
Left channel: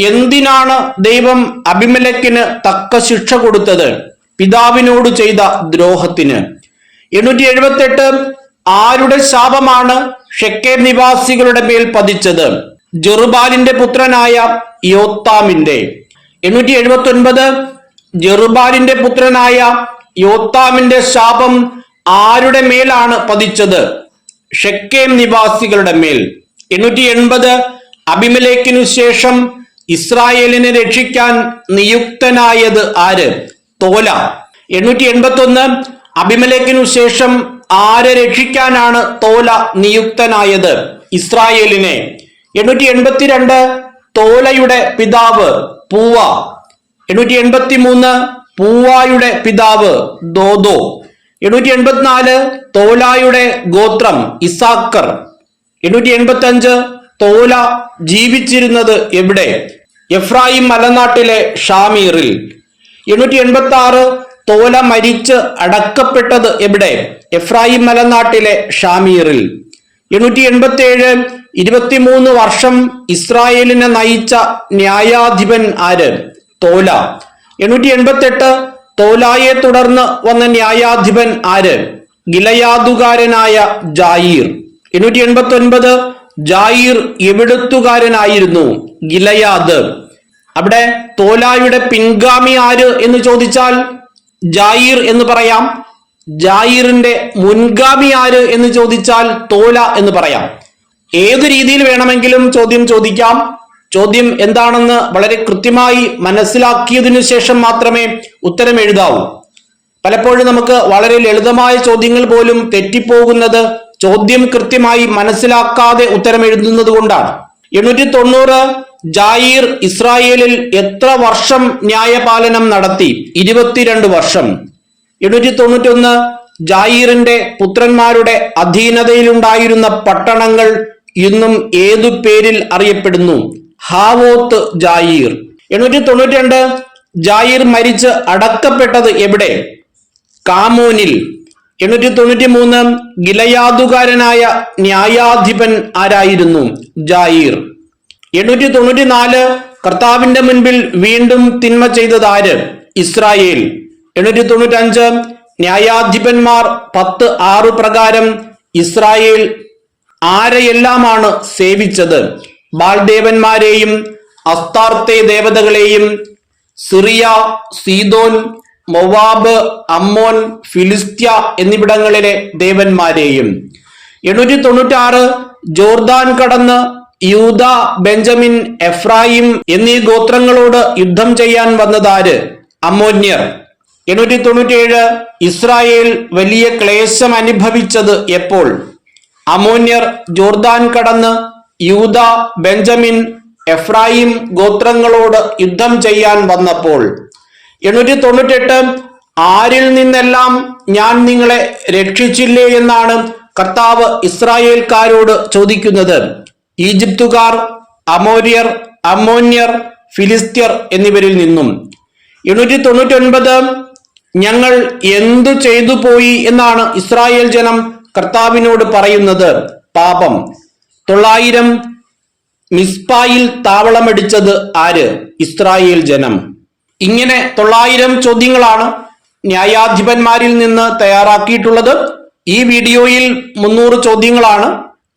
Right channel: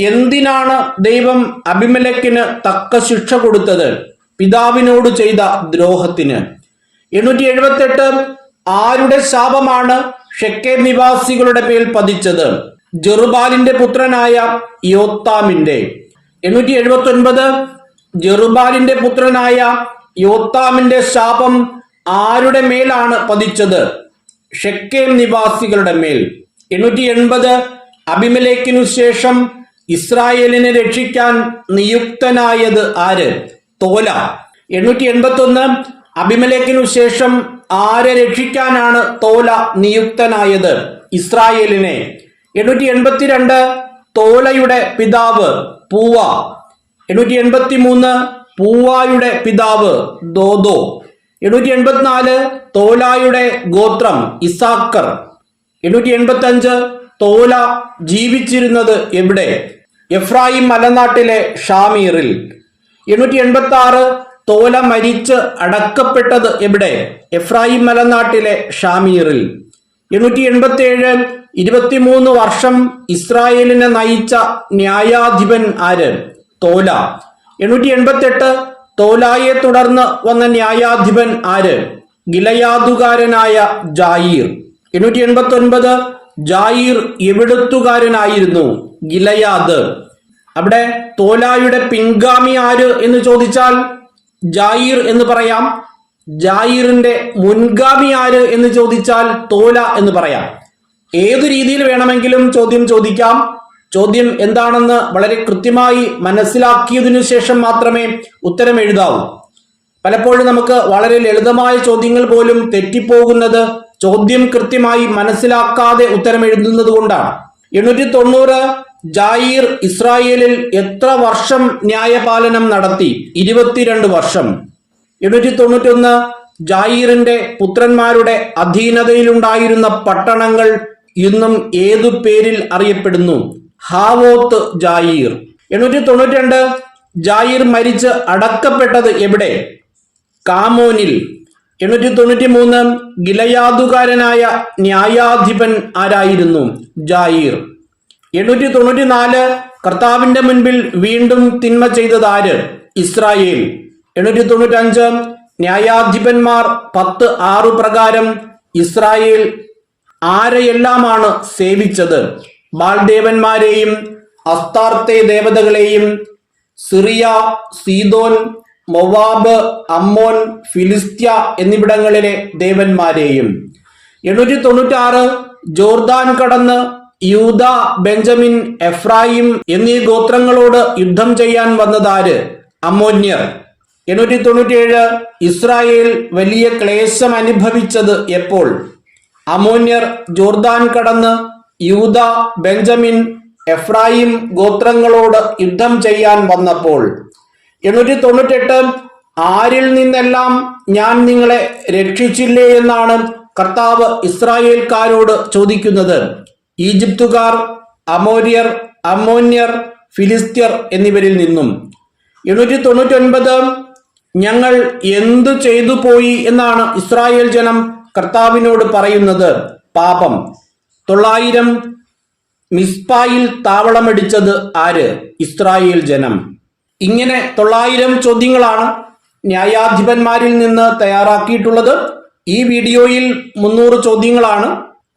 എന്തിനാണ് ദൈവം അബിമേലെക്കിന് തക്ക ശിക്ഷ കൊടുത്തത്? പിതാവിനോട് ചെയ്ത ദ്രോഹത്തിന്. 878 ആരുടെ ശാപമാണ് ഷെക്കേം നിവാസികളുടെ മേൽ പതിച്ചത്? ജെറുബാലിന്റെ പുത്രനായ യോത്താമിന്റെ. 879 ജെറുബാലിന്റെ പുത്രനായ യോത്താമിന്റെ ശാപം ആരുടെ മേലാണ് പതിച്ചത്? ഷെക്കേം നിവാസികളുടെ മേൽ. 880 അബിമേലെക്കിനു ശേഷം ഇസ്രായേലിനെ രക്ഷിക്കാൻ നിയുക്തനായത് ആര്? തോല. 881 അബിമേലെക്കിനു ശേഷം ആരെ രക്ഷിക്കാനാണ് തോല നിയുക്തനായത്? ഇസ്രായേലിനെ. 882 തോലയുടെ പിതാവ് പൂവ. 883 പൂവായുടെ പിതാവ് ദോദോ. 884 തോലായുടെ ഗോത്രം ഇസാക്കർ. 885 തോല ജീവിച്ചിരുന്നത് എവിടെ? എഫ്രായിം മലനാട്ടിലെ ഷാമീറിൽ. 886 തോല മരിച്ച് അടക്കപ്പെട്ടത് എവിടെ? എഫ്രായിം മലനാട്ടിലെ ഷാമീറിൽ. 887 23 വർഷം ഇസ്രായേലിനെ നയിച്ച ന്യായാധിപൻ ആര്? തോല. 888 തോലായെ തുടർന്ന് വന്ന ന്യായാധിപൻ ആര്? ഗിലയാദുകാരനായ ജായീർ. 889 ജായീർ എവിടുത്തുകാരനായിരുന്നു? ഗിലയാദ്. അവിടെ തോലായുടെ പിൻഗാമി ആര് എന്ന് ചോദിച്ചാൽ ജായീർ എന്ന് പറയാം. ജായീറിന്റെ മുൻഗാമി ആര് എന്ന് ചോദിച്ചാൽ തോല എന്ന് പറയാം. ഏതു രീതിയിൽ വേണമെങ്കിലും ചോദ്യം ചോദിക്കാം. ചോദ്യം എന്താണെന്ന് വളരെ കൃത്യമായി മനസ്സിലാക്കിയതിനു ശേഷം മാത്രമേ ഉത്തരം എഴുതാവൂ. പലപ്പോഴും നമുക്ക് വളരെ ലളിതമായ ചോദ്യങ്ങൾ പോലും തെറ്റിപ്പോകുന്നത് ചോദ്യം കൃത്യമായി മനസ്സിലാക്കാതെ ഉത്തരം എഴുതുന്നത് കൊണ്ടാണ്. 890 ജായീർ ഇസ്രായേലിൽ എത്ര വർഷം ന്യായപാലനം നടത്തി? 22 വർഷം. 891 ജായീറിന്റെ പുത്രന്മാരുടെ അധീനതയിലുണ്ടായിരുന്ന പട്ടണങ്ങൾ ഇന്നും ഏതു പേരിൽ അറിയപ്പെടുന്നു? ഹാവോത്ത് ജായീർ. 892 ജായീർ മരിച്ച് അടക്കപ്പെട്ടത് എവിടെ? കാമോനിൽ. 893 ഗിലയാദുകാരനായ ന്യായാധിപൻ ആരായിരുന്നു? ജായീർ. 894 കർത്താവിന്റെ മുൻപിൽ വീണ്ടും തിന്മ ചെയ്തത് ആര്? ഇസ്രായേൽ. 895 ന്യായാധിപന്മാർ 10:6 പ്രകാരം ഇസ്രായേൽ ആരെയെല്ലാമാണ് സേവിച്ചത്? ബാൽദേവന്മാരെയും അസ്താർത്തെ ദേവതകളെയും, സിറിയ, സീദോൻ, മൊവാബ്, അമ്മോൻ, ഫിലിസ്ത്യ എന്നിവിടങ്ങളിലെ ദേവന്മാരെയും. 896 ജോർദാൻ കടന്ന് യൂദ, ബെഞ്ചമിൻ, എഫ്രായിം എന്നീ ഗോത്രങ്ങളോട് യുദ്ധം ചെയ്യാൻ വന്നതാര്? അമ്മോന്യർ. 897 ഇസ്രായേൽ വലിയ ക്ലേശം അനുഭവിച്ചത് എപ്പോൾ? അമ്മോന്യർ ജോർദാൻ കടന്ന് യൂദ, ബെഞ്ചമിൻ, എഫ്രായിം ഗോത്രങ്ങളോട് യുദ്ധം ചെയ്യാൻ വന്നപ്പോൾ. 898 ആരിൽ നിന്നെല്ലാം ഞാൻ നിങ്ങളെ രക്ഷിച്ചില്ലേ എന്നാണ് കർത്താവ് ഇസ്രായേൽക്കാരോട് ചോദിക്കുന്നത്? ഈജിപ്തുകാർ, അമോര്യർ, അമ്മോന്യർ, ഫിലിസ്ത്യർ എന്നിവരിൽ നിന്നും. 899 ഞങ്ങൾ എന്തു ചെയ്തു പോയി എന്നാണ് ഇസ്രായേൽ ജനം കർത്താവിനോട് പറയുന്നത്? പാപം. 900 മിസ്പായിൽ താവളമടിച്ചത് ആര്? ഇസ്രായേൽ ജനം. ഇങ്ങനെ 900 ചോദ്യങ്ങളാണ് ന്യായാധിപന്മാരിൽ നിന്ന് തയ്യാറാക്കിയിട്ടുള്ളത്. ഈ വീഡിയോയിൽ 300 ചോദ്യങ്ങളാണ്.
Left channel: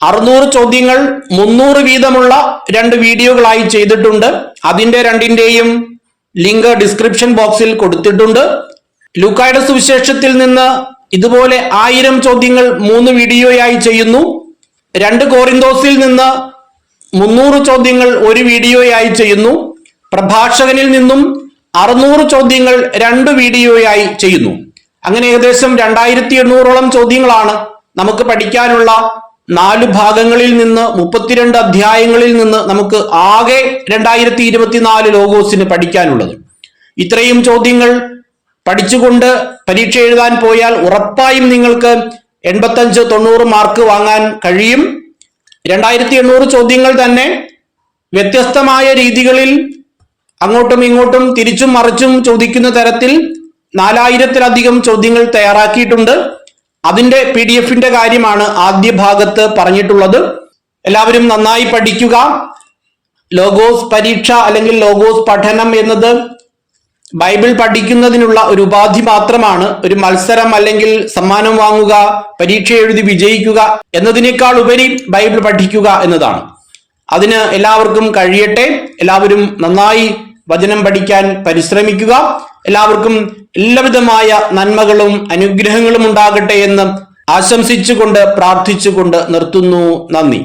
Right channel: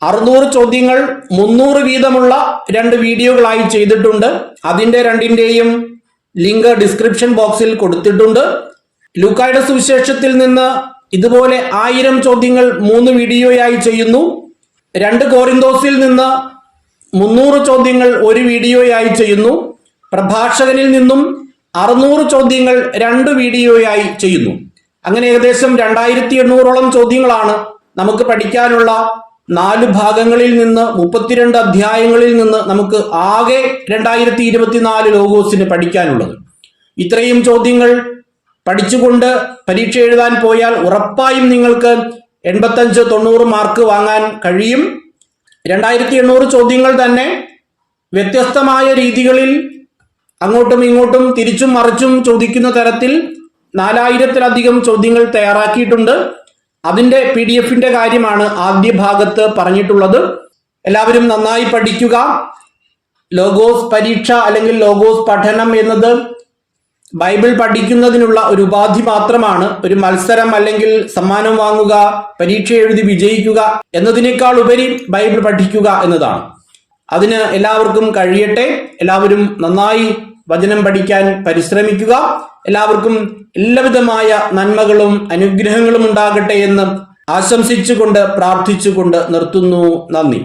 600 ചോദ്യങ്ങൾ 300 വീതമുള്ള 2 വീഡിയോകളായി ചെയ്തിട്ടുണ്ട്. അതിന്റെ രണ്ടിന്റെയും ലിങ്ക് ഡിസ്ക്രിപ്ഷൻ ബോക്സിൽ കൊടുത്തിട്ടുണ്ട്. ലൂക്കായുടെ സുവിശേഷത്തിൽ നിന്ന് ഇതുപോലെ 1000 ചോദ്യങ്ങൾ 3 വീഡിയോയായി ചെയ്യുന്നു. 2 കോറിന്തോസിൽ നിന്ന് 300 ചോദ്യങ്ങൾ 1 വീഡിയോയായി ചെയ്യുന്നു. പ്രഭാഷകനിൽ നിന്നും 600 ചോദ്യങ്ങൾ 2 വീഡിയോയായി ചെയ്യുന്നു. അങ്ങനെ ഏകദേശം 2800ഓളം ചോദ്യങ്ങളാണ് നമുക്ക് പഠിക്കാനുള്ള. 4 ഭാഗങ്ങളിൽ നിന്ന് 32 അധ്യായങ്ങളിൽ നിന്ന് നമുക്ക് ആകെ 2024 ലോഗോസിന് പഠിക്കാനുള്ളത്. ഇത്രയും ചോദ്യങ്ങൾ പഠിച്ചുകൊണ്ട് പരീക്ഷ എഴുതാൻ പോയാൽ ഉറപ്പായും നിങ്ങൾക്ക് 85-90 മാർക്ക് വാങ്ങാൻ കഴിയും. 2800 ചോദ്യങ്ങൾ തന്നെ വ്യത്യസ്തമായ രീതികളിൽ അങ്ങോട്ടും ഇങ്ങോട്ടും തിരിച്ചും മറിച്ചും ചോദിക്കുന്ന തരത്തിൽ 4000-ലധികം ചോദ്യങ്ങൾ തയ്യാറാക്കിയിട്ടുണ്ട്. അതിന്റെ PDF-ന്റെ കാര്യമാണ് ആദ്യ ഭാഗത്ത് പറഞ്ഞിട്ടുള്ളത്. എല്ലാവരും നന്നായി പഠിക്കുക. ലോഗോസ് പരീക്ഷ അല്ലെങ്കിൽ ലോഗോസ് പഠനം എന്നത് ബൈബിൾ പഠിക്കുന്നതിനുള്ള ഒരു ഉപാധി മാത്രമാണ്. ഒരു മത്സരം അല്ലെങ്കിൽ സമ്മാനം വാങ്ങുക, പരീക്ഷ എഴുതി വിജയിക്കുക എന്നതിനേക്കാൾ ഉപരി ബൈബിൾ പഠിക്കുക എന്നതാണ്. അതിന് എല്ലാവർക്കും കഴിയട്ടെ. എല്ലാവരും നന്നായി വചനം പഠിക്കാൻ പരിശ്രമിക്കുക. എല്ലാവർക്കും എല്ലാവിധമായ നന്മകളും അനുഗ്രഹങ്ങളും ഉണ്ടാകട്ടെ എന്ന് ആശംസിച്ചുകൊണ്ട് പ്രാർത്ഥിച്ചുകൊണ്ട് നിർത്തുന്നു. നന്ദി.